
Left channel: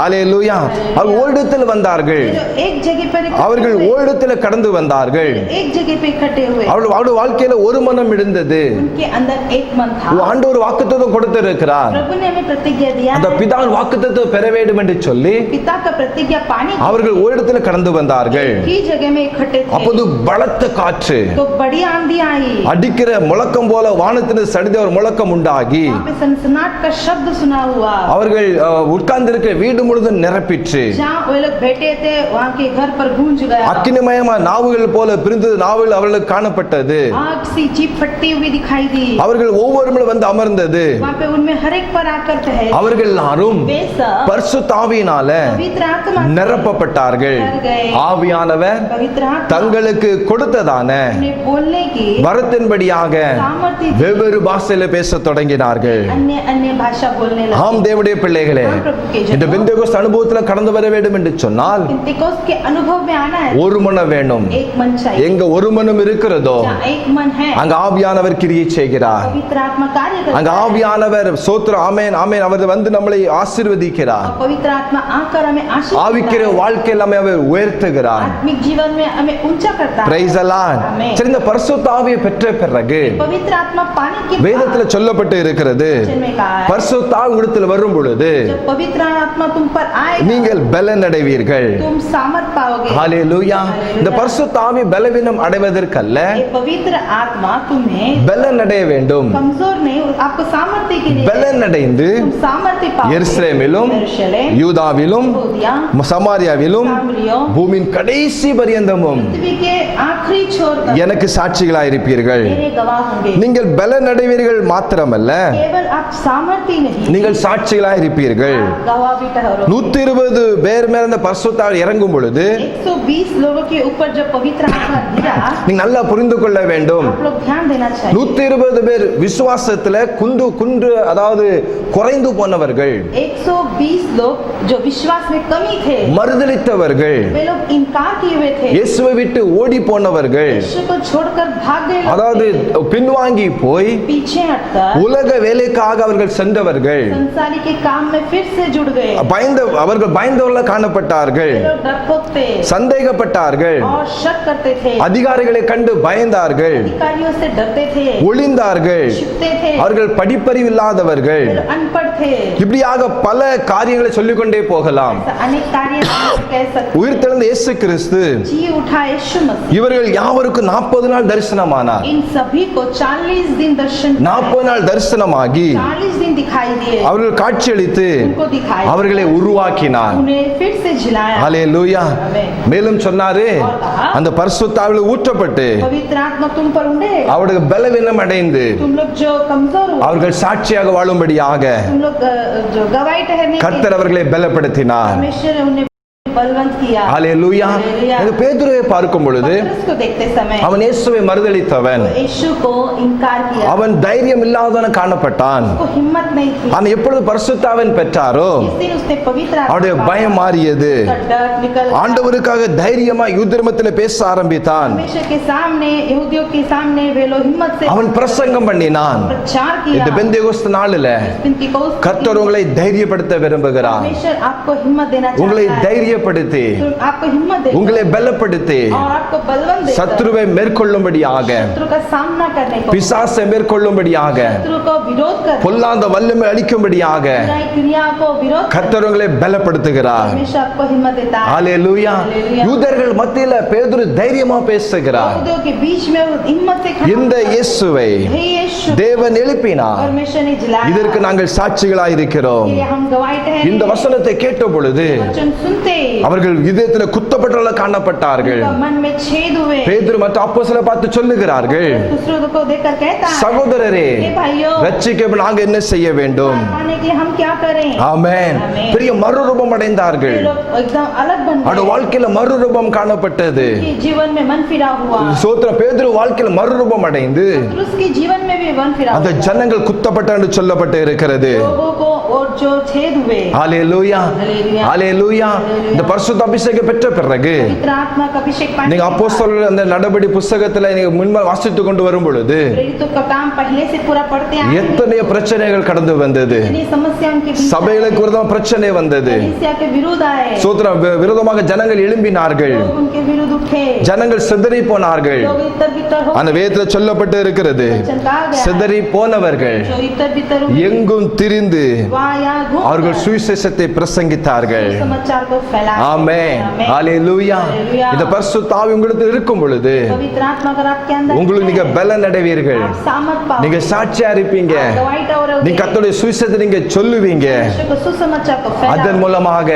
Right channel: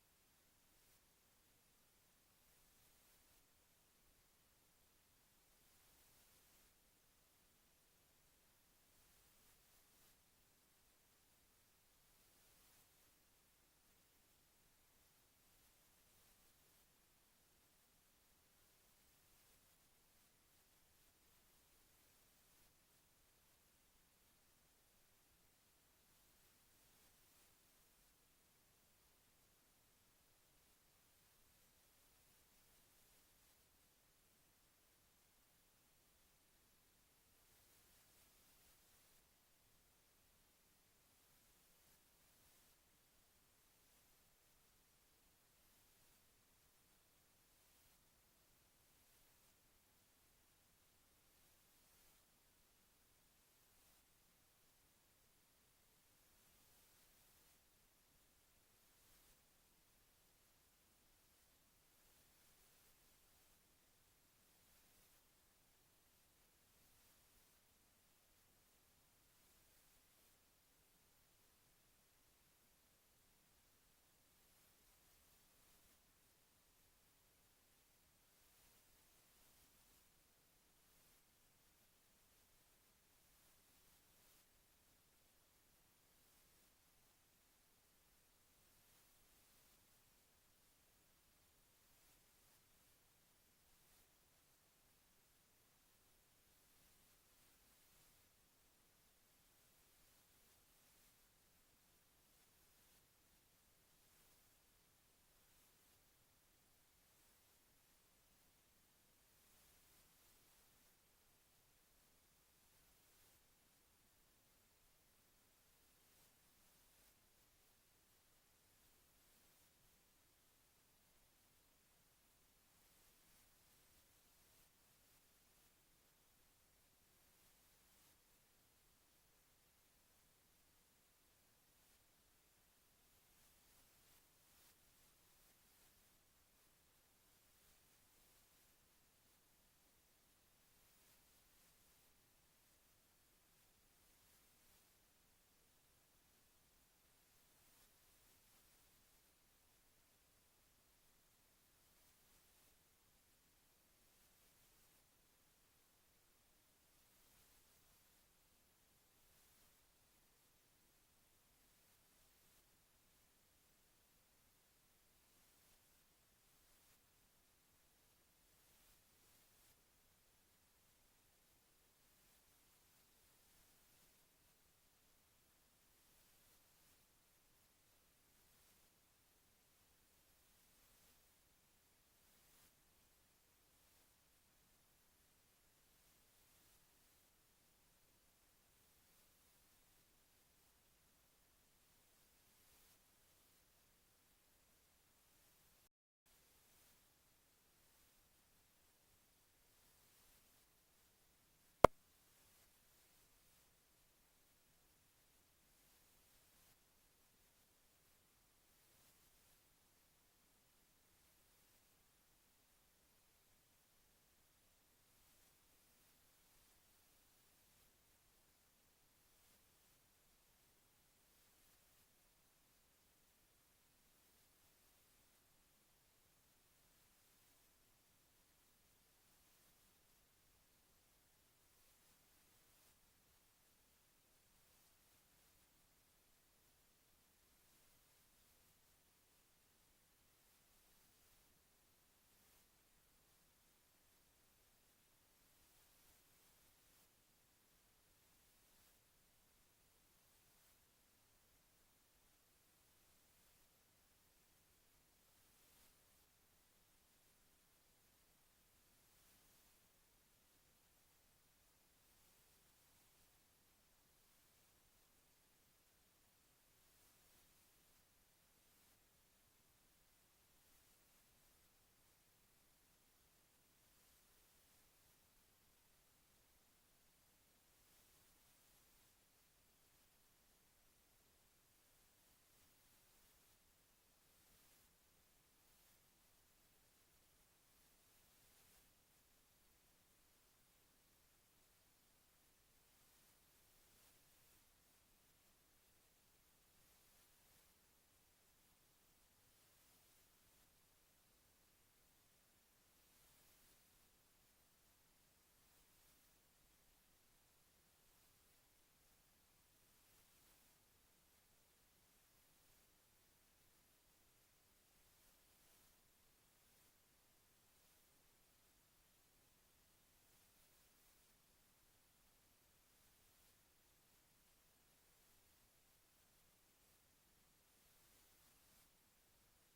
ஹalleluya. அவர் ஓரிடத்தில் வந்தார்கள். जो एक जगह पर इकट्ठे அவர்கள் हुए, ஓரிடத்தில் கடந்து வந்தார்கள். एक जगह पे इकट्ठे हुए। அவருடைய வாழ்க்கையில ஒரு மனம் இருந்தது. उनके अंदर एक मन था। ஆண்டவர் வாக்குத்தத்தம் கொடுத்திருக்கிறார். प्रभु ने हमें प्रतिज्ञा दिया அந்த है। பிதாவின் வாக்குத்தத்தத்தை பெற வேண்டும் என்று சொல்லி पिता का प्रतिज्ञा पाने के அவர்கள் ஓரிடத்தில் கடந்து வந்தார்கள். लिए की जगह में इकट्ठे थे। அப்போது பலத்த காற்று तो बड़ी आंधी आई। அடிக்கிற முழக்கம் போல வானத்திலிருந்து சடித ஒரு முழக்கம் உண்டாகி वहाँ पे सनसनाट का शब्द सुना हुआ। அவர்கள் உட்கார்ந்திருக்கிற வீடு முழுதும் நிரப்பிற்று. जहाँ वे लोग बैठे थे वहाँ के घर पर गूंज गया। அக்கினிமயமா நாவுகள் போல பிரிந்தது நாவுகள் அவர்களுக்கு காணப்பட்டது. आग सी जीप फटती हुई दिखाई दी। அவர்கள் ஒவ்வொருவரும் வந்து அமர்ந்தது. वहाँ पे उनमें हर एक पर आकर ठहरे। அவர்கள் எல்லாரும் वे सब பரிசுத்த ஆவியினால पवित्र आत्मा से நிரப்பப்பட்டார்கள். भर गए। ஆவியானவர் पवित्र आत्मा தங்களுக்கு கொடுத்ததான उन्हें बोलने की வரத்தின்படியாக सामर्थ्य दी। வெவ்வேறு பாஷையில பேசத் தொடங்கினார்கள். अन्य अन्य भाषा बोलने लगे। ஆம் தேவனுடைய பிள்ளைகளே, हाँ, प्रभु के இந்த जनों, பெந்தேகோஸ்து அனுபவத்துல கடந்து வர வேண்டும் என்று சொன்னால் पेंतिकोस्त के अनुभव में आना है। ஒரு மனம் வேணும். एक मन चाहिए। எங்க ஒரு மனம் இருக்கிறதோ जहाँ एक मन है அங்க ஆவியானவர் கிரியை செய்கிறார். पवित्र आत्मा कार्य அங்க करता है। ஆவியானவர் சோத்திர ஆமென் ஆமென் அவர் வந்து நம்மளை ஆசீர்வதிக்கிறார். और पवित्र आत्मा आकर हमें आशीष ஆவிக்கிற देता है। வாழ்க்கையில் நம்மை அவர் உயர்த்துகிறார். आत्मिक जीवन में हमें ऊंचा करता है। பிரைஸ் அல்லாஹ். ஆமென்। சரி, இந்த பரிசுத்த ஆவியை பெற்ற பிறகு पवित्र आत्मा पाने के வேதத்துல சொல்லப்பட்டு இருக்கிறது, वचन में कहा है, பரிசுத்த ஆவி உங்களிடத்தில் வரும் பொழுது जब पवित्र आत्मा तुम पर आएगा நீங்கள் பலன் அடைவீர்கள். तुम सामर्थ पाओगे। ஹalleluya. இந்த பரிசுத்த ஆவி பலவீனம் அடைவதற்கல்ல, ये पवित्र आत्मा तुम्हें பலன் அடைய வேண்டும். कमजोर नहीं, आपको सामर्थ्य के लिए பலன் அடைந்து तुम सामर्थ्य पाओगे। எருசலேமிலும் यरूशलेम, யூதாவிலும் यहूदिया, சமாரியாவிலும் सामरियों, பூமியின் கடைசி பரியந்தமும் पृथ्वी के आखिरी छोर तक எனக்கு சாட்சிகளாய் இருப்பீர்கள். मेरे गवाह होंगे। நீங்கள் பலன் அடைவீர்கள் மாத்திரமல்ல, केवल आप सामर्थ्य नहीं, நீங்கள் சாட்சிகளாய் இருப்பீர்கள். आप गवाह भी ठहरो। 120 பேர் மேல இந்த பரிசுத்த ஆவி இறங்கும் பொழுது 120 लोगों के ऊपर जब पवित्र आत्मा गिरा, நீங்க நல்லா புரிந்து கொள்ள வேண்டும். आप लोग ध्यान देना चाहिए। 120 பேர் விசுவாசத்துல குன்று அதாவது குறைந்து போனவர்கள், 120 लोग जो विश्वास में कमी थे, மறுதலித்தவர்கள், वे लोग इनकार किए हुए थे, இயேசுவை விட்டு ஓடி போனவர்கள், यीशु को छोड़कर भाग गए लोग அதாவது थे। பின்வாங்கி போய் पीछे हटकर உலக வேலைக்காக அவர்கள் சென்றவர்கள், संसारी के काम में फिर से जुड़ गए। அவர்கள் பயந்தவர்கள காணப்பட்டார்கள், वे लोग डरपोक थे சந்தேகப்பட்டார்கள், और शक करते थे, அதிகாரிகளை கண்டு பயந்தார்கள், अधिकारियों से डरते थे, ஒளிந்தார்கள், छिपते थे, அவர்கள் படிப்பறிவு இல்லாதவர்கள். वे लोग अनपढ़ थे। இப்படியாக பல காரியங்களை சொல்லிக்கொண்டே போகலாம். ऐसा अनेक कार्य हम कह सकते। உயிர்த்தெழுந்த இயேசு கிறிஸ்து जी उठा यीशु मसीह இவர்கள் யாவருக்கும் 40 நாள் தரிசனமானார். इन सभी को 40 दिन दर्शन 40 நாள் தரிசனமாகி 40 दिन दिखाई दिए, அவர்கள் காட்சியளித்து उनको दिखाई, அவர்களை உருவாக்கினார். उन्हें फिर से जिलाया। ஹalleluya. மேலும் சொன்னாரு, அந்த பரிசுத்த ஆவியில ஊற்றப்பட்டு पवित्र आत्मा तुम पर उड़े, அவருடைய பலவீனம் அடைந்து तुम लोग जो कमजोर हो, அவர்கள் சாட்சியாக வாழும்படியாக तुम लोग जो गवाही ठहरने के கர்த்தர் அவர்களை பலப்படுத்தினார். परमेश्वर ने उन्हें बलवंत किया। ஹalleluya. हालेलुया। இந்த பேதுருவை பார்க்கும் பொழுது पतरस को देखते समय அவன் இயேசுவை மறுதலித்தவன், यीशु को इनकार किया, அவன் தைரியம் இல்லாதவன காணப்பட்டான். उसको हिम्मत नहीं थी। அவன் எப்பொழுது பரிசுத்தாவின் பெற்றாரோ जिस दिन उसने पवित्र அவருடைய आत्मा பயம் மாறியது. उसका डर निकल गया। ஆண்டவருக்காக தைரியமா யுத்தமத்தில் பேச ஆரம்பித்தான். परमेश्वर के सामने, यहूदियों के सामने वे लोग हिम्मत से அவன் பிரசங்கம் பண்ணினான். प्रचार किया। இந்த பெந்தேகோஸ்து நாளில पिन्तेकोस्त கர்த்தர் உங்களை தைரியப்படுத்த விரும்புகிறார். परमेश्वर आपको हिम्मत देना உங்களை चाहता है, தைரியப்படுத்த தைரியப்படுத்தி तो आपको हिम्मत देता உங்களை பலப்படுத்தி और आपको बलवंत देता சத்துருவை மேற்கொள்ளும்படியாக शत्रु का सामना करने को பிசாசை மேற்கொள்ளும்படியாக शत्रु को विरोध कर பொல்லாத வல்லமை அளிக்கும்படியாக बुराई क्रिया को विरोध कर கர்த்தர் உங்களை பலப்படுத்துகிறார். हमेशा आपको हिम्मत देता है ஹalleluya. யூதர்கள் மத்தியில பேதுரு தைரியமா பேசுகிறார். यहूदियों के बीच में वो हिम्मत से खड़ा இந்த இயேசுவை हे यीशु தேவன் எழுப்பினார். परमेश्वर ने जिलाया இதற்கு நாங்கள் சாட்சிகளாய் இருக்கிறோம். इसलिए हम गवाही ठहरे இந்த வசனத்தை கேட்ட பொழுது वचन सुनते அவர்கள் இதயத்தில் குத்தப்பட்டவர்களாக காணப்பட்டார்கள். उनका मन में छेद हुए பேதுரு மற்ற அப்போஸ்தலரை பார்த்து சொல்லுகிறார்கள், दूसरों को देखकर कहता है சகோதரரே हे भाइयों ரட்சிக்க நாங்க என்ன செய்ய வேண்டும்? पाने के लिए हम क्या करें ஆமென். ஆமென். பெரிய மறுரூபம் அடைந்தார்கள். ये लोग एकदम अलग बन அவருடைய गए வாழ்க்கையில மறுரூபம் காணப்பட்டது. कि जीवन में मन फिरा हुआ சோத்திர பேதுரு வாழ்க்கையில மறுரூபம் அடைந்து उसके जीवन में भी मन फिरा அந்த हुआ ஜனங்கள் குத்தப்பட்ட என்று சொல்லப்பட்டு இருக்கிறது. लोगों को और जो छेद हुए ஹalleluya. हालेलुया ஹalleluya. இந்த பரிசுத்த அபிஷேகம் பெற்ற பிறகு पवित्र आत्मा का अभिषेक पाने நீங்க के बाद, அப்போஸ்தலர் அந்த நடபடி புத்தகத்துல நீங்க முன்பாக வாசித்து கொண்டு வரும் பொழுது प्रेरितों का काम पहले से पूरा पढ़ते आए हैं। எத்தனை பிரச்சனைகள் கடந்து வந்தது. इतनी समस्या उनके बीच சபைகளுக்கு விரோதமா பிரச்சனை வந்தது. कलीसिया के विरुद्ध आए சோத்திர விரோதமாக ஜனங்கள் எழும்பினார்கள். लोग उनके विरुद्ध उठे ஜனங்கள் சிதறி போனார்கள். लोग इतर बितर हो அந்த வேதத்துல சொல்லப்பட்டு இருக்கிறது, वचन कहा गया है, சிதறி போனவர்கள் जो इतर बितर हुए எங்கும் திரிந்து वहाँ यहाँ घूम அவர்கள் कर சுவிசேஷத்தை பிரசங்கித்தார்கள். समाचार को फैलाए ஆமென். आमेन। ஹalleluya. हालेलुया। இந்த பரிசுத்த ஆவி உங்களுக்கு இருக்கும் பொழுது पवित्र आत्मा अगर आपके अंदर உங்களுக்கு நீங்க है, பலன் அடைவீர்கள். आप सामर्थ पाओगे, நீங்க சாட்சியா இருப்பீங்க. आप गवाही ठहरोगे, நீங்க கர்த்தருடைய சுவிசேஷத்தை நீங்க சொல்லுவீங்க. विश्व को सुसमाचार को அதன் फैलाओगे, மூலமாக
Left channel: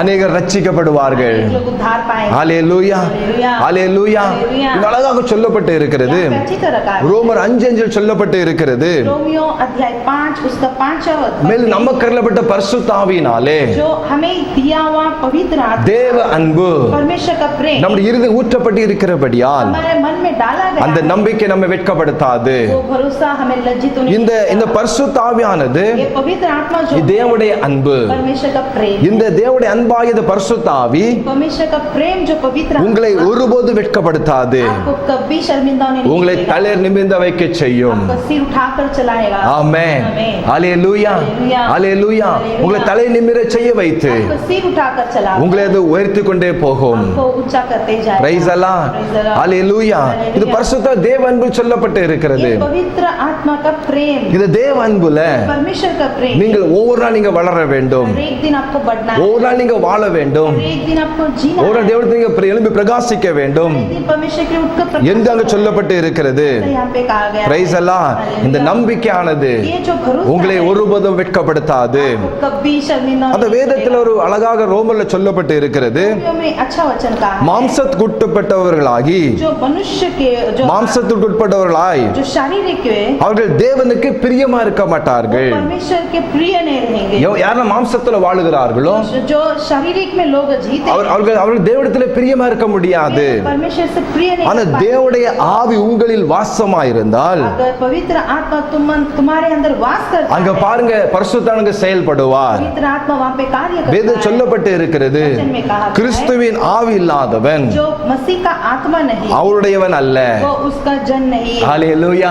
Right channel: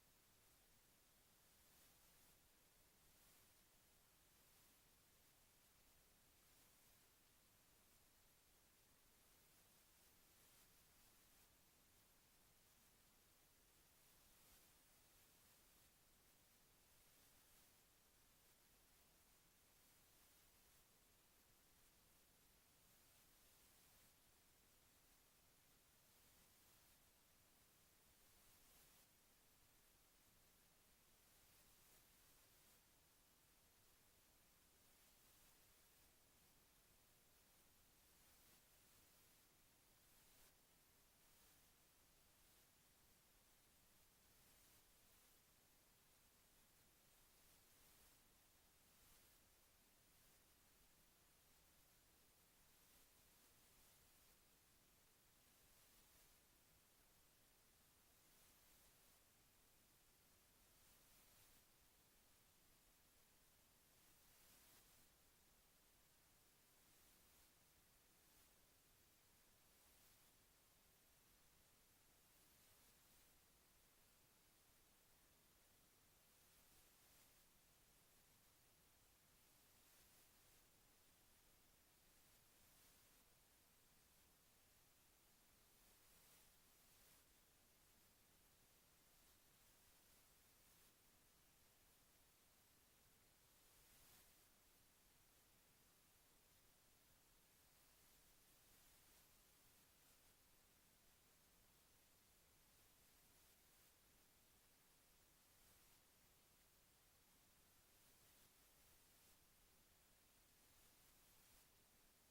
அநேகர் ரட்சிக்கப்படுவார்கள். लोग उद्धार पाएंगे ஹalleluya. हालेलुया। ஹalleluya. हालेलुया। இது அழகாக சொல்லப்பட்டு இருக்கிறது. यहाँ पे अच्छी तरह कहा है। ரோமர் 5:5 சொல்லப்பட்டு இருக்கிறது. रोमियो अध्याय 5 उसका 5वां மேலும் நமக்கு அருளப்பட்ட பரிசுத்த ஆவியினாலே जो हमें दिया हुआ पवित्र आत्मा தேவ அன்பு परमेश्वर का प्रेम நம்முடைய இருதயம் ஊற்றப்பட்டு இருக்கிறபடியால் हमारे मन में डाला गया அந்த है। நம்பிக்கை நம்மை வெட்கப்படுத்தாது. वो भरोसा हमें लज्जित नहीं இந்த இந்த करता। பரிசுத்த ஆவியானது ये पवित्र आत्मा जो இது தேவனுடைய அன்பு. परमेश्वर का प्रेम இந்த தேவனுடைய அன்பாகிய இந்த பரிசுத்த ஆவி परमेश्वर का प्रेम जो पवित्र உங்களை आत्मा ஒருபோது வெட்கப்படுத்தாது. आपको कभी शर्मिंदा नहीं உங்களை करेगा। தளர் நிமிர்ந்த வைக்க செய்யும். आपका सिर उठाकर चलाएगा ஆமென். आमेन। ஹalleluya. हालेलुया। ஹalleluya. हालेलुया। உங்களை தலை நிமிர செய்ய வைத்து आपको सिर उठाकर चलाएगा உங்களை அது உயர்த்தி கொண்டே போகும். आपको ऊंचा करते जाएगा praise Allah. Praise the Lord। Hallelujah. இது பரிசுத்த தேவ அன்பு சொல்லப்பட்டு இருக்கிறது. ये पवित्र आत्मा का प्रेम இது தேவ அன்புல परमेश्वर का प्रेम நீங்கள் ஒவ்வொரு நாள் நீங்க வளர வேண்டும். हर एक दिन आपको बढ़ना है ஒவ்வொரு நாள் நீங்க வாழ வேண்டும். हर एक दिन आपको जीना ஒவ்வொரு है நாள் தேவனுக்கு நீங்க எழும்பி பிரகாசிக்க வேண்டும் हर एक दिन परमेश्वर के उठकर प्रकाश என்று அங்கு சொல்லப்பட்டு இருக்கிறது. यहाँ पे कहा गया பிரைஸ் அல்லாஹ். हालेलुया। இந்த நம்பிக்கையானது ये जो भरोसा உங்களை है, ஒருபோதும் வெட்கப்படுத்தாது. आपको कभी शर्मिंदा அந்த नहीं வேதத்தில் करेगा। ஒரு அழகாக ரோமர்ல சொல்லப்பட்டு இருக்கிறது, रोमियो में अच्छा वचन कहा है மாம்சத்துக்கு உட்பட்டவர்களாகி जो मनुष्य के जो மாம்சத்துக்கு உட்பட்டவர்களாய் जो शारीरिक है அவர்கள் தேவனுக்கு பிரியமா இருக்க மாட்டார்கள். परमेश्वर के प्रिय नहीं रहेंगे யாரெல்லாம் மாம்சத்துல வாழுகிறார்களோ जो शारीरिक में लोग जीते हैं, அவர்கள் தேவனிடத்துல பிரியமா இருக்க முடியாது. परमेश्वर से प्रिय नहीं ஆனா कर पाते। தேவனுடைய ஆவி உங்களில் வாசமாயிருந்தால் अगर पवित्र आत्मा तुम्हारे अंदर वास करता அங்க है, பாருங்க பரிசுத்தானங்க செயல்படுவார். पवित्र आत्मा वहाँ पे कार्य வேத करता है சொல்லப்பட்டு இருக்கிறது, वचन में कहा गया है, கிறிஸ்துவின் ஆவி இல்லாதவன் जो मसीह का आत्मा नहीं அவருடையவன் அல்ல. वो उसका जन नहीं ஹalleluya.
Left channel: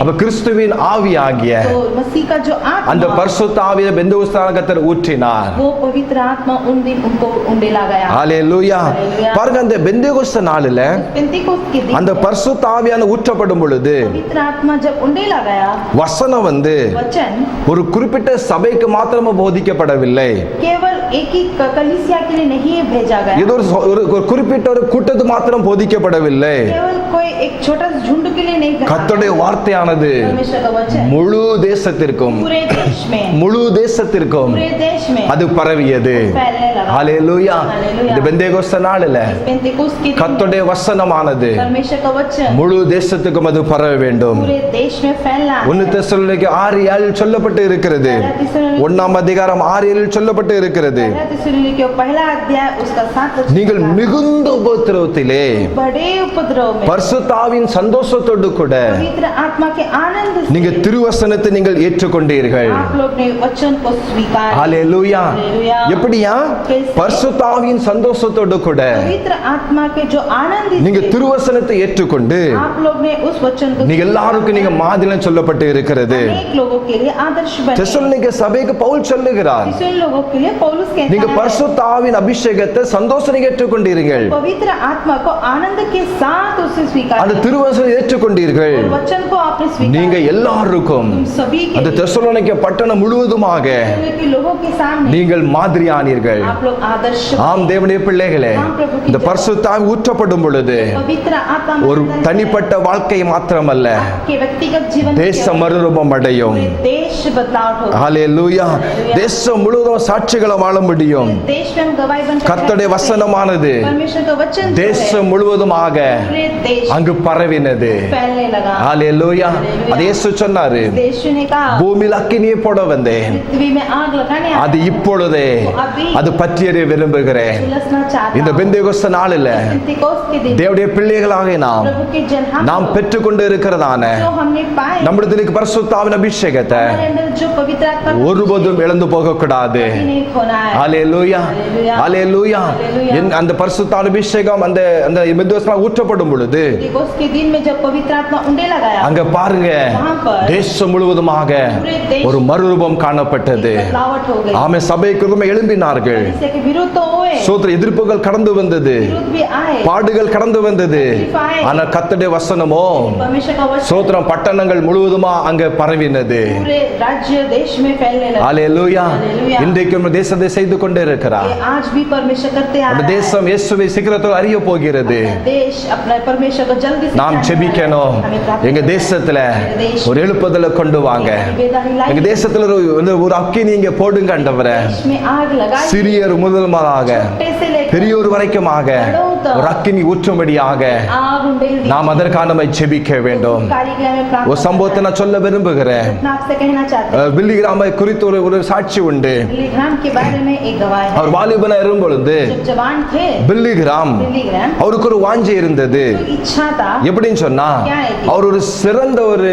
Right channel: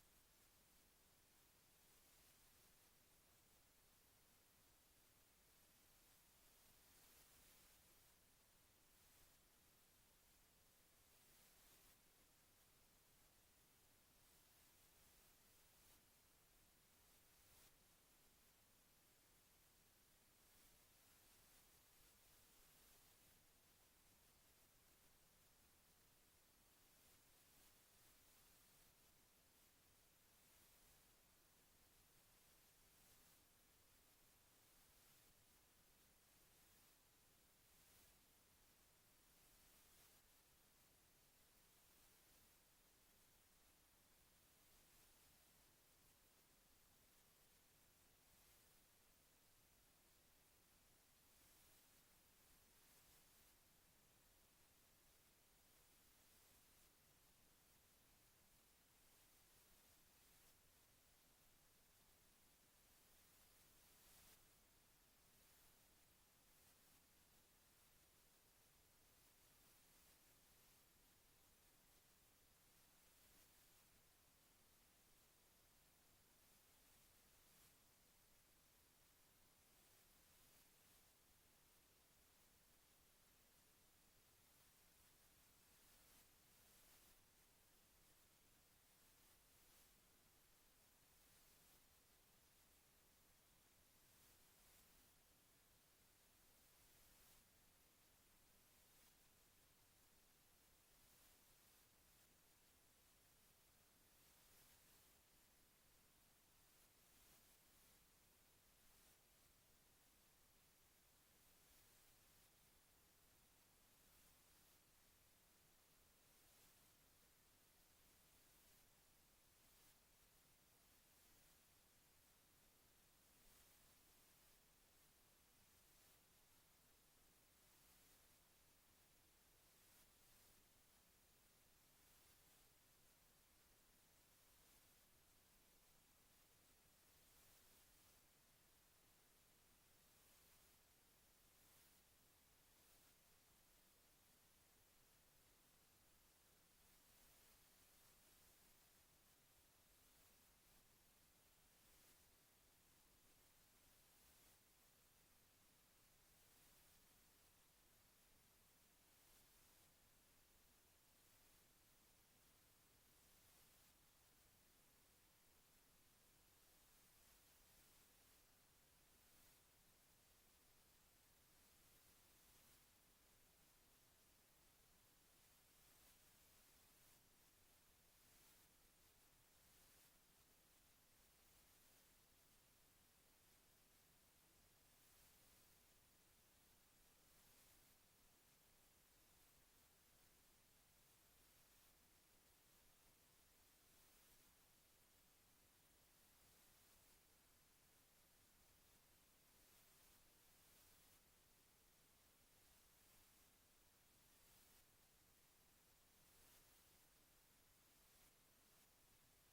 அப்ப கிறிஸ்துவின் ஆவி ஆகிய तो मसीह का जो அந்த आत्मा பரிசுத்த ஆவியை பெந்தெகோஸ்தே கர்த்தர் ஊற்றினார். वो पवित्र आत्मा उन दिन उनको उंडेला गया ஹalleluya. हालेलुया। பாருங்க அந்த பெந்தெகோஸ்தே நாளில पेंतिकोस्त के दिन அந்த பரிசுத்த ஆவியான ஊற்றப்படும் பொழுது पवित्र आत्मा जब उंडेला गया வசனம் वचन ஒரு குறிப்பிட்ட சபைக்கு மாத்திரமே போதிக்கப்படவில்லை. केवल एक ही कलीसिया के लिए नहीं भेजा गया இது ஒரு குறிப்பிட்ட ஒரு கூட்டத்துக்கு மாத்திரம் போதிக்கப்படவில்லை. केवल कोई एक छोटा सा झुंड के लिए नहीं कहा। கர்த்தருடைய வார்த்தையானது परमेश्वर का वचन முழு தேசத்திற்கும் पूरे देश में முழு தேசத்திற்கும் पूरे देश में அது பரவியது. फैलने लगा ஹalleluya. हालेलुया। இந்த பெந்தெகோஸ்தே நாளில पेंतिकोस्त के दिन கர்த்தருடைய வசனமானது परमेश्वर का वचन முழு தேசத்துக்கும் அது பரவ வேண்டும். पूरे देश में फैलना है। 1 தெசலோனிக்கேயர் 6:7 சொல்லப்பட்டு இருக்கிறது. 1ஆம் அதிகாரம் 6:7 சொல்லப்பட்டு இருக்கிறது, पहला थिस्सलुनीकियों पहला अध्याय उसका 7 वचन நீங்கள் का, மிகுந்த உபத்திரவத்திலே बड़े उपद्रव में பரிசுத்த ஆவியின் சந்தோஷத்தோடு கூட पवित्र आत्मा के आनंद से நீங்க திருவசனத்தை நீங்கள் ஏற்றுக்கொண்டீர்கள். आप लोग ने वचन को स्वीकार ஹalleluya. हालेलुया। எப்படியா? से பரிசுத்த ஆவியின் சந்தோஷத்தோடு கூட पवित्र आत्मा के जो आनंद நீங்க से திருவசனத்தை ஏற்றுக்கொண்டு आप लोग ने उस वचन को நீங்க எல்லாருக்கும் நீங்க மாதிரியம் சொல்லப்பட்டு இருக்கிறது. अनेक लोगों के लिए आदर्श बने। தெசலோனிக்கே சபைக்கு பவுல் சொல்லுகிறார், तीसरे लोगों के लिए पौलुस कहता நீங்க है பரிசுத்த ஆவியின் அபிஷேகத்தை சந்தோஷம் ஏற்றுக்கொண்டீர்கள், पवित्र आत्मा को आनंद के साथ उसे स्वीकार அந்த किया। திருவசனம் ஏற்றுக்கொண்டீர்கள். और वचन को आपने நீங்க स्वीकार எல்லாருக்கும் तुम सभी के அந்த लिए தெசலோனிக்கே பட்டணம் முழுவதுமாக के लोगों के सामने நீங்கள் மாதிரியானீர்கள். आप लोग आदर्श ஆம் தேவனுடைய பிள்ளைகளே, இந்த பரிசுத்த ஆவி ஊற்றப்படும் பொழுது पवित्र आत्मा ஒரு தனிப்பட்ட வாழ்க்கை மாத்திரமல்ல, के व्यक्तिगत जीवन में தேச மறுரூபம் அடையும். पूरे देश बदलाव होगा। ஹalleluya. தேசம் முழுவதும் சாட்சிகளை வாழ முடியும். देश में हम गवाही बनकर கர்த்தருடைய வசனமானது परमेश्वर का वचन जो है, தேசம் முழுவதுமாக पूरे देश அங்கு பரவினது. फैलने लगा। ஹalleluya. அது இயேசு சொன்னாரு, देश ने कहा பூமியில் அக்கினியை போட வந்தேன், पृथ्वी में आग लगाने அது இப்பொழுதே அது பற்றியறிய விரும்புகிறேன். झुलसना चाहता இந்த हूं। பெந்தேகோஸ்து நாளில் पेंतिकोस्त के दिन தேவனுடைய பிள்ளைகளாக प्रभु के जन நாம் பெற்றுக்கொண்டு இருக்கிறதான जो हमने पाए நம்முடைய பரிசுத்த ஆவியின் அபிஷேகத்தை हमारे अंदर जो पवित्र आत्मा ஒருபோதும் இழந்து போக கூடாது. नहीं खोना है। ஹalleluya. ஹalleluya. அந்த பரிசுத்த ஆவியின் அபிஷேகம் அந்த அந்த பெந்தேகோஸ்துல ஊற்றப்படும் பொழுது पेंतिकोस्त के दिन में जब पवित्र आत्मा उंडे लगाया அங்க பாருங்க, वहां पर தேசம் முழுவதுமாக ஒரு மறுரூபம் காணப்பட்டது. बदलावट हो गई। ஆமே, சபைக்கு எழும்பினார்கள். इससे के विरोध तो हुए, சோத்திர எதிர்ப்புகள் கடந்து வந்தது, विरोध भी आए, பாடுகள் கடந்து வந்தது. ஆனா கர்த்தருடைய வசனமோ परमेश्वर का वचन சோத்திரம் பட்டணங்கள் முழுவதுமா அங்க பரவினது. पूरे राज्य देश में फैलने लगा। ஹalleluya. Hallelujah. இன்றைக்கு நம்ம தேசத்தை செய்து கொண்டே இருக்கிறார். ये आज भी परमेश्वर करते आ நம்ம रहा है। தேசம் இயேசுவை சீக்கிரத்தில் அறிய போகிறது. देश अपना परमेश्वर को जल्दी से நாம் जानने செபிக்கணும். वाला है। हमें प्रार्थना எங்க करना है। தேசத்துல देश ஒரு எழுப்புதலை கொண்டு வாங்க. बेदाही लाई எங்க தேசத்துல ஒரு அக்கினி இங்க போடுங்க ஆண்டவரே. देश में आग लगाई, சிறியர் முதல்மாக छोटे से लेकर பெரியோர் வரைக்குமாக ஒரு அக்கினி ஊற்றும்படியாக आग उंडेल दी। நாம் அதற்கான நம்ம ஜெபிக்க வேண்டும். कार्य के लिए हमें प्रार्थना ஒரு சம்பவத்தை நான் சொல்ல விரும்புகிறேன். करना है। आपसे कहना चाहते हैं பில்லிகிராமை குறித்து ஒரு சாட்சி உண்டு. बिलीग्राम के बारे में एक गवाह है। அவர் வாலிபனா இருக்கும் பொழுது जब जवान थे பில்லிகிராம் बिलीग्राम அவருக்கு ஒரு வாஞ்சை இருந்தது. तो इच्छा था எப்படின்னு சொன்னா, அவர் ஒரு சிறந்த ஒரு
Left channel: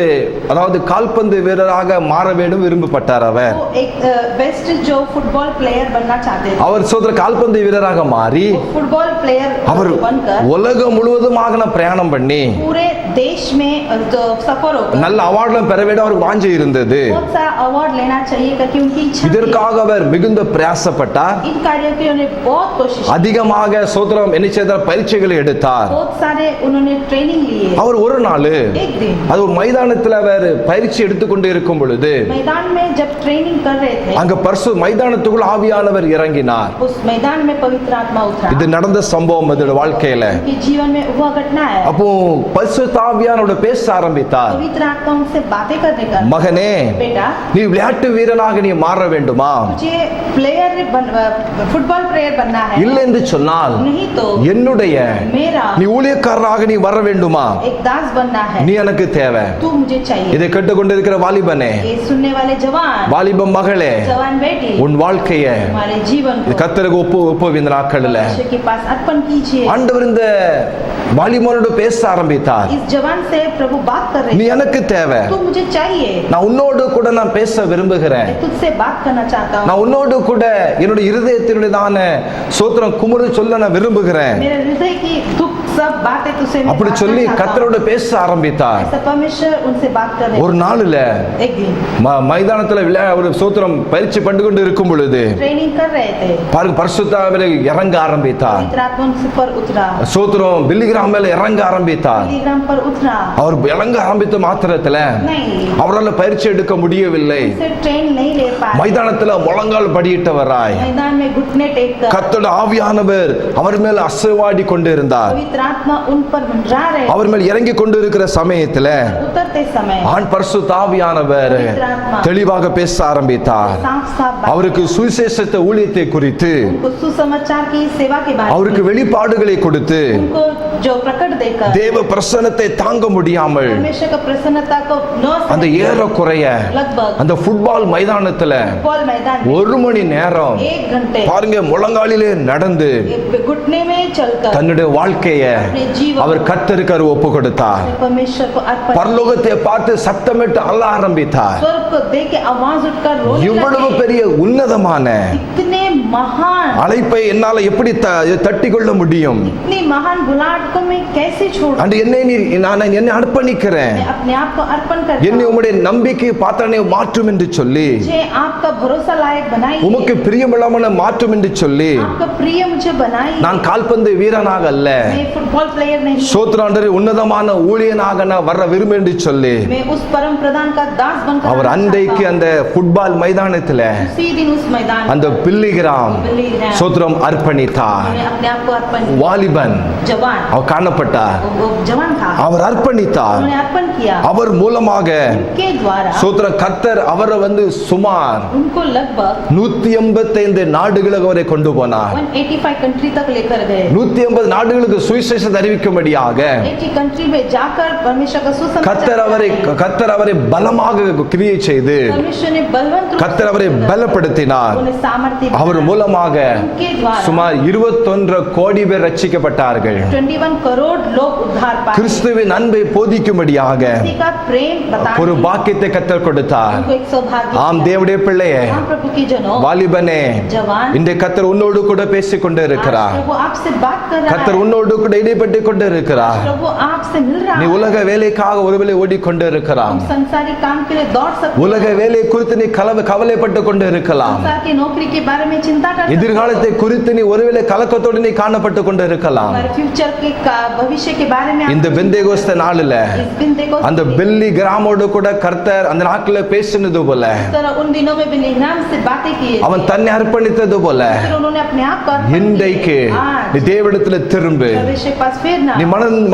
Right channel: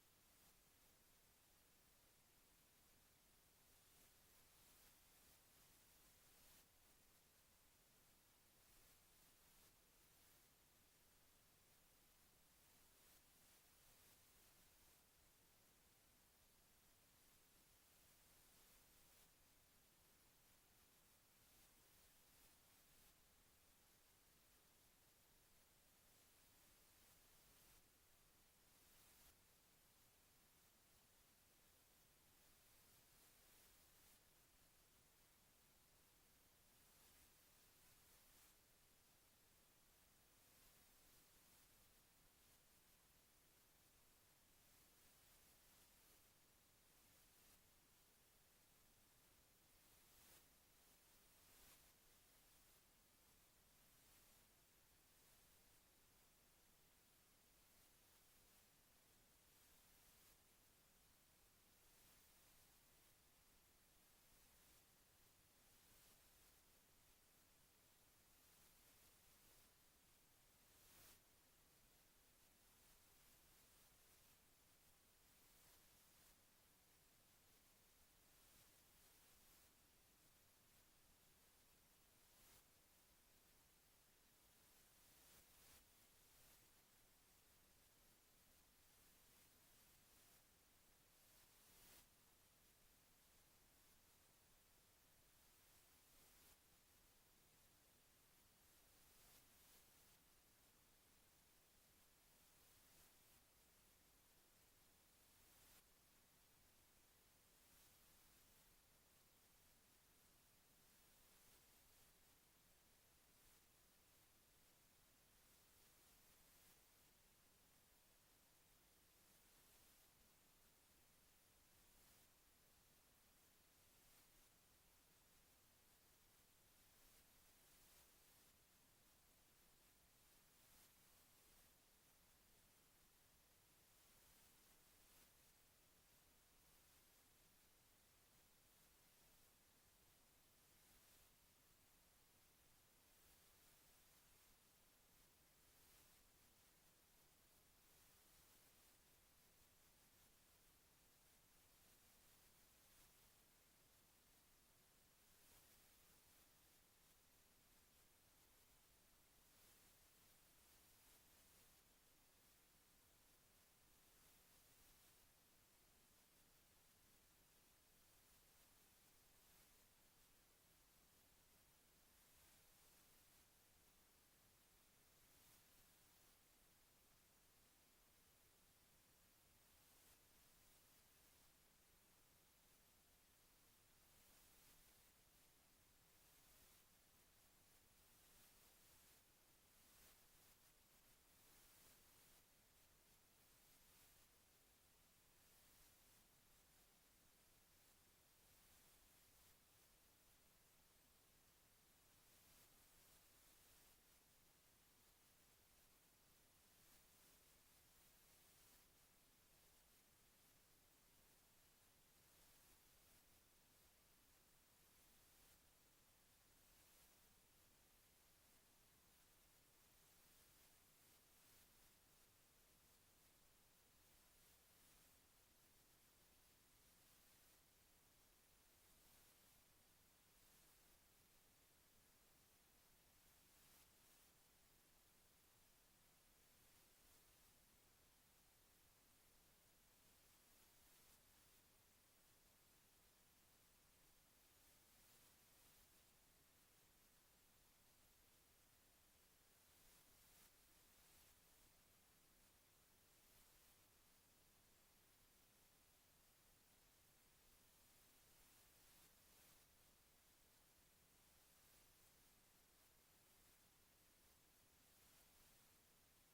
அதாவது கால்பந்து வீரராக மாற வேண்டும் விரும்பப்பட்டார். அவர் वो एक बेस्ट जो फुटबॉल प्लेयर बनना चाहते थे। அவர் சோதர கால்பந்து வீரராக மாறி फुटबॉल प्लेयर அவர் बनकर உலகம் முழுவதுமாக பிரயாணம் பண்ணி पूरे देश में जो सफर होकर நல்ல அவார்ட்லாம் பெற வேண்டும் அவருக்கு வாஞ்சை இருந்தது. बहुत सा अवार्ड लेना चाहिए क्योंकि उनकी इच्छा थी। இதற்காக அவர் மிகுந்த பிரயாசப்பட்டார். इन कार्यों की उन्होंने बहुत कोशिश की। அதிகமாக சோதரம் என்ன செய்தார், பயிற்சிகளை எடுத்தார். बहुत सारे उन्होंने ट्रेनिंग लिए। அவர் ஒரு நாள் एक दिन அது ஒரு மைதானத்தில் அவர் பயிற்சி எடுத்துக்கொண்டு இருக்கும் பொழுது मैदान में जब ट्रेनिंग कर रहे थे அங்க பரிசு மைதானத்துக்குள் ஆவியானவர் இறங்கினார். उस मैदान में पवित्र आत्मा उतरा। இது நடந்த சம்பவம் அதோட வாழ்க்கையில. उनके जीवन में हुआ घटना है। அப்போ பரிசுத்த ஆவியானோட பேச ஆரம்பித்தார். पवित्र आत्मा उनसे बातें करने का, மகனே, बेटा நீ விளையாட்டு வீரனாக நீ மாற வேண்டுமா? मुझे फुटबॉल प्लेयर बनना है। இல்லை என்று சொன்னால் नहीं तो என்னுடைய मेरा நீ ஊழியக்காரராக நீ வர வேண்டுமா? एक दास बनना है। நீ எனக்கு தேவை. तू मुझे चाहिए। இதை கேட்டுக்கொண்டிருக்கிற வாலிபனே, ये सुनने वाले जवान, வாலிப மகளே, जवान बेटी, உன் வாழ்க்கைய हमारे जीवन को கர்த்தருக்கு ஒப்பு இந்த நாட்களில் परमेश्वर के पास अर्पण कीजिए। ஆண்டவர் இந்த வாலிபனோடு பேச ஆரம்பித்தார். इस जवान से प्रभु बात कर रहे நீ हैं। எனக்கு தேவை. तू मुझे चाहिए। நான் உன்னோடு கூட நான் பேச விரும்புகிறேன். मैं तुझसे बात करना चाहता हूँ। நான் உன்னோடு கூட என்னுடைய இருதயத்தினுடையதான சோத்திரம் குமுறு சொல்ல நான் விரும்புகிறேன். मेरे हृदय की दुख सब बातें तुझसे मैं அப்படி बांटना சொல்லி चाहता हूँ। கர்த்தரோடு பேச ஆரம்பித்தார். ऐसा परमेश्वर उनसे बात कर रहे ஒரு हैं। நாள்ல एक दिन மைதானத்துல ஒரு சோத்திரம் பயிற்சி பண்ணி கொண்டு இருக்கும் பொழுது ट्रेनिंग कर रहे थे। பாருங்க பரிசுத்தாவிலே இறங்க ஆரம்பித்தார். पवित्र आत्मा उनसे पर उतरा। சோத்திரம் பில்லிகிராம் மேல இறங்க ஆரம்பித்தார். बिलीग्राम पर उतरा। அவர் இறங்க ஆரம்பித்த மாத்திரத்துல नहीं, அவரால் பயிற்சி எடுக்க முடியவில்லை. उनसे ट्रेन नहीं ले पाए। மைதானத்துல முழங்கால் படியிட்டவராய் मैदान में घुटने टेक कर கர்த்தருடைய ஆவியானவர் அவர் மேல் அசைவாடி கொண்டு இருந்தார். पवित्र आत्मा उन पर मंडरा रहे। அவர் மேல் இறங்கி கொண்டு இருக்கிற சமயத்துல उतरते समय ஆண் பரிசுத்த ஆவியானவர் தெளிவாக பேச ஆரம்பித்தார். साफ साफ बात, அவருக்கு சுவிசேஷத்தை ஊழியத்தை குறித்து उनको सुसमाचार की सेवा के बारे அவருக்கு में, வெளிப்பாடுகளை கொடுத்து उनको जो प्रकट देकर தேவ பிரசன்னத்தை தாங்க முடியாமல் परमेश्वर का प्रसन्नता को न அந்த सहते, ஏறக்குறைய लगभग அந்த ஃபுட்பால் மைதானத்துல फुटबॉल मैदान में 1 மணி நேரம் 1 घंटे பாருங்க முழங்காலிலே நடந்து घुटने में चलकर தன்னுடைய வாழ்க்கைய अपने जीवन அவர் கர்த்தருக்கு ஒப்பு கொடுத்தார். परमेश्वर को अर्पण, பரலோகத்தை பார்த்து சத்தமிட்டு அழ ஆரம்பித்தார். स्वर्ग को देख के आवाज उठकर रोने இவ்வளவு लगे। பெரிய உன்னதமான इतने महान அழைப்பை என்னால எப்படி தட்டி கொள்ள முடியும்? इतनी महान बुलाहट को मैं कैसे छोड़ूं? அன்று என்னை அர்ப்பணிக்கிறேன், मैं अपने आप को अर्पण करता என்னை हूं। உம்முடைய நம்பிக்கை பாத்திரனை மாற்றும் என்று சொல்லி, मुझे आपका भरोसा लायक बनाइए, உமக்கு பிரியமுள்ளவன மாற்றும் என்று சொல்லி, आपका प्रिय मुझे बनाइए। நான் கால்பந்து வீரனாக அல்ல, मैं फुटबॉल प्लेयर नहीं, சோத்ராண்டரை உன்னதமான ஊழியனாக நான் வர விரும்பு என்று சொல்லி, मैं उस परम प्रधान का दास बनकर அவர் रहना அன்றைக்கு चाहता हूं। அந்த ஃபுட்பால் மைதானத்துல उसी दिन उस मैदान அந்த பில்லிகிராம் சோத்ரம் அர்ப்பணித்தார். मैं अपने आप को अर्पण किया। வாலிபன் जवान அவர் காணப்பட்டார், वो जवान था, அவர் அர்ப்பணித்தார். उन्होंने अर्पण किया। அவர் மூலமாக के द्वारा சோத்ர கர்த்தர் அவரை சுமார் उनको लगभग 185 நாடுகளுக்கு அவரை கொண்டு போனார். 185 कंट्री तक लेकर गए। 180 நாடுகளுக்கு சுவிசேஷத்தை அறிவிக்கும்படியாக 80 कंट्री में जाकर परमेश्वर का सुसमाचार கர்த்தர் அவரை பலமாக கிரியை செய்து परमेश्वर ने बलवंत रूप கர்த்தர் அவரை பலப்படுத்தினார். उन्हें सामर्थ्य அவர் दिया। மூலமாக उनके द्वारा சுமார் 21 கோடி பேர் ரட்சிக்கப்பட்டார்கள். 21 करोड़ लोग उद्धार पाए। கிறிஸ்துவின் அன்பை போதிக்கும்படியாக किसी का प्रेम बताने ஒரு பாக்கியத்தை கர்த்தர் கொடுத்தார். उनको एक सौभाग्य ஆம் दिया। தேவனுடைய பிள்ளையே, हाँ प्रभु की जनों, வாலிபனே, जवान, இந்த கர்த்தர் உன்னோடு கூட பேசிக் கொண்டு आज இருக்கிறார். प्रभु आपसे बात कर रहा கர்த்தர் है। உன்னோடு கூட இடைப்பட்டு கொண்டு இருக்கிறார். प्रभु आपसे मिल रहा நீ है। உலக வேலைக்காக ஒருவேளை ஓடிக்கொண்டு இருக்கலாம். तुम संसारी काम के लिए दौड़ सकते உலக हो। வேலை குறித்து நீ கவலைப்பட்டு கொண்டு இருக்கலாம். संसार की नौकरी के बारे में चिंता कर सकते हो। எதிர்காலத்தை குறித்து நீ ஒருவேளை கலக்கத்தோடு நீ காணப்பட்டு கொண்டு இருக்கலாம். हमारे फ्यूचर के भविष्य के बारे में இந்த பெந்தேகோஸ்தே நாளில इस दिन देखो அந்த பெல்லி கிராமோடு கூட கர்த்தர் அந்த நாட்கள பேசினது போல, इस तरह उन दिनों में बिलीग्राम से बातें की அவன் தன்னை அர்ப்பணித்தது போல, फिर उन्होंने अपने आप को अर्पण இன்றைக்கு किया। நீ आज தேவனிடத்துல திரும்பு, परमेश्वर के पास फिरना, நீ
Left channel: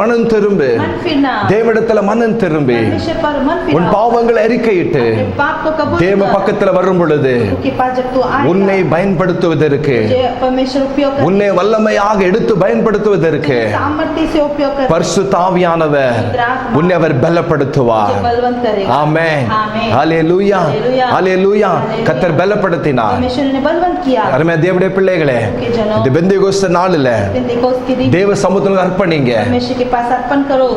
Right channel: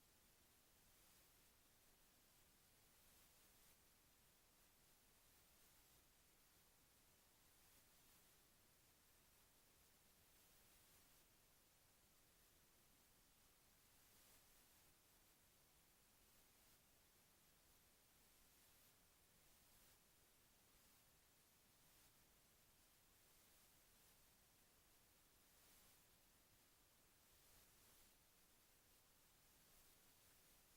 மனம் திரும்பு, मन फिरना, தேவனிடத்துல மனம் திரும்பி परमेश्वर पर मन உன் फिरना, பாவங்களை அறிக்கையிட்டு अपने पाप को कबूल தேவ कर। பக்கத்துல வரும் பொழுது उसके पास जब तू உன்னை आएगा, பயன்படுத்துவதற்கு, तुझे परमेश्वर उपयोग कर, உன்னை வல்லமையாக எடுத்து பயன்படுத்துவதற்கு सामर्थ्य से उपयोग कर, பரிசுத்த ஆவியானவர் உன்னை அவர் பலப்படுத்துவார். तुझे बलवंत करेगा। ஆமென். ஆமென். ஹalleluya. ஹalleluya. ஹalleluya. ஹalleluya. கர்த்தர் பலப்படுத்தினார். परमेश्वर ने बलवंत किया। அருமையான தேவனுடைய பிள்ளைகளே, के जनों, இந்த பெந்தேகோஸ்தே நாளில पेंतिकोस्त के दिन தேவ சமூகத்தில் அர்ப்பணிங்க. परमेश्वर के पास अर्पण करो।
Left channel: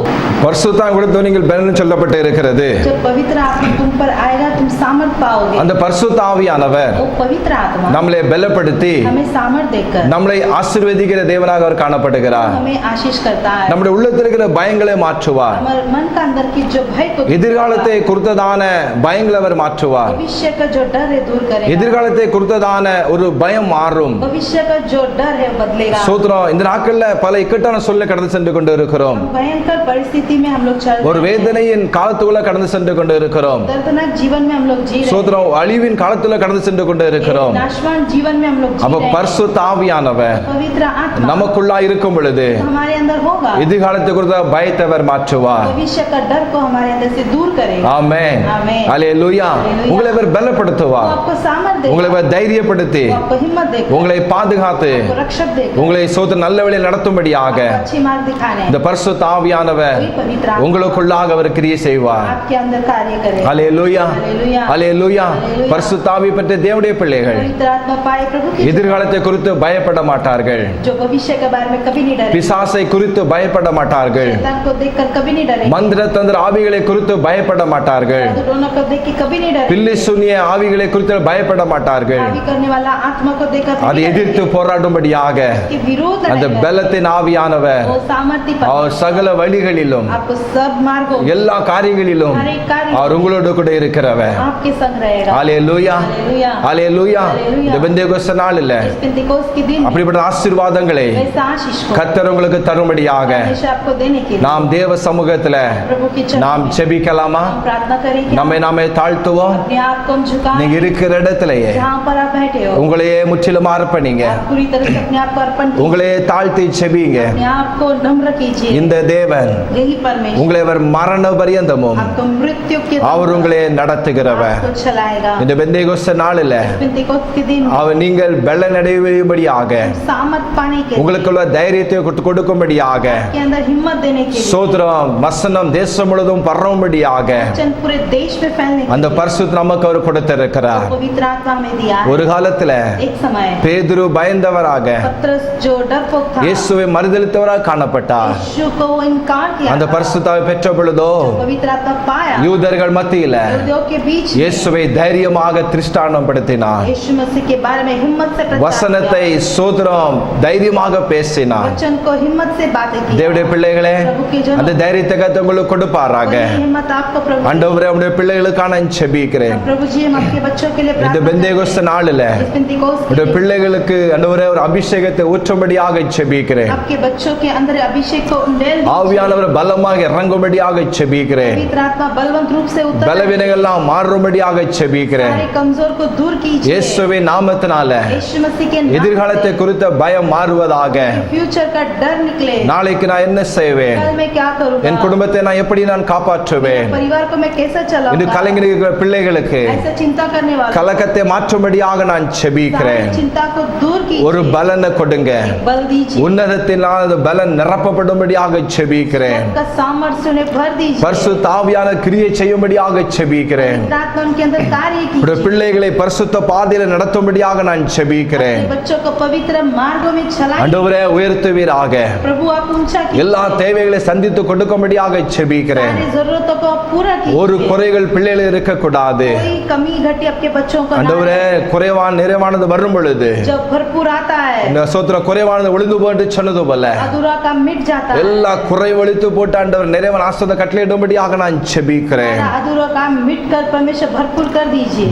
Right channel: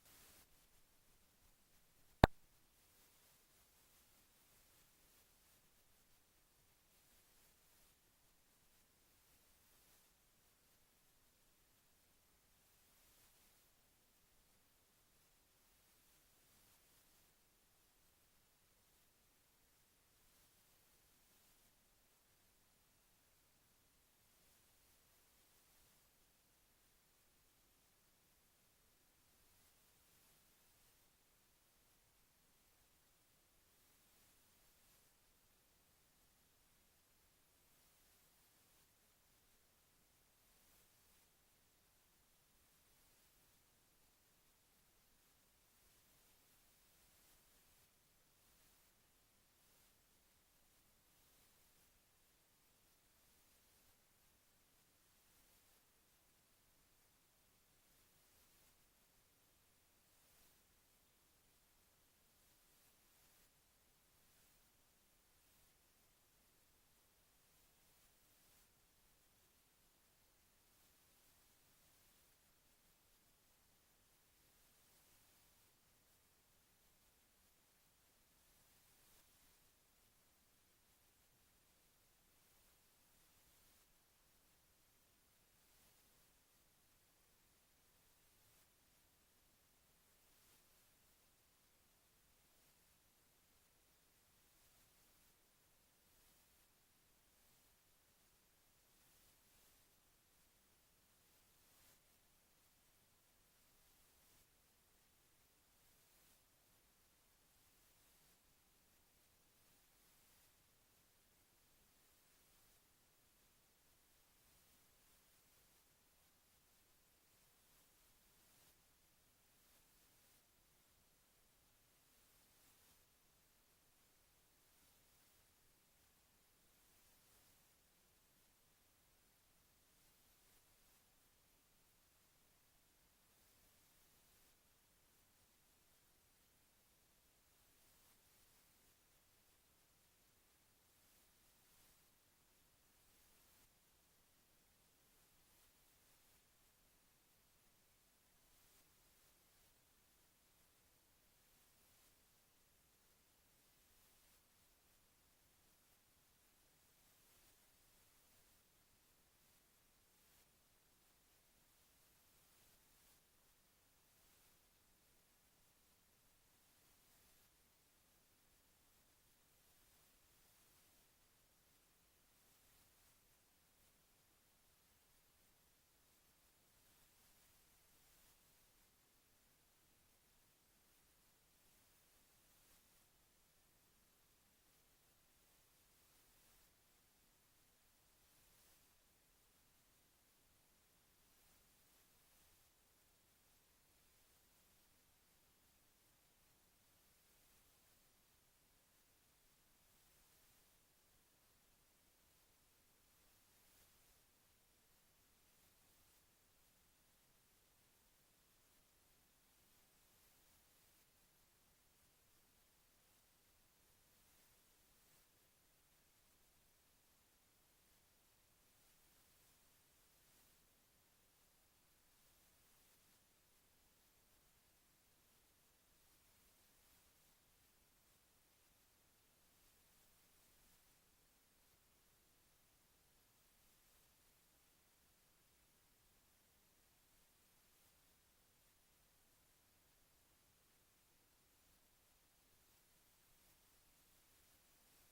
பரிசுத்தம் கொடுத்து நீங்கள் பலன் சொல்லப்பட்டு இருக்கிறது. जब पवित्र आत्मा तुम पर आएगा, तुम सामर्थ पाओगे। அந்த பரிசுத்த ஆவியானவர் वो पवित्र आत्मा நம்மளை பலப்படுத்தி हमें सामर्थ देकर நம்மளை ஆசீர்வதிக்கிற தேவனாக அவர் காணப்படுகிறார். हमें आशीष करता है। நம்முடைய உள்ளத்தில் இருக்கிற பயங்களை மாற்றுவார். हमारे मन का अंदर की जो भय को எதிர்காலத்தை குறித்ததான பயங்களை அவர் மாற்றுவார். भविष्य का जो डर है दूर करेगा। எதிர்காலத்தை குறித்ததான ஒரு பயம் மாறும். भविष्य का जो डर है बदलेगा। சோத்ரம், இந்த நாட்கள்ல பல இக்கட்டான சூழ்நிலை கடந்து சென்று கொண்டு இருக்கிறோம். भयंकर परिस्थिति में हम लोग चल ஒரு रहे हैं। வேதனையின் காலத்துக்குள்ள கடந்து சென்று கொண்டு இருக்கிறோம். दर्दनाक जीवन में हम लोग जी रहे हैं। சோத்ரம், அழிவின் காலத்துல கடந்து சென்று கொண்டு இருக்கிறோம். नाशवान जीवन में हम लोग जी அப்ப रहे हैं। பரிசுத்த ஆவியானவர் पवित्र आत्मा நமக்குள்ளா இருக்கும் பொழுது हमारे अंदर होगा। எதிர்காலத்தை குறித்த பயத்தை அவர் மாற்றுவார். भविष्य का डर को हमारे अंदर से दूर करेगा। ஆமென். ஆமென். ஹalleluya. ஹalleluya. உங்களை அவர் वो பலப்படுத்துவார். आपको सामर्थ உங்களை देगा। அவர் தைரியப்படுத்தி वो आपको हिम्मत देगा। உங்களை பாதுகாத்து आपको रक्षक देगा। உங்களை சோத்திர நல்ல வழியில் நடத்தும்படியாக आपको अच्छी मार्ग दिखाने இந்த பரிசுத்த ஆவியானவர் वही पवित्र आत्मा உங்களுக்குள்ளாக அவர் கிரியை செய்வார். आपके अंदर कार्य करेगा। ஹalleluya. ஹalleluya. ஹalleluya. ஹalleluya. பரிசுத்த ஆவி பெற்ற தேவனுடைய பிள்ளைகள் पवित्र आत्मा पाए प्रभु की எதிர்காலத்தை குறித்து பயப்பட மாட்டார்கள். जो भविष्य के बारे में कभी नहीं डरे। பிசாசை குறித்து பயப்பட மாட்டார்கள். शैतान को देखकर कभी नहीं डरे। மந்திர தந்திர ஆவிகளை குறித்து பயப்பட மாட்டார்கள். दोनों को देख के कभी नहीं डरे। பில்லி சூனிய ஆவிகளை குறித்து பயப்பட மாட்டார்கள். हावी करने वाला आत्मा को देखकर அதை எதிர்த்து போராடும்படியாக के विरोध அந்த लड़ेगा। பலத்தின் ஆவியானவர் वो सामर्थ्य पर அவர் சகல வழிகளிலும் आपको सब मार्गों எல்லா காரியங்களிலும் हर एक कार्य அவர் உங்களோடு கூட இருக்கிறவர். आपके संग रहेगा। ஹalleluya. हालेलुया। ஹalleluya. ஹalleluya. இந்த பெந்தேகோஸ்தே நாளில் इस पेंतिकोस्त के दिन அப்படிப்பட்ட ஆசீர்வாதங்களை वैसा आशीष को கர்த்தர் உங்களுக்கு தரும்படியாக हमेशा आपको देने के लिए நாம் தேவ சமூகத்துல प्रभु की चरण நாம் में செபிக்கலாமா? हम प्रार्थना करेंगे। நம்மை நாமே தாழ்த்துவோம். अपने आप को हम झुकाएं। நீங்க இருக்கிற இடத்திலேயே जहाँ पर आप बैठे हो உங்களையே முற்றிலும் அர்ப்பணிங்க. आप पूरी तरह से अपने आप को अर्पण कीजिए। உங்களையே தாழ்த்தி செபிங்க. अपने आप को नम्र कीजिए। இந்த தேவன் यही परमेश्वर உங்களை அவர் மரண பரியந்தமும் आपको मृत्यु के அவர் உங்களை நடத்துகிறவர். आपको चलाएगा। இந்த பெந்தேகோஸ்தே நாளில் पेंतिकोस्त के दिन அவர் நீங்கள் பலனடையும்படியாக सामर्थ पाने के लिए உங்களுக்குள்ள தைரியத்தை கொடுக்கும்படியாக के अंदर हिम्मत देने के लिए சோத்திரம் வசனம் தேசம் முழுவதும் பரவும்படியாக वचन पूरे देश में फैलने के அந்த பரிசுத்த நமக்கு அவர் கொடுத்திருக்கிறார். लिए पवित्र आत्मा में दिया है। ஒரு காலத்துல एक समय பேதுரு பயந்தவராக पत्रस जो डरपोक था இயேசுவை மறுதலித்தவராக காணப்பட்டார். यीशु को इनकार किया அந்த था। பரிசுத்தாவை பெற்ற பொழுதோ पवित्र आत्मा पाया யூதர்கள் மத்தியில यहूदियों के बीच இயேசுவை தைரியமாக திருஷ்டானம் படுத்தினார். यीशु मसीह के बारे में हिम्मत से प्रचार வசனத்தை சோதரம் தைரியமாக किया। பேசினார். वचन को हिम्मत से बातें की। தேவனுடைய பிள்ளைகளே, प्रभु के जनों, அந்த தைரியத்தை கர்த்தர் உங்களுக்கு கொடுப்பாராக. वही हिम्मत आपको प्रभु दे। ஆண்டவரே, உம்முடைய பிள்ளைகளுக்காக நான் ஜெபிக்கிறேன். प्रभु जी, हम आपके बच्चों के लिए இந்த प्रार्थना பெந்தேகோஸ்து करते நாளில हैं। इस पेंतिकोस्त के உம்முடைய दिन பிள்ளைகளுக்கு ஆண்டவரே ஒரு அபிஷேகத்தை ஊற்றும்படியாக ஜெபிக்கிறேன். आपके बच्चों के अंदर अभिषेक को उंडेल दीजिए। ஆவியானவர் பலமாக இறங்கும்படியாக ஜெபிக்கிறேன். पवित्र आत्मा बलवंत रूप से उतर பலவீனங்கள் எல்லாம் மாறும்படியாக ஜெபிக்கிறேன். सारे कमजोर को दूर कीजिए। இயேசுவின் நாமத்தினால यीशु मसीह के नाम எதிர்காலத்தை குறித்த பயம் மாறுவதாக. से फ्यूचर का डर निकले। நாளைக்கு நான் என்ன செய்வேன், कल मैं क्या करूंगा, என் குடும்பத்தை நான் எப்படி நான் காப்பாற்றுவேன், परिवार को मैं कैसे இது चलाऊंगा। கலைஞர் பிள்ளைகளுக்கு ऐसे चिंता करने वाला கலக்கத்தை மாற்றும்படியாக நான் सारी ஜெபிக்கிறேன். चिंता को दूर ஒரு कीजिए। பலனை கொடுங்க. बल दीजिए। உன்னதத்தினால் அந்த பலன் நிரப்பப்படும்படியாக ஜெபிக்கிறேன். का सामर्थ्य उन्हें भर दीजिए। பரிசுத்த ஆவியான கிரியை செய்யும்படியாக ஜெபிக்கிறேன். पवित्र आत्मा उनके अंदर कार्य உடைய कीजिए। பிள்ளைகளை பரிசுத்த பாதையில நடத்தும்படியாக நான் ஜெபிக்கிறேன். अपने बच्चों को पवित्र मार्गों में चलाइए। ஆண்டவரே, உயர்த்துவீராக. प्रभु आप ऊंचा எல்லா कीजिए। தேவைகளை சந்தித்து கொடுக்கும்படியாக ஜெபிக்கிறேன். सारी जरूरतों को आप पूरा ஒரு कीजिए। குறைகள் பிள்ளைகள் இருக்கக்கூடாது. कोई कमी घटी आपके बच्चों को ना ஆண்டவரே, குறைவான நிறைவானது வரும் பொழுது आए। जब भरपूर आता है இந்த சோத்திர குறைவானது ஒளிந்து போட்டு சொன்னது போல अधूरा काम मिट जाता है। எல்லா குறை ஒழித்து போட்டு ஆண்டவர் நிறைவான ஆசீர்வாதத்தை கட்டளையிடும்படியாக நான் ஜெபிக்கிறேன். सारा अधूरा काम मिट कर परमेश्वर भरपूर कर दीजिए।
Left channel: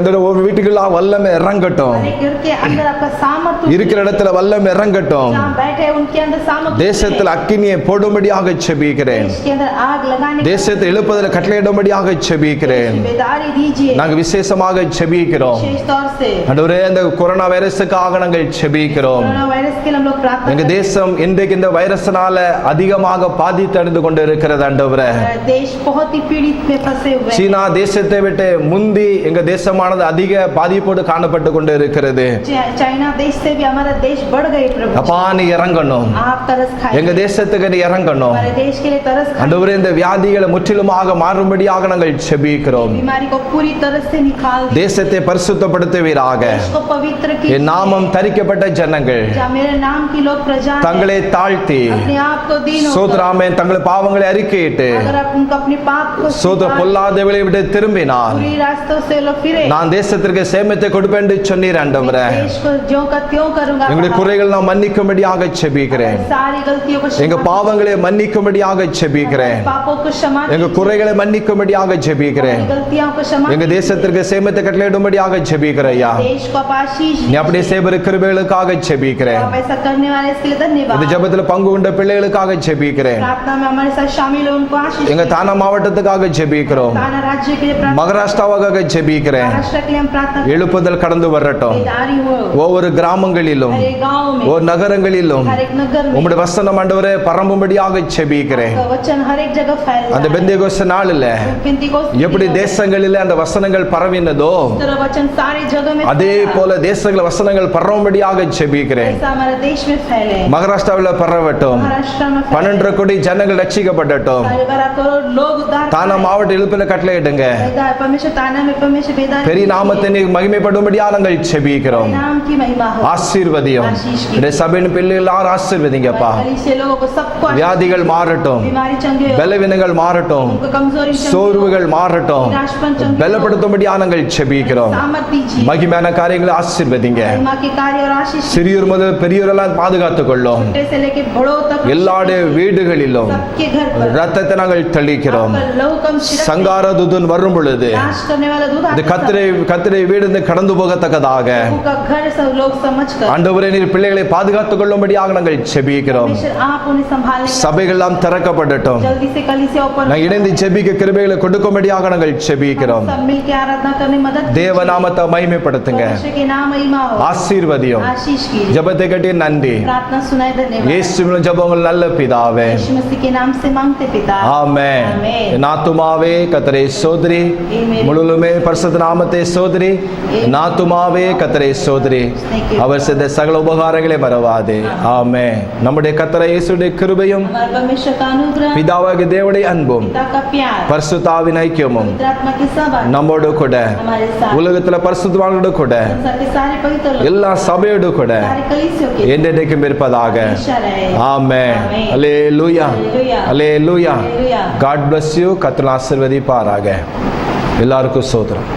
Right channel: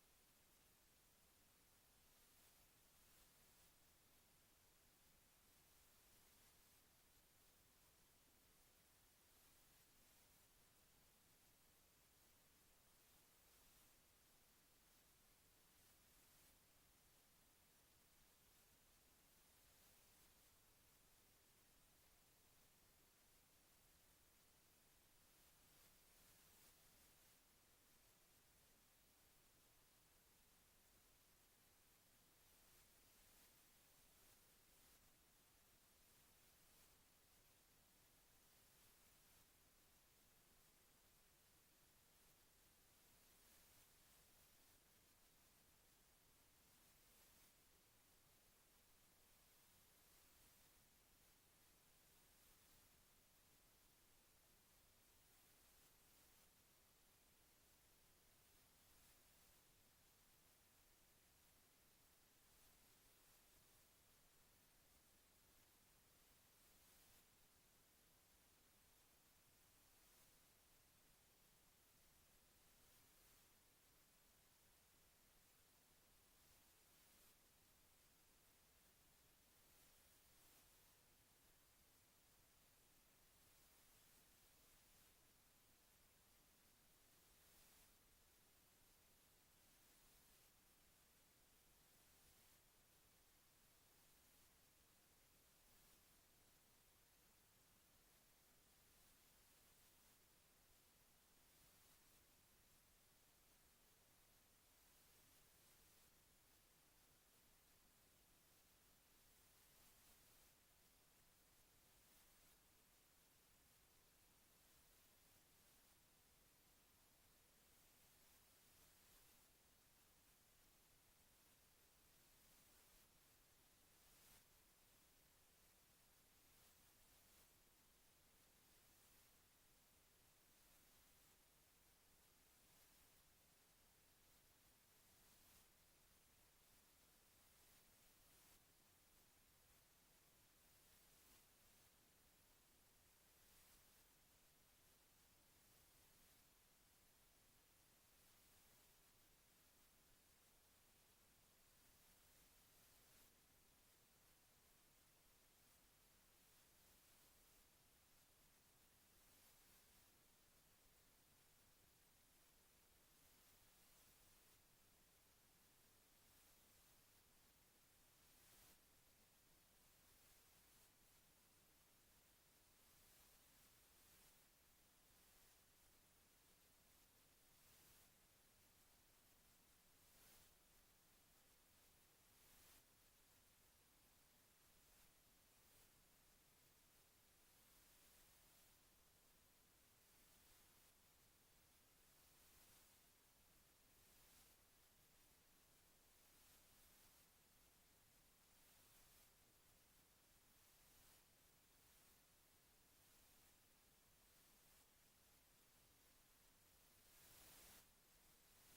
அந்த ஒரு வீட்டுக்குள்ள வல்லமை இறங்கட்டும். हर एक घर के अंदर आपका सामर्थ्य இருக்கிற இடத்துல வல்லமை இறங்கட்டும். जहाँ बैठे हैं उनके अंदर सामर्थ्य தேசத்தில் அக்கினியை போடும்படியாக ஜெபிக்கிறேன். देश के अंदर आग लगाने की தேசத்தை எழுப்புதல் கட்டளையிடும்படியாக ஜெபிக்கிறேன். जिम्मेदारी दीजिए। நாங்கள் விசேஷமாக ஜெபிக்கிறோம். विशेष तौर से ஆண்டவரே, இந்த கொரோனா வைரஸுக்காக நாங்கள் ஜெபிக்கிறோம். कोरोना वायरस के लिए हम लोग प्रार्थना எங்க करते தேசம் இன்றைக்கு இந்த வைரஸினால அதிகமாக பாதித்தடைந்து கொண்டு இருக்கிறது. ஆண்டவரே, हैं। देश बहुत ही पीड़ित में फंसे हुए हैं। சீனா தேசத்தை விட்டு முந்தி எங்க தேசமானது அதிக பாதிப்போடு காணப்பட்டு கொண்டு இருக்கிறது. चाइना देश से भी हमारा देश बढ़ गए प्रभु। அப்பா, நீ இறங்கணும். आप तरस எங்க खाइए। தேசத்துக்கு நீ இறங்கணும். हमारे देश के लिए तरस खाइए। ஆண்டவரே, இந்த வியாதிகளை முற்றிலுமாக மாறும்படியாக நாங்கள் ஜெபிக்கிறோம். बीमारी को पूरी तरह से निकाल दीजिए। தேசத்தை பரிசுத்தப்படுத்துவீராக. देश को पवित्र என் कीजिए। நாமம் தரிக்கப்பட்ட ஜனங்கள் जहाँ मेरे नाम की लोग प्रजा हैं, தங்களை தாழ்த்தி अपने आप को दीन होकर, சோதராமன் தங்கள் பாவங்களை அறிக்கையிட்டு अगर आप उनको अपने पाप को சோதர स्वीकार, பொல்லாதவளை விட்டு திரும்பினால் बुरी रास्तों से लोग फिरे, நான் தேசத்திற்கு சேமத்தை கொடுப்பேன் என்று சொன்னீர். ஆண்டவரே, देश को ज्यों का त्यों करूंगा। எங்களுடைய குறைகள் நான் மன்னிக்கும்படியாக ஜெபிக்கிறேன். सारी गलतियों को எங்க क्षमा பாவங்களை மன்னிக்கும்படியாக ஜெபிக்கிறேன். कीजिए। पापों को क्षमा எங்க कीजिए। குறைகளை மன்னிக்கும்படியாக ஜெபிக்கிறேன். गलतियों को क्षमा எங்க कीजिए। தேசத்திற்கு சேமத்தை கட்டளையிடும்படியாக ஜெபிக்கிறையா. देश को आप आशीष நீ அப்படியே दीजिए। சேவர கிருபைகளுக்காக ஜெபிக்கிறேன். आप ऐसा करने वाले इसके लिए இந்த धन्यवाद। ஜெபத்துல பங்கு கொண்ட பிள்ளைகளுக்காக ஜெபிக்கிறேன். प्रार्थना में हमारे साथ शामिल हो उनको आशीष எங்க दीजिए। தானா மாவட்டத்துக்காக ஜெபிக்கிறோம். ताना राज्य के लिए प्रार्थना, மகாராஷ்டிராவுக்காக ஜெபிக்கிறேன். महाराष्ट्र के लिए हम प्रार्थना எழுப்புதல் கடந்து வரட்டும். बेदारी हो ஒவ்வொரு கிராமங்களிலும் हर एक गांव में, ஒவ்வொரு நகரங்களிலும் हर एक नगर में உம்முடைய வசனம் ஆண்டவரே பரம்பும்படியாக ஜெபிக்கிறேன். आपका वचन हर एक जगह फैल அந்த रहा है। பெந்தேகோஸ்து நாளில் पेंतिकोस्त के எப்படி दिन தேசங்களிலே அந்த வசனங்கள் பரவினதோ इस तरह वचन सारी जगह में அதே फैला। போல தேசங்கள் வசனங்கள் பரவும்படியாக ஜெபிக்கிறேன். ऐसा हमारे देश में फैले। மகாராஷ்டிராவில் பரவட்டும். महाराष्ट्र में फैले। 12 கோடி ஜனங்கள் ரட்சிக்கப்படட்டும். सारे 12 करोड़ लोग उद्धार தானா पाए। மாவட்ட எழுப்பின கட்டளையிடுங்க. बेदार परमेश्वर ताना में परमेश्वर बेदार பெரிய நாமத்தை நீ மகிமைப்படும்படியாக நாங்கள் ஜெபிக்கிறோம். नाम की महिमा हो। ஆசீர்வதியும். ஆசீஷ் கி. இந்த சபையின் பிள்ளைகள் எல்லாரும் ஆசீர்வதிங்கப்பா. गली से लोगों को सबको आशीष வியாதிகள் மாறட்டும். दीजिए। बीमारी चंगे हो। பலவீனங்கள் மாறட்டும். उनको कमजोरी चंगे हो। சோர்வுகள் மாறட்டும். निराशपन चंगे हो। பலப்படுத்தும்படியாக நாங்கள் ஜெபிக்கிறோம். सामर्थ दीजिए। மகிமையான காரியங்களை ஆசீர்வதிங்க. महिमा के कार्य और आशीष சிறியோர் முதல் பெரியோரெல்லாம் பாதுகாத்துக் கொள்ளும். छोटे से लेके बड़ों तक எல்லாருடைய வீடுகளிலும் सबके घर पर ரத்தத்தை நாங்கள் தெளிக்கிறோம். आपका लहू कम छिड़क சங்கார தூதன் வரும் பொழுது नाश करने वाला दूध இந்த आपके கத்திரை வீடு இந்த கடந்து போகத்தக்கதாக साथ। प्रभु का घर सब लोग समझ कर ஆண்டவரே நீர் பிள்ளைகளை பாதுகாத்துக் கொள்ளும்படியாக நாங்கள் ஜெபிக்கிறோம். परमेश्वर आप उन्हें संभालने का சபைகள் எல்லாம் திறக்கப்படட்டும். जल्दी से कलीसिया ऊपर நான் இணைந்து ஜெபிக்க கிருபைகளை கொடுக்கும்படியாக நாங்கள் ஜெபிக்கிறோம். सब मिल के आराधना करने में मदद தேவநாமத்தை மகிமைப்படுத்துங்க. परमेश्वर के नाम महिमा हो। ஆசீர்வதியும். आशीष कीजिए। ஜெபத்தை கட்டி நன்றி. प्रार्थना सुनाए धन्यवाद। இயேசுவின் ஜெபங்கள் நல்ல பிதாவே. यीशु मसीह के नाम से मांगते पिता। ஆமென். ஆமென்। என் ஆத்துமாவே கர்த்தரை சோதரி. ஆமென்। முழுவதுமே பரிசுத்த நாமத்தை சோதரி. என் ஆத்துமாவே கர்த்தரை சோதரி. அவர் செய்த சகல உபகாரங்களை மறவாதே. ஆமென். நம்முடைய கர்த்தர் இயேசுவின் கிருபையும் हमारे परमेश्वर का अनुग्रह, பிதாவாகிய தேவனுடைய அன்பும் पिता का प्यार, பரிசுத்தாவின் ஐக்கியமும் पवित्र आत्मा के सहभाग நம்மோடு கூட हमारे साथ, உலகத்துல பரிசுத்தவான்களோடு கூட संसार के सारे पवित्र लोग, எல்லா சபையோடு கூட सारे कलीसियों के என்றென்றைக்கும் இருப்பதாக. हमेशा रहे। ஆமென். ஆமென். அல்லேலூயா. அல்லேலூயா. அல்லேலூயா. அல்லேலூயா. God bless you. கர்த்தர் ஆசீர்வதிப்பாராக. எல்லாருக்கும் ஸ்தோத்திரம்.